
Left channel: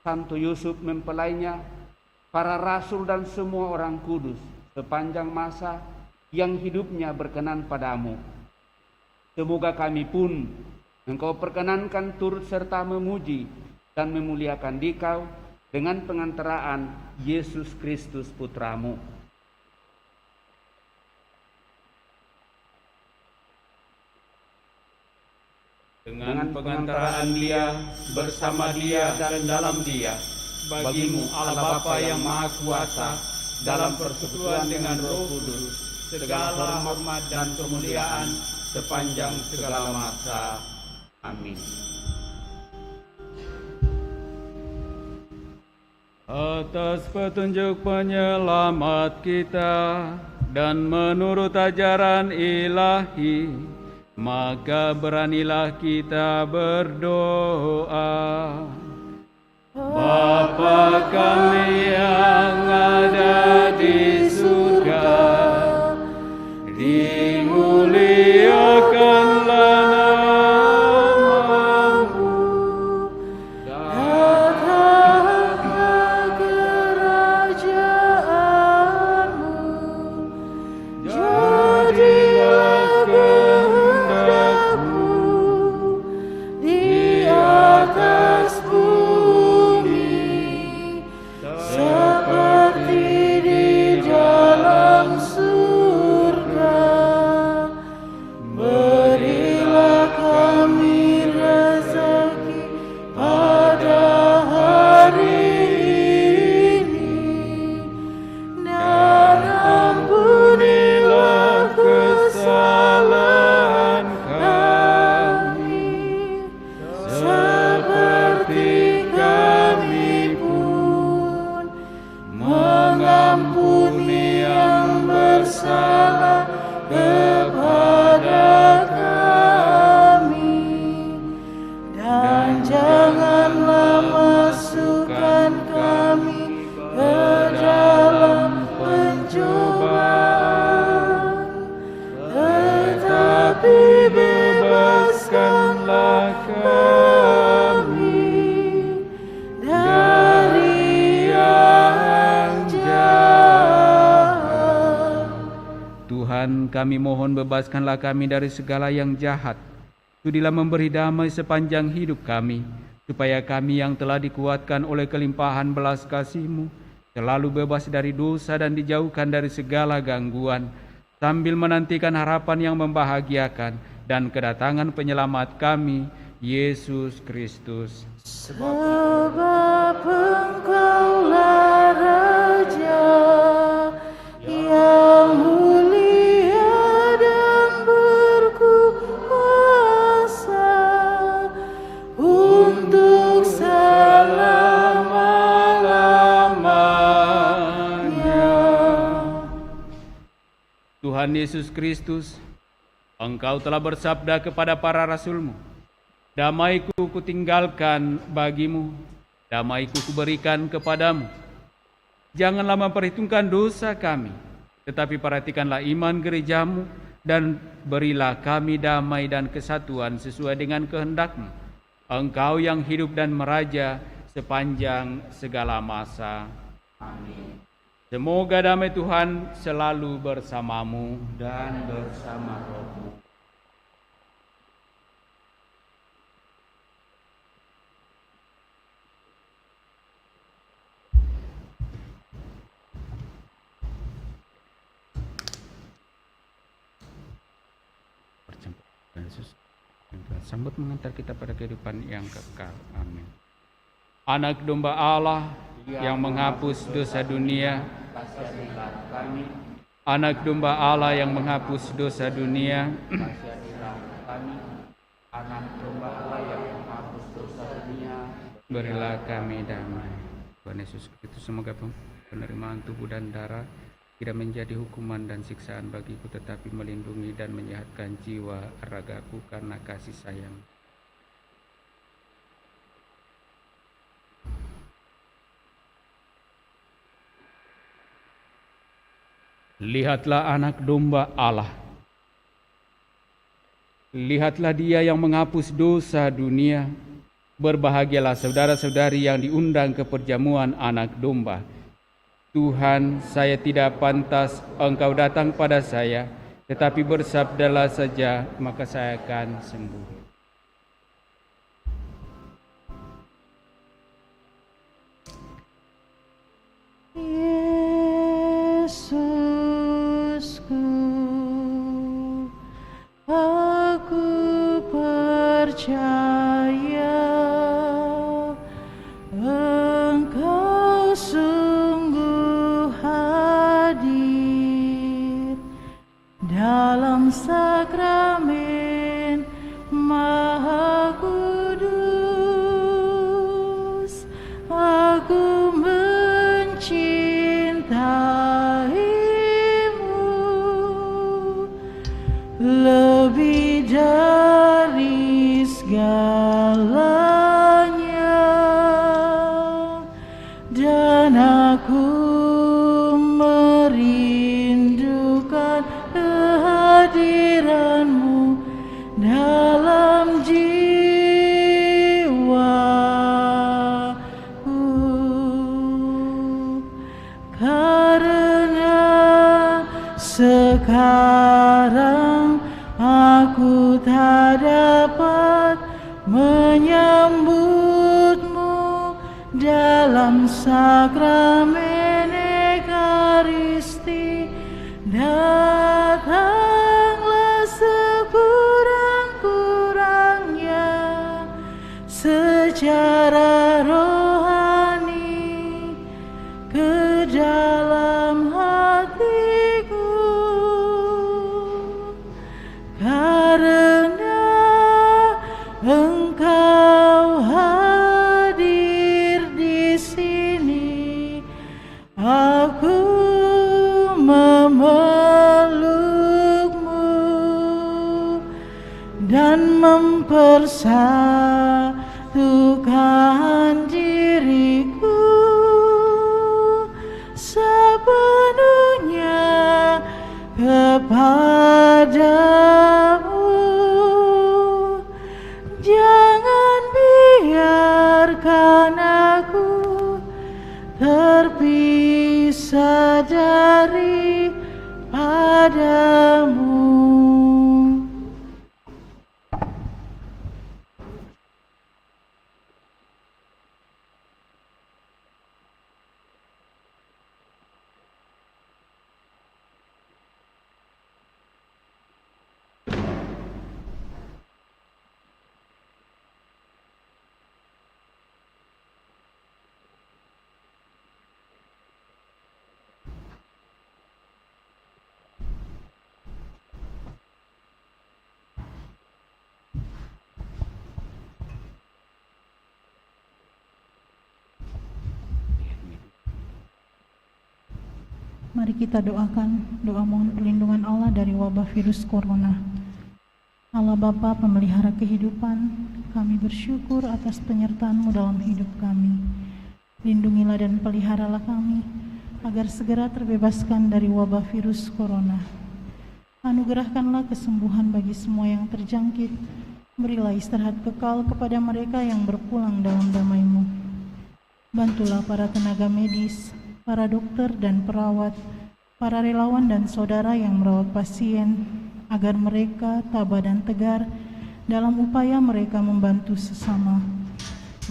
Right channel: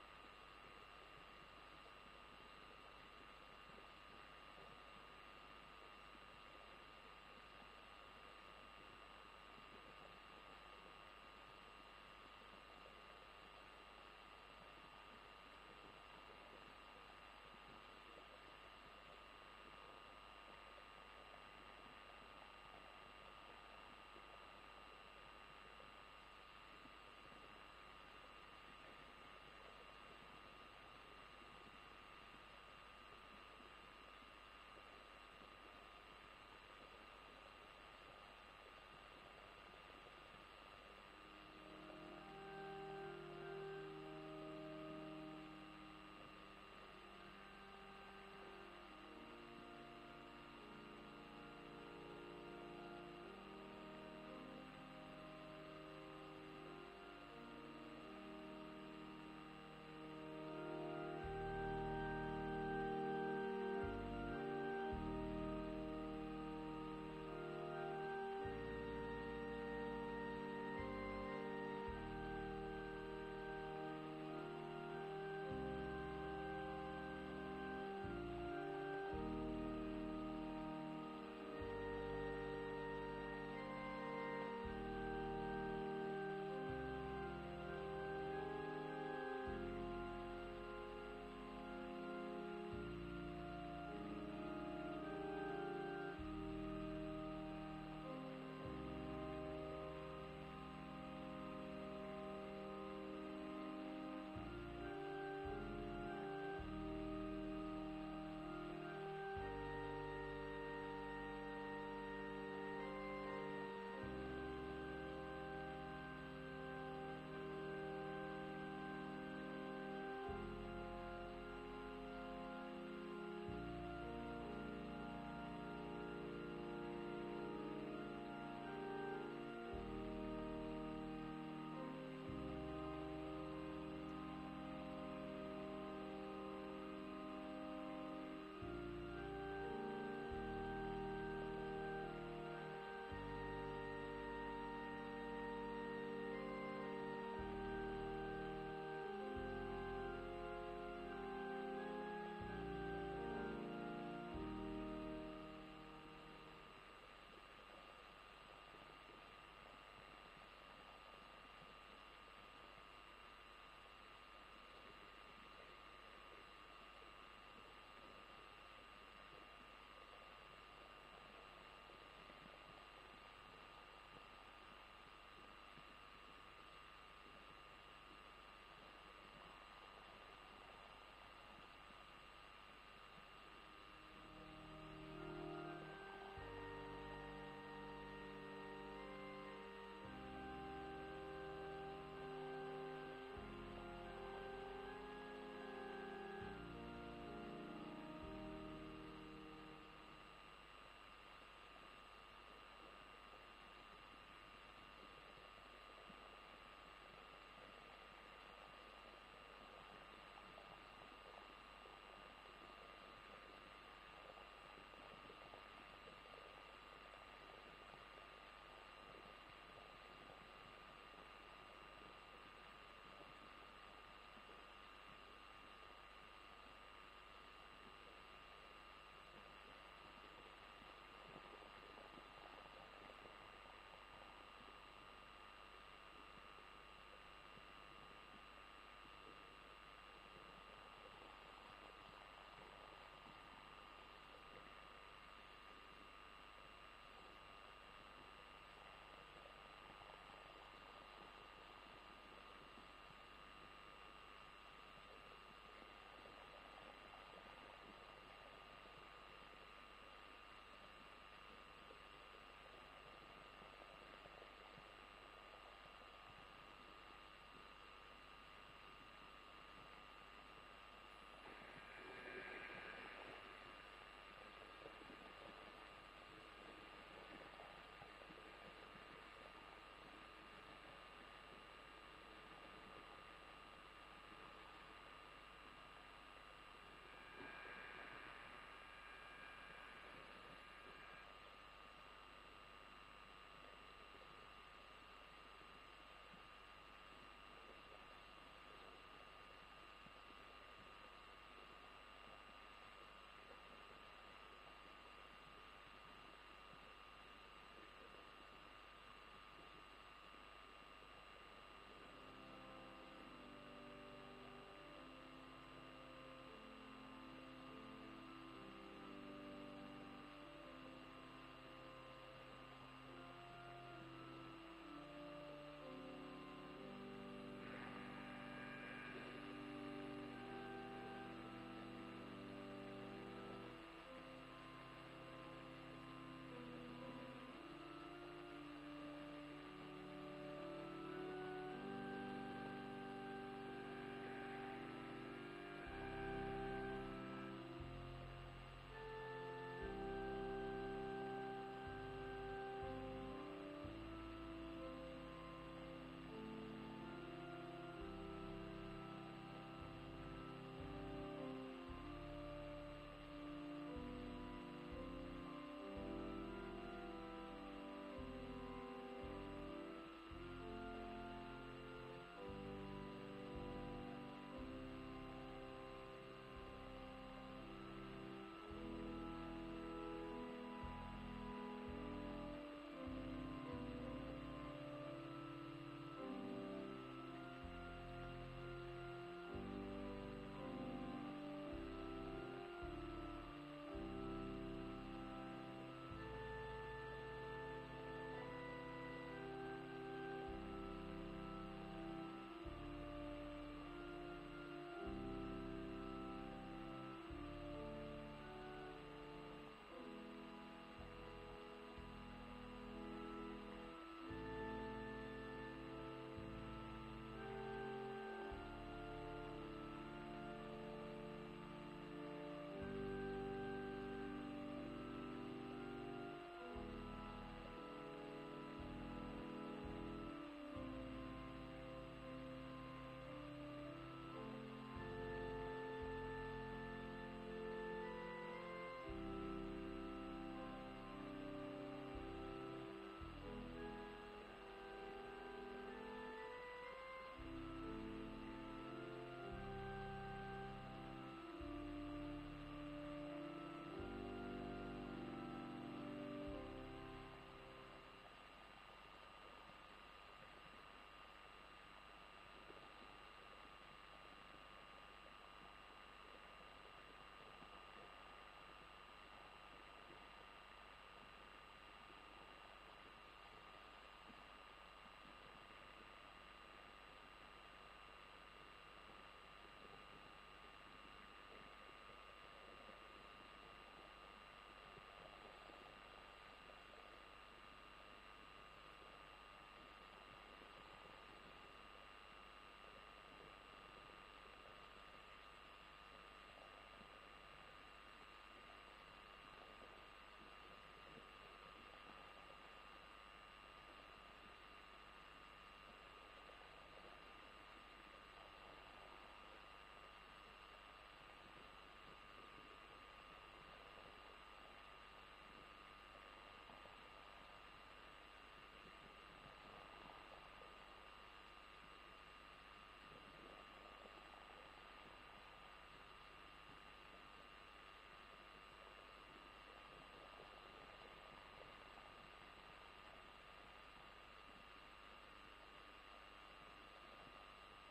Santo Yusuf mempelainya, para rasul dan semua orang kudus sepanjang masa yang hidupnya berkenan padamu. Semoga kami pun Engkau perkenankan turut serta memuji dan memuliakan Dikau dengan pengantaraan Yesus Kristus Putramu. Dengan pengantaraan Dia, bersama Dia dan dalam Dia, bagimu Allah Bapa yang Maha Kuasa, dalam persekutuan dengan Roh Kudus, segala hormat dan kemuliaan sepanjang segala masa. Amin. Atas petunjuk penyelamat kita dan menurut ajaran ilahi, maka beranilah kita berdoa. Bapa kami yang ada di surga, dimuliakanlah nama-Mu, Datanglah kerajaan-Mu, jadilah kehendak-Mu di atas bumi seperti di dalam surga. Berilah kami rezeki pada hari ini, dan ampunilah kesalahan kami, seperti kami pun mengampuni yang bersalah kepada kami. Dan janganlah masukkan kami ke dalam pencobaan, tetapi bebaskanlah kami dari yang jahat. Tuhan, kami mohon bebaskanlah kami dari segala yang jahat. Sudilah memberi damai sepanjang hidup kami, supaya kami yang telah dikuatkan oleh kelimpahan belas kasih-Mu selalu bebas dari dosa dan dijauhkan dari segala gangguan, sambil menantikan harapan yang membahagiakan dan kedatangan penyelamat kami, Yesus Kristus. Sebab Engkaulah Raja yang mulia dan berkuasa. Tuhan Yesus Kristus, Engkau telah bersabda kepada para rasul-Mu, damai-Ku kutinggalkan bagimu, damai-Ku kuberikan kepadamu. Janganlah memperhitungkan dosa kami, tetapi perhatikanlah iman gereja-Mu, dan berilah kami damai dan kesatuan sesuai dengan kehendak-Mu. Engkau yang hidup dan meraja sepanjang segala masa. Amin. Semoga damai Tuhan selalu bersamamu dan bersama rohmu. Sambut mengantar kita pada kehidupan yang kekal. Amin. Anak domba Allah yang menghapus dosa dunia, Kasihanilah kami. Anak domba Allah yang menghapus dosa dunia, Kasihanilah kami. Anak domba Allah yang menghapus dosa dunia, berilah kami damai. Tuhan Yesus Kristus, semoga penerimaan tubuh dan darah tidak menjadi hukuman dan siksaan bagiku, tetapi melindungi dan menyehatkan jiwa ragaku karena kasih sayang. Lihatlah anak domba Allah. Lihatlah Dia yang menghapus dosa dunia. Berbahagialah saudara-saudari yang diundang ke perjamuan anak domba. Tuhan, saya tidak pantas Engkau datang pada saya, tetapi bersabdalah saja, maka saya akan sembuh. Yesusku, aku percaya Engkau sungguh hadir dalam sakramen Maha Kudus. Aku mencintaimu lebih dari segalanya, dan aku merindukan kehadiranmu dalam jiwaku, karena sekarang aku tak dapat menyambutmu dalam sakramen Ekaristi. Datanglah sekurang-kurangnya secara rohani ke dalam hatiku, karena Engkau hadir di sini. Aku memelukmu dan mempersatukan diriku sepenuhnya kepadamu. Jangan biarkan aku terpisah dari padamu. Mari kita doakan doa mohon perlindungan Allah dari wabah virus corona. Allah Bapa pemelihara kehidupan, kami bersyukur atas penyertaan-Mu dalam hidup kami. Lindungilah dan peliharalah kami, agar segera terbebaskan dari wabah virus corona. Anugerahkanlah kesembuhan bagi semua yang terjangkit. Berilah istirahat kekal kepada mereka yang berpulang dalam damai-Mu. Bantulah para tenaga medis, para dokter dan perawat, para relawan dan saudara yang merawat pasien, agar mereka tabah dan tegar dalam upaya mereka membantu sesama.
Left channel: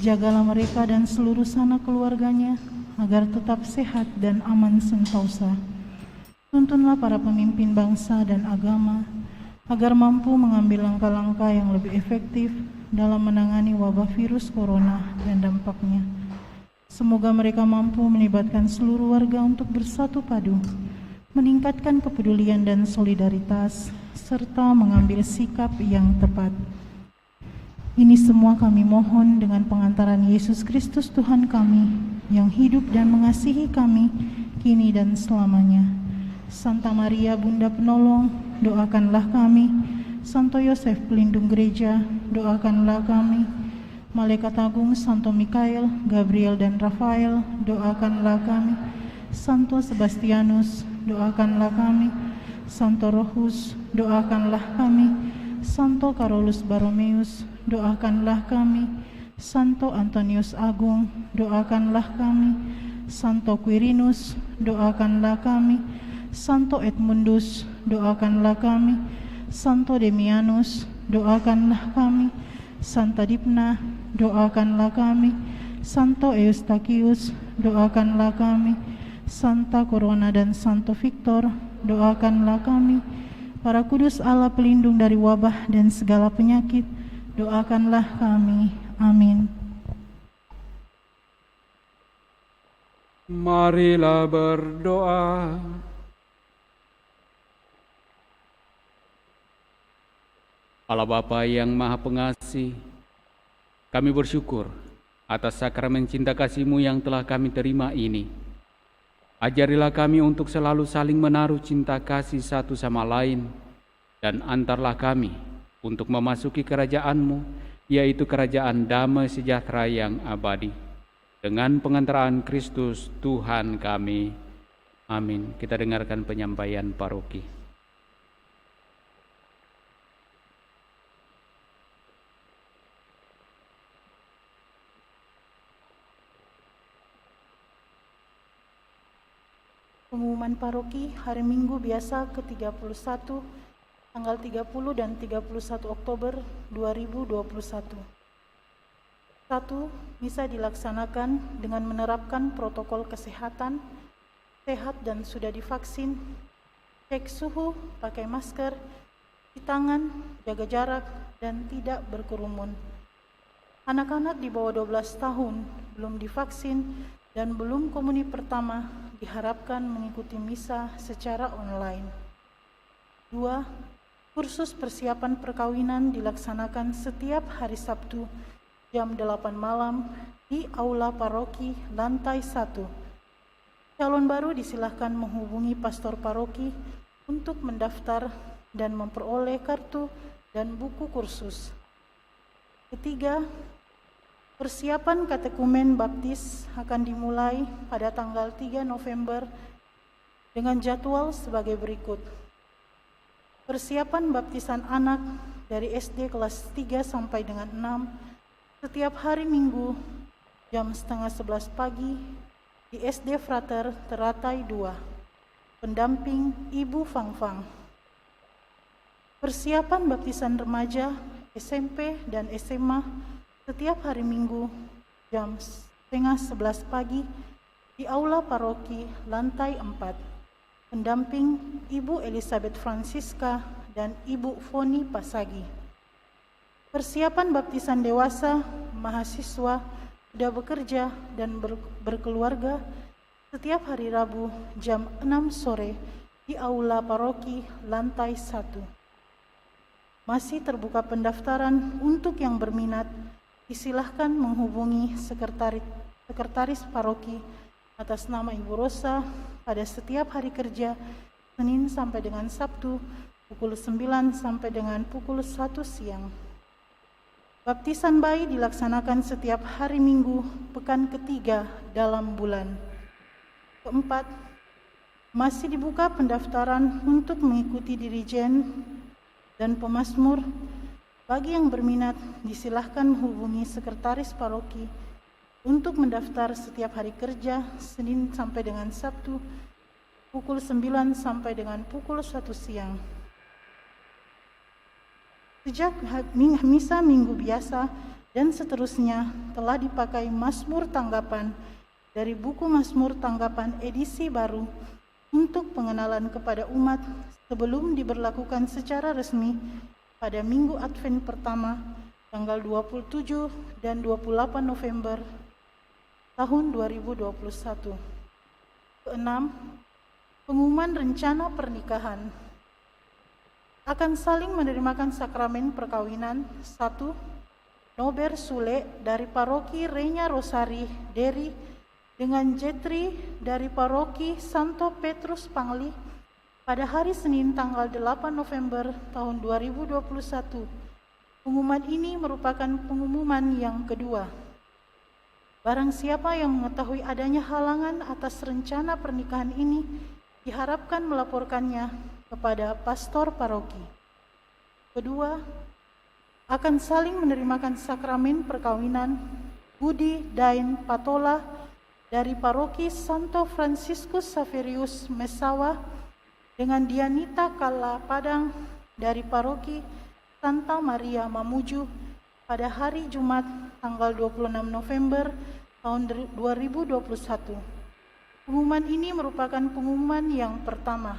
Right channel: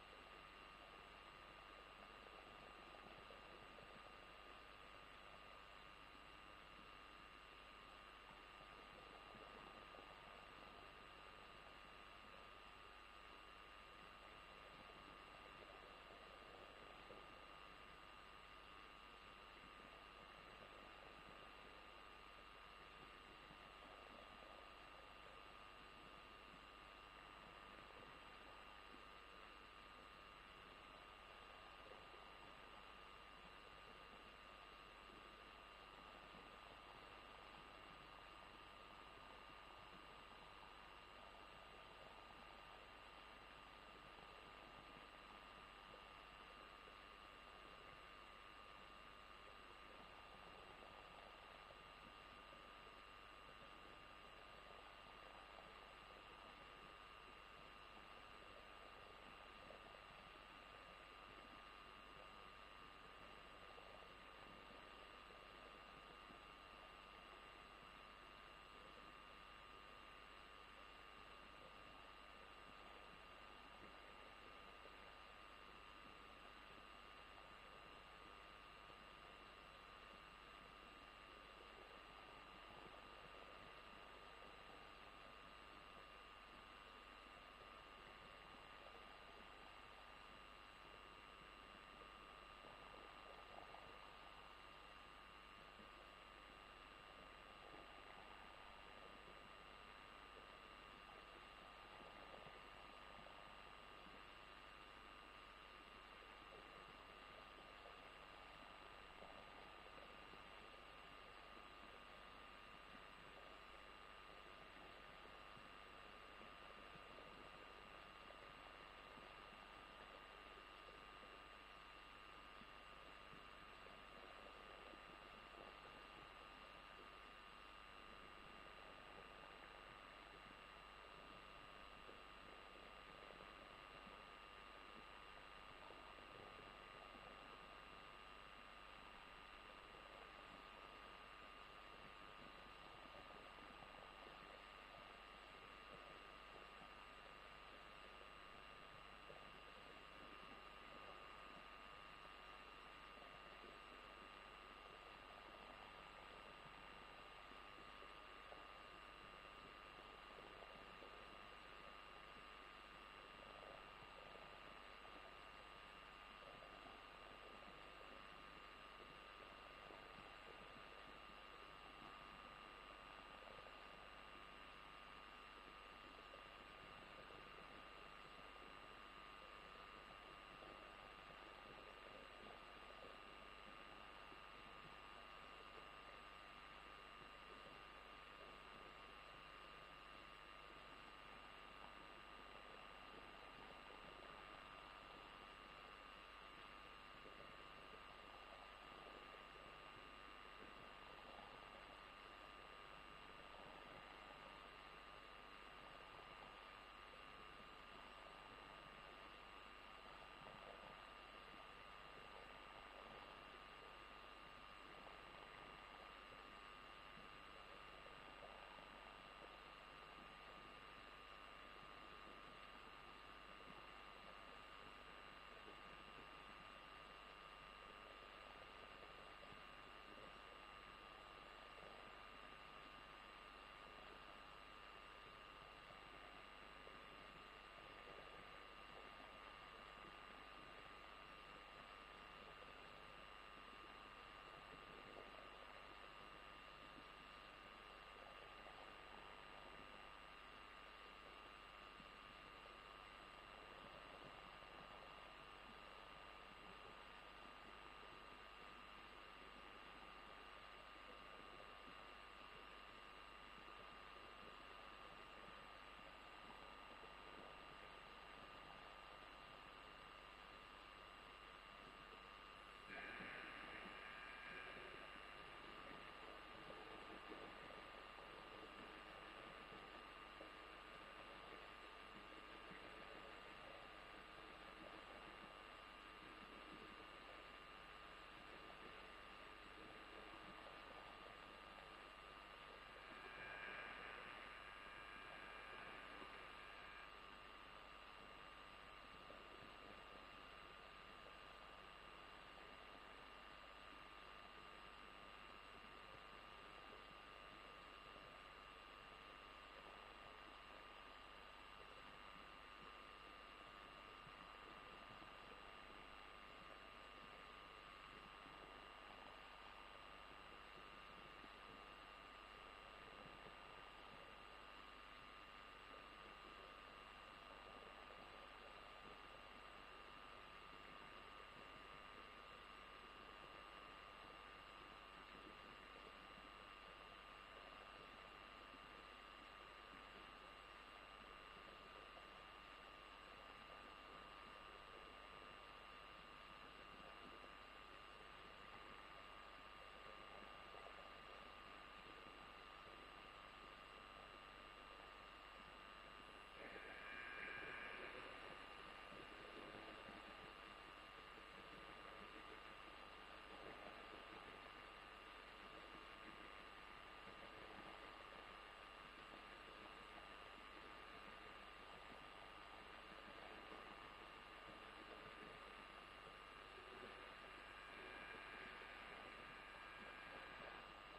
Jagalah mereka dan seluruh sanak keluarganya, agar tetap sehat dan aman sentosa. Tuntunlah para pemimpin bangsa dan agama, agar mampu mengambil langkah-langkah yang lebih efektif dalam menangani wabah virus corona dan dampaknya. Semoga mereka mampu melibatkan seluruh warga untuk bersatu padu, meningkatkan kepedulian dan solidaritas, serta mengambil sikap yang tepat. Ini semua kami mohon dengan pengantaran Yesus Kristus Tuhan kami, yang hidup dan mengasihi kami, kini dan selamanya. Santa Maria Bunda Penolong, doakanlah kami. Santo Yosef pelindung gereja, doakanlah kami. Malaikat Agung Santo Mikael, Gabriel dan Rafael, doakanlah kami. Santo Sebastianus, doakanlah kami. Santo Rohus, doakanlah kami. Santo Carolus Baromeus, doakanlah kami. Santo Antonius Agung, doakanlah kami. Santo Quirinus, doakanlah kami. Santo Edmundus, doakanlah kami. Santo Demianus, doakanlah kami. Santa Dipna, doakanlah kami. Santo Eustachius, doakanlah kami. Santa Corona dan Santo Victor, doakanlah kami. Para kudus Allah pelindung dari wabah dan segala penyakit, doakanlah kami. Amin. Marilah berdoa. Allah Bapa yang Maha Pengasih, kami bersyukur atas sakramen cinta kasih-Mu yang telah kami terima ini. Ajarilah kami untuk selalu saling menaruh cinta kasih satu sama lain, dan antarlah kami untuk memasuki kerajaan-Mu, yaitu kerajaan damai sejahtera yang abadi. Dengan pengantaraan Kristus Tuhan kami. Amin. Kita dengarkan penyampaian paroki. Pengumuman paroki hari Minggu biasa ke-31 tanggal 30 dan 31 Oktober 2021. 1. Misa dilaksanakan dengan menerapkan protokol kesehatan, sehat dan sudah divaksin, cek suhu, pakai masker, cuci tangan, jaga jarak, dan tidak berkerumun. Anak-anak di bawah 12 tahun belum divaksin dan belum komuni pertama diharapkan mengikuti misa secara online. 2. Kursus persiapan perkawinan dilaksanakan setiap hari Sabtu jam 8 malam di Aula Paroki lantai 1. Calon baru disilahkan menghubungi pastor paroki untuk mendaftar dan memperoleh kartu dan buku kursus. 3. Persiapan katekumen baptis akan dimulai pada tanggal 3 November dengan jadwal sebagai berikut. Persiapan baptisan anak dari SD kelas 3 sampai dengan 6 setiap hari Minggu jam 10:30 pagi di SD Frater Teratai 2. Pendamping Ibu Fangfang. Persiapan baptisan remaja SMP dan SMA setiap hari Minggu jam 10:30 pagi di Aula Paroki lantai 4. Pendamping Ibu Elizabeth Francisca dan Ibu Foni Pasagi. Persiapan baptisan dewasa, mahasiswa, sudah bekerja dan berkeluarga setiap hari Rabu jam 6 sore di Aula Paroki lantai 1. Masih terbuka pendaftaran untuk yang berminat. Disilahkan menghubungi sekretaris paroki atas nama Ibu Rosa pada setiap hari kerja Senin sampai dengan Sabtu pukul 9 sampai dengan pukul 1 siang. Baptisan bayi dilaksanakan setiap hari Minggu pekan ketiga dalam bulan. Keempat, masih dibuka pendaftaran untuk mengikuti dirijen dan pemazmur. Bagi yang berminat, disilahkan menghubungi sekretaris paroki untuk mendaftar setiap hari kerja Senin sampai dengan Sabtu pukul 9 sampai dengan pukul 1 siang. Sejak misa minggu biasa dan seterusnya telah dipakai Mazmur Tanggapan dari buku Mazmur Tanggapan edisi baru untuk pengenalan kepada umat sebelum diberlakukan secara resmi pada Minggu Advent pertama tanggal 27 dan 28 November tahun 2021. Keenam, pengumuman rencana pernikahan. Akan saling menerimakan sakramen perkawinan. 1. Nober Sule dari paroki Renya Rosari Deri dengan Jetri dari paroki Santo Petrus Pangli pada hari Senin tanggal 8 November tahun 2021. Pengumuman ini merupakan pengumuman yang kedua. Barang siapa yang mengetahui adanya halangan atas rencana pernikahan ini diharapkan melaporkannya kepada pastor paroki. Kedua, akan saling menerimakan sakramen perkawinan Budi Dain Patola dari paroki Santo Franciscus Saverius Mesawa dengan Dianita Kala Padang dari paroki Santa Maria Mamuju pada hari Jumat tanggal 26 November tahun 2021. Pengumuman ini merupakan pengumuman yang pertama.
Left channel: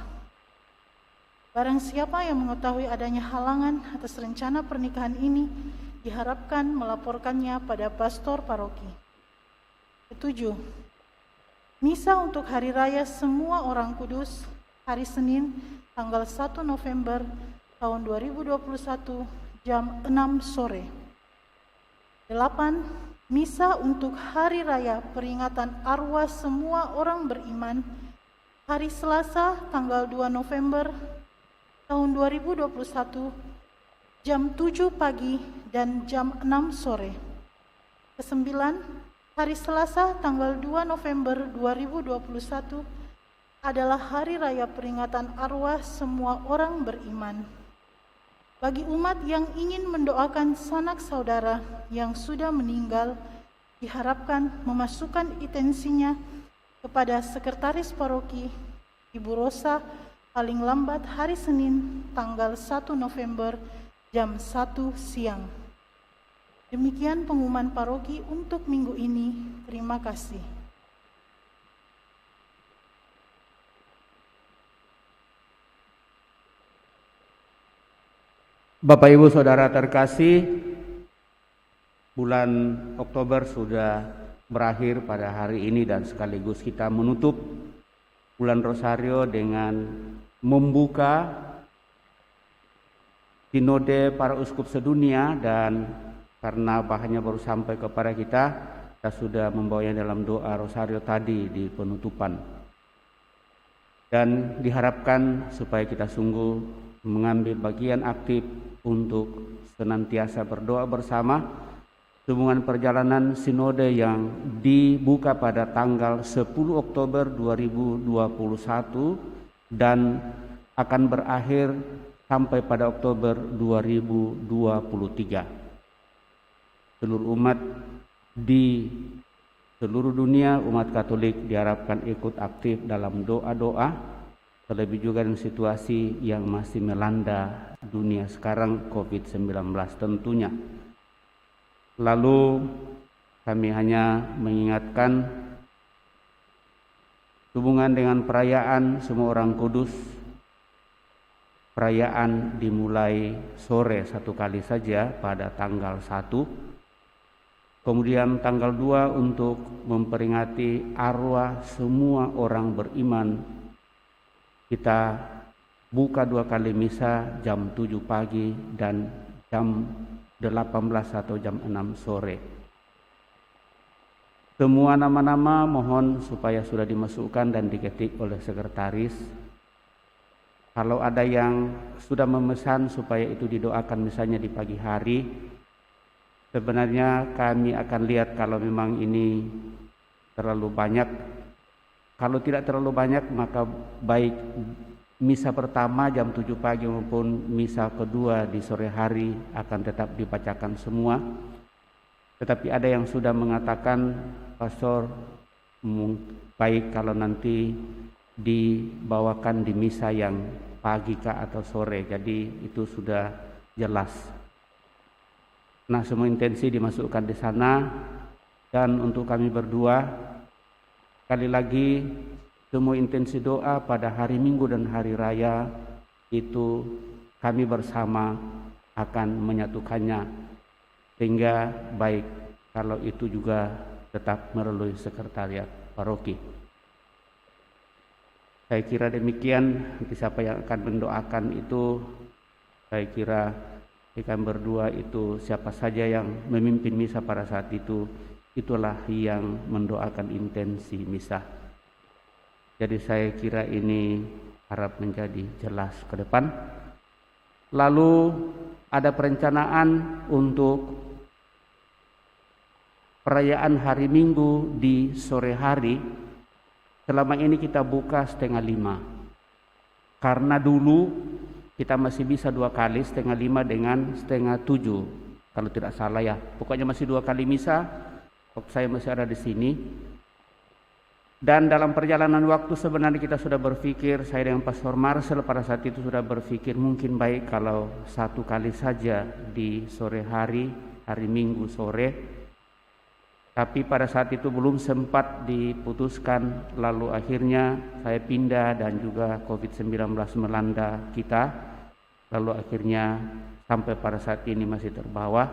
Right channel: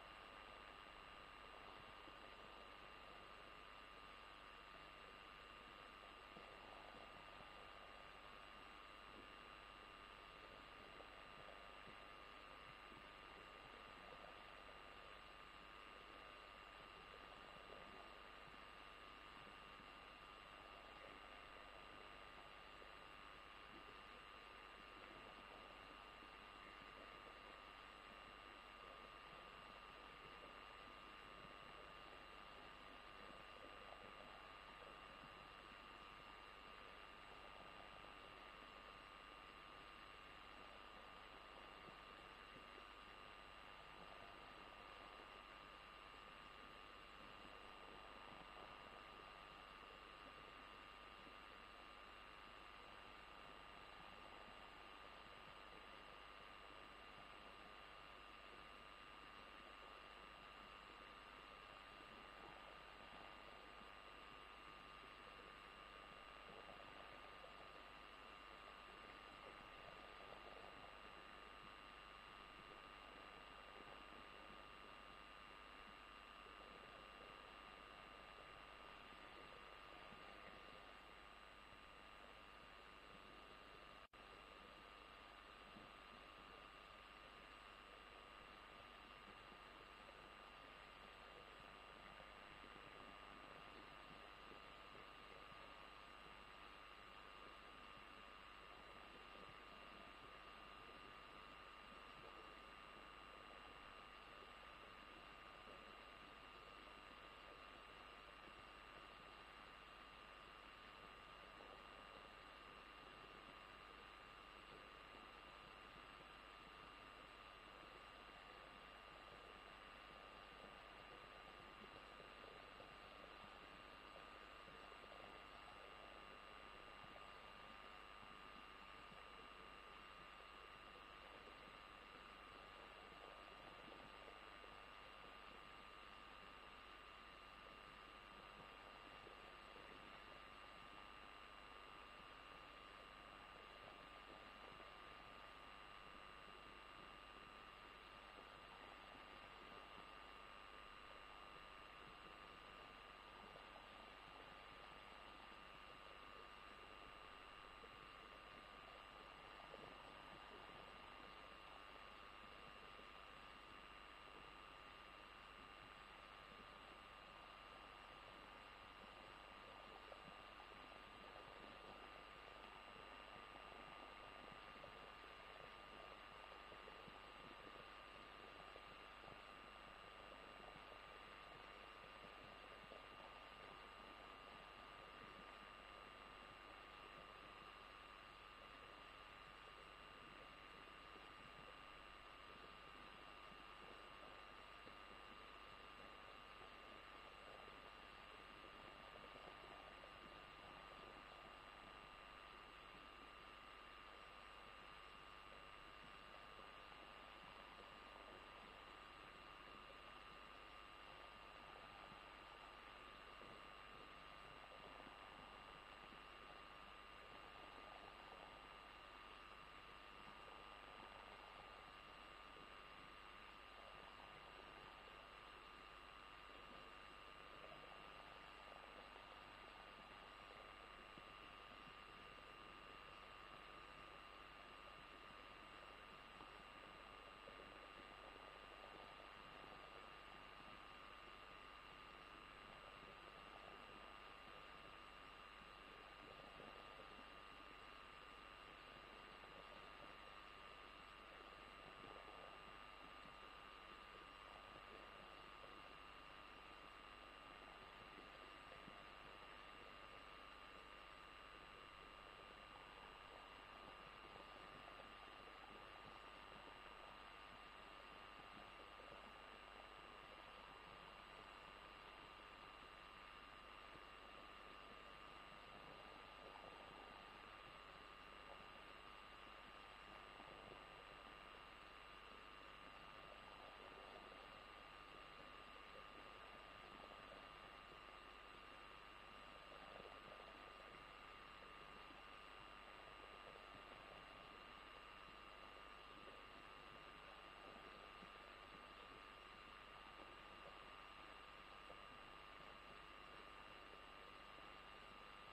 Barang siapa yang mengetahui adanya halangan atas rencana pernikahan ini diharapkan melaporkannya pada pastor paroki. Ketujuh, misa untuk Hari Raya Semua Orang Kudus hari Senin tanggal 1 November tahun 2021 jam 6 sore. 8. Misa untuk Hari Raya Peringatan Arwah Semua Orang Beriman hari Selasa tanggal 2 November tahun 2021 jam 7 pagi dan jam 6 sore. 9. Hari Selasa tanggal 2 November 2021 adalah Hari Raya Peringatan Arwah Semua Orang Beriman. Bagi umat yang ingin mendoakan sanak saudara yang sudah meninggal, diharapkan memasukkan intensinya kepada Sekretaris Paroki Ibu Rosa paling lambat hari Senin tanggal 1 November jam 1 siang. Demikian pengumuman paroki untuk minggu ini. Terima kasih. Bapak Ibu Saudara terkasih, bulan Oktober sudah berakhir pada hari ini dan sekaligus kita menutup bulan Rosario dengan membuka Sinode para Uskup sedunia, dan karena bahannya baru sampai kepada kita sudah membawanya dalam doa Rosario tadi di penutupan. Dan diharapkan supaya kita sungguh mengambil bagian aktif untuk senantiasa berdoa bersama sehubungan perjalanan sinode yang dibuka pada tanggal 10 Oktober 2021 dan akan berakhir sampai pada Oktober 2023. Seluruh umat di seluruh dunia, umat Katolik diharapkan ikut aktif dalam doa-doa, terlebih juga dengan situasi yang masih melanda dunia sekarang, COVID-19 tentunya. Lalu kami hanya mengingatkan hubungan dengan perayaan Semua Orang Kudus. Perayaan dimulai sore satu kali saja pada tanggal 1. Kemudian tanggal 2 untuk memperingati arwah semua orang beriman. Kita buka 2 kali misa jam 7 pagi dan jam 18 atau jam 6 sore. Semua nama-nama mohon supaya sudah dimasukkan dan diketik oleh sekretaris. Kalau ada yang sudah memesan supaya itu didoakan misalnya di pagi hari, sebenarnya kami akan lihat kalau memang ini terlalu banyak. Kalau tidak terlalu banyak maka baik misa pertama jam 7 pagi maupun misa kedua di sore hari akan tetap dibacakan semua. Tetapi ada yang sudah mengatakan, Pastor, baik kalau nanti dibawakan di misa yang pagi kah atau sore, jadi itu sudah jelas. Nah, semua intensi dimasukkan di sana. Dan untuk kami berdua, sekali lagi semua intensi doa pada hari Minggu dan hari Raya itu kami bersama akan menyatukannya, sehingga baik kalau itu juga tetap melalui sekretariat paroki. Saya kira demikian. Siapa yang akan mendoakan itu, saya kira kami berdua itu siapa saja yang memimpin misa pada saat itu, itulah yang mendoakan intensi misa. Jadi saya kira ini harap menjadi jelas ke depan. Lalu ada perencanaan untuk perayaan hari Minggu di sore hari. Selama ini kita buka 4:30, karena dulu kita masih bisa 2 kali 5:30 dengan 6:30 kalau tidak salah ya. Pokoknya masih 2 kali misa waktu saya masih ada di sini. Dan dalam perjalanan waktu sebenarnya kita sudah berpikir, saya dengan Pastor Marcel pada saat itu sudah berpikir mungkin baik kalau 1 kali saja di sore hari, hari Minggu sore. Tapi pada saat itu belum sempat diputuskan, lalu akhirnya saya pindah dan juga COVID-19 melanda kita, lalu akhirnya sampai pada saat ini masih terbawa.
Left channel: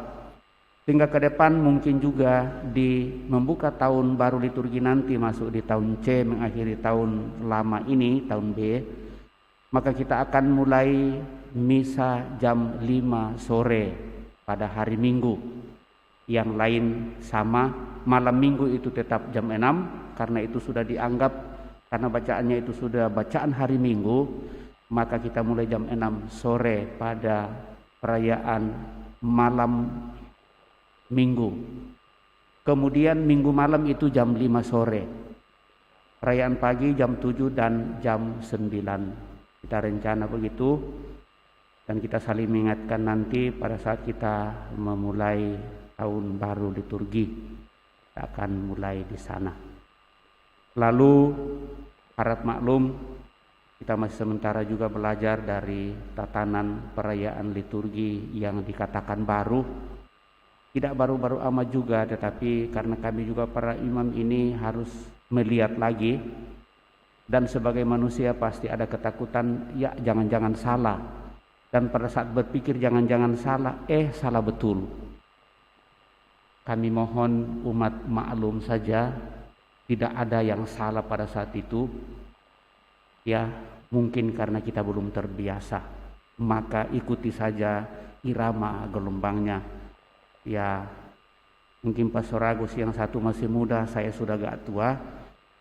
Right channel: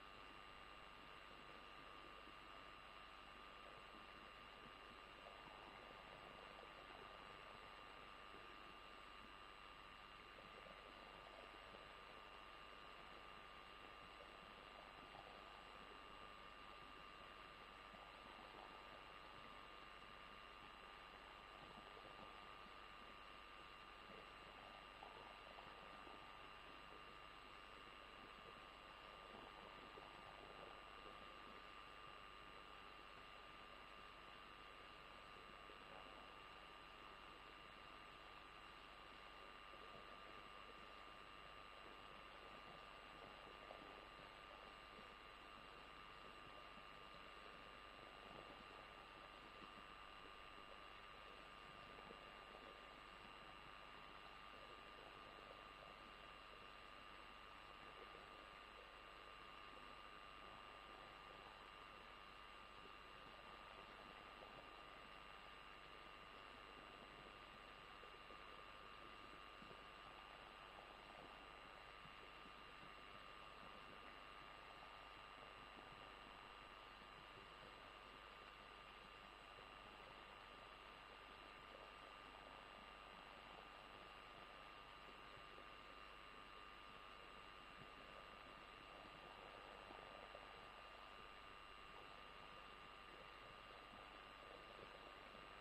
Sehingga ke depan mungkin juga di membuka tahun baru liturgi nanti, masuk di tahun C, mengakhiri tahun lama ini, tahun B, maka kita akan mulai misa jam 5 sore pada hari Minggu. Yang lain sama, malam Minggu itu tetap jam 6, karena itu sudah dianggap, karena bacaannya itu sudah bacaan hari Minggu, maka kita mulai jam 6 sore pada perayaan malam Minggu. Kemudian Minggu malam itu jam 5 sore. Perayaan pagi jam 7 dan jam 9. Kita rencana begitu, dan kita saling mengingatkan nanti pada saat kita memulai tahun baru liturgi, kita akan mulai di sana. Lalu harap maklum, kita masih sementara juga belajar dari tatanan perayaan liturgi yang dikatakan baru. Tidak baru-baru amat juga, tetapi karena kami juga para imam ini harus melihat lagi, dan sebagai manusia pasti ada ketakutan, ya jangan-jangan salah. Dan pada saat berpikir jangan-jangan salah, salah betul. Kami mohon umat maklum saja, tidak ada yang salah pada saat itu. Ya, mungkin karena kita belum terbiasa, maka ikuti saja irama gelombangnya. Ya, mungkin Pastor Agus yang satu masih muda, saya sudah agak tua,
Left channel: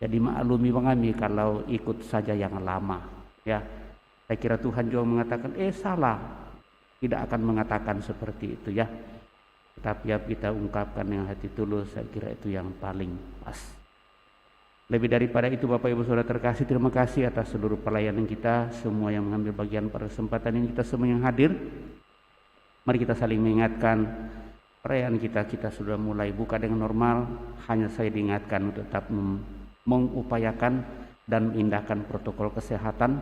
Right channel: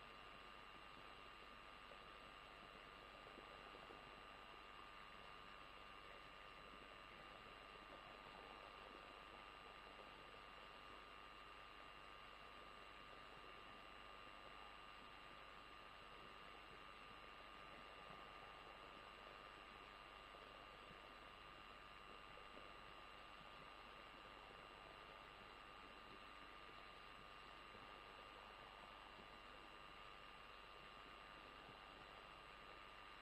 jadi maklumi kami kalau ikut saja yang lama. Ya, saya kira Tuhan juga mengatakan, salah, tidak akan mengatakan seperti itu ya. Tapi ya kita ungkapkan dengan hati tulus, saya kira itu yang paling pas. Lebih daripada itu Bapak Ibu Saudara terkasih, terima kasih atas seluruh pelayanan kita, semua yang mengambil bagian pada kesempatan ini, kita semua yang hadir. Mari kita saling mengingatkan, perayaan kita sudah mulai buka dengan normal, hanya saya diingatkan untuk tetap mengupayakan dan mengindahkan protokol kesehatan.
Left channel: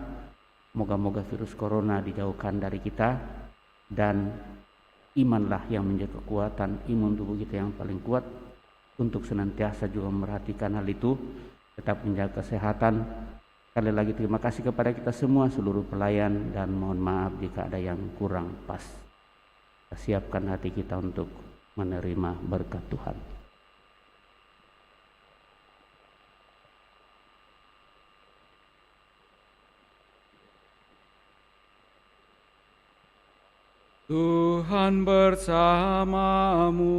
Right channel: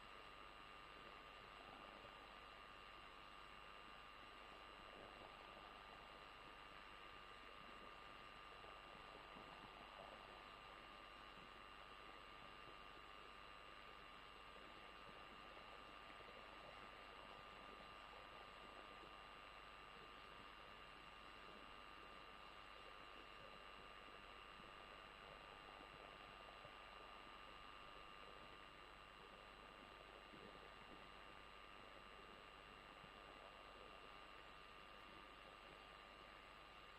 Moga-moga virus corona dijauhkan dari kita, dan imanlah yang menjadi kekuatan, imun tubuh kita yang paling kuat untuk senantiasa juga memperhatikan hal itu, tetap menjaga kesehatan. Sekali lagi terima kasih kepada kita semua, seluruh pelayan, dan mohon maaf jika ada yang kurang pas. Kita siapkan hati kita untuk menerima berkat Tuhan. Tuhan bersamamu.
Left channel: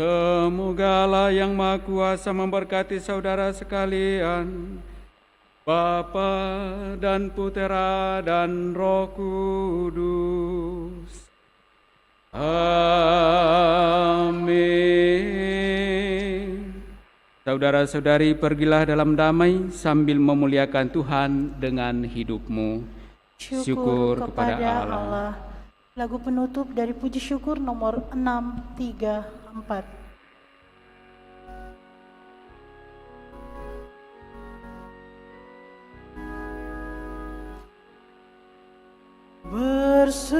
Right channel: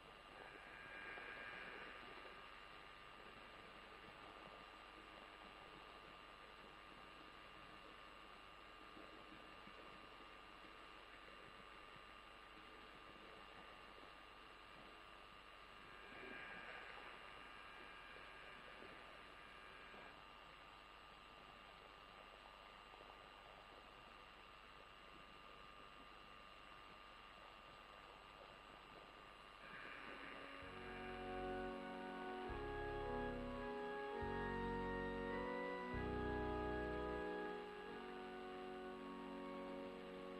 Semoga Allah yang Maha Kuasa memberkati saudara sekalian, Bapa dan Putera dan Roh Kudus. Amin. Saudara-saudari, pergilah dalam damai sambil memuliakan Tuhan dengan hidupmu. Syukur kepada Allah. Lagu penutup dari puji syukur nomor 634. Bersyukur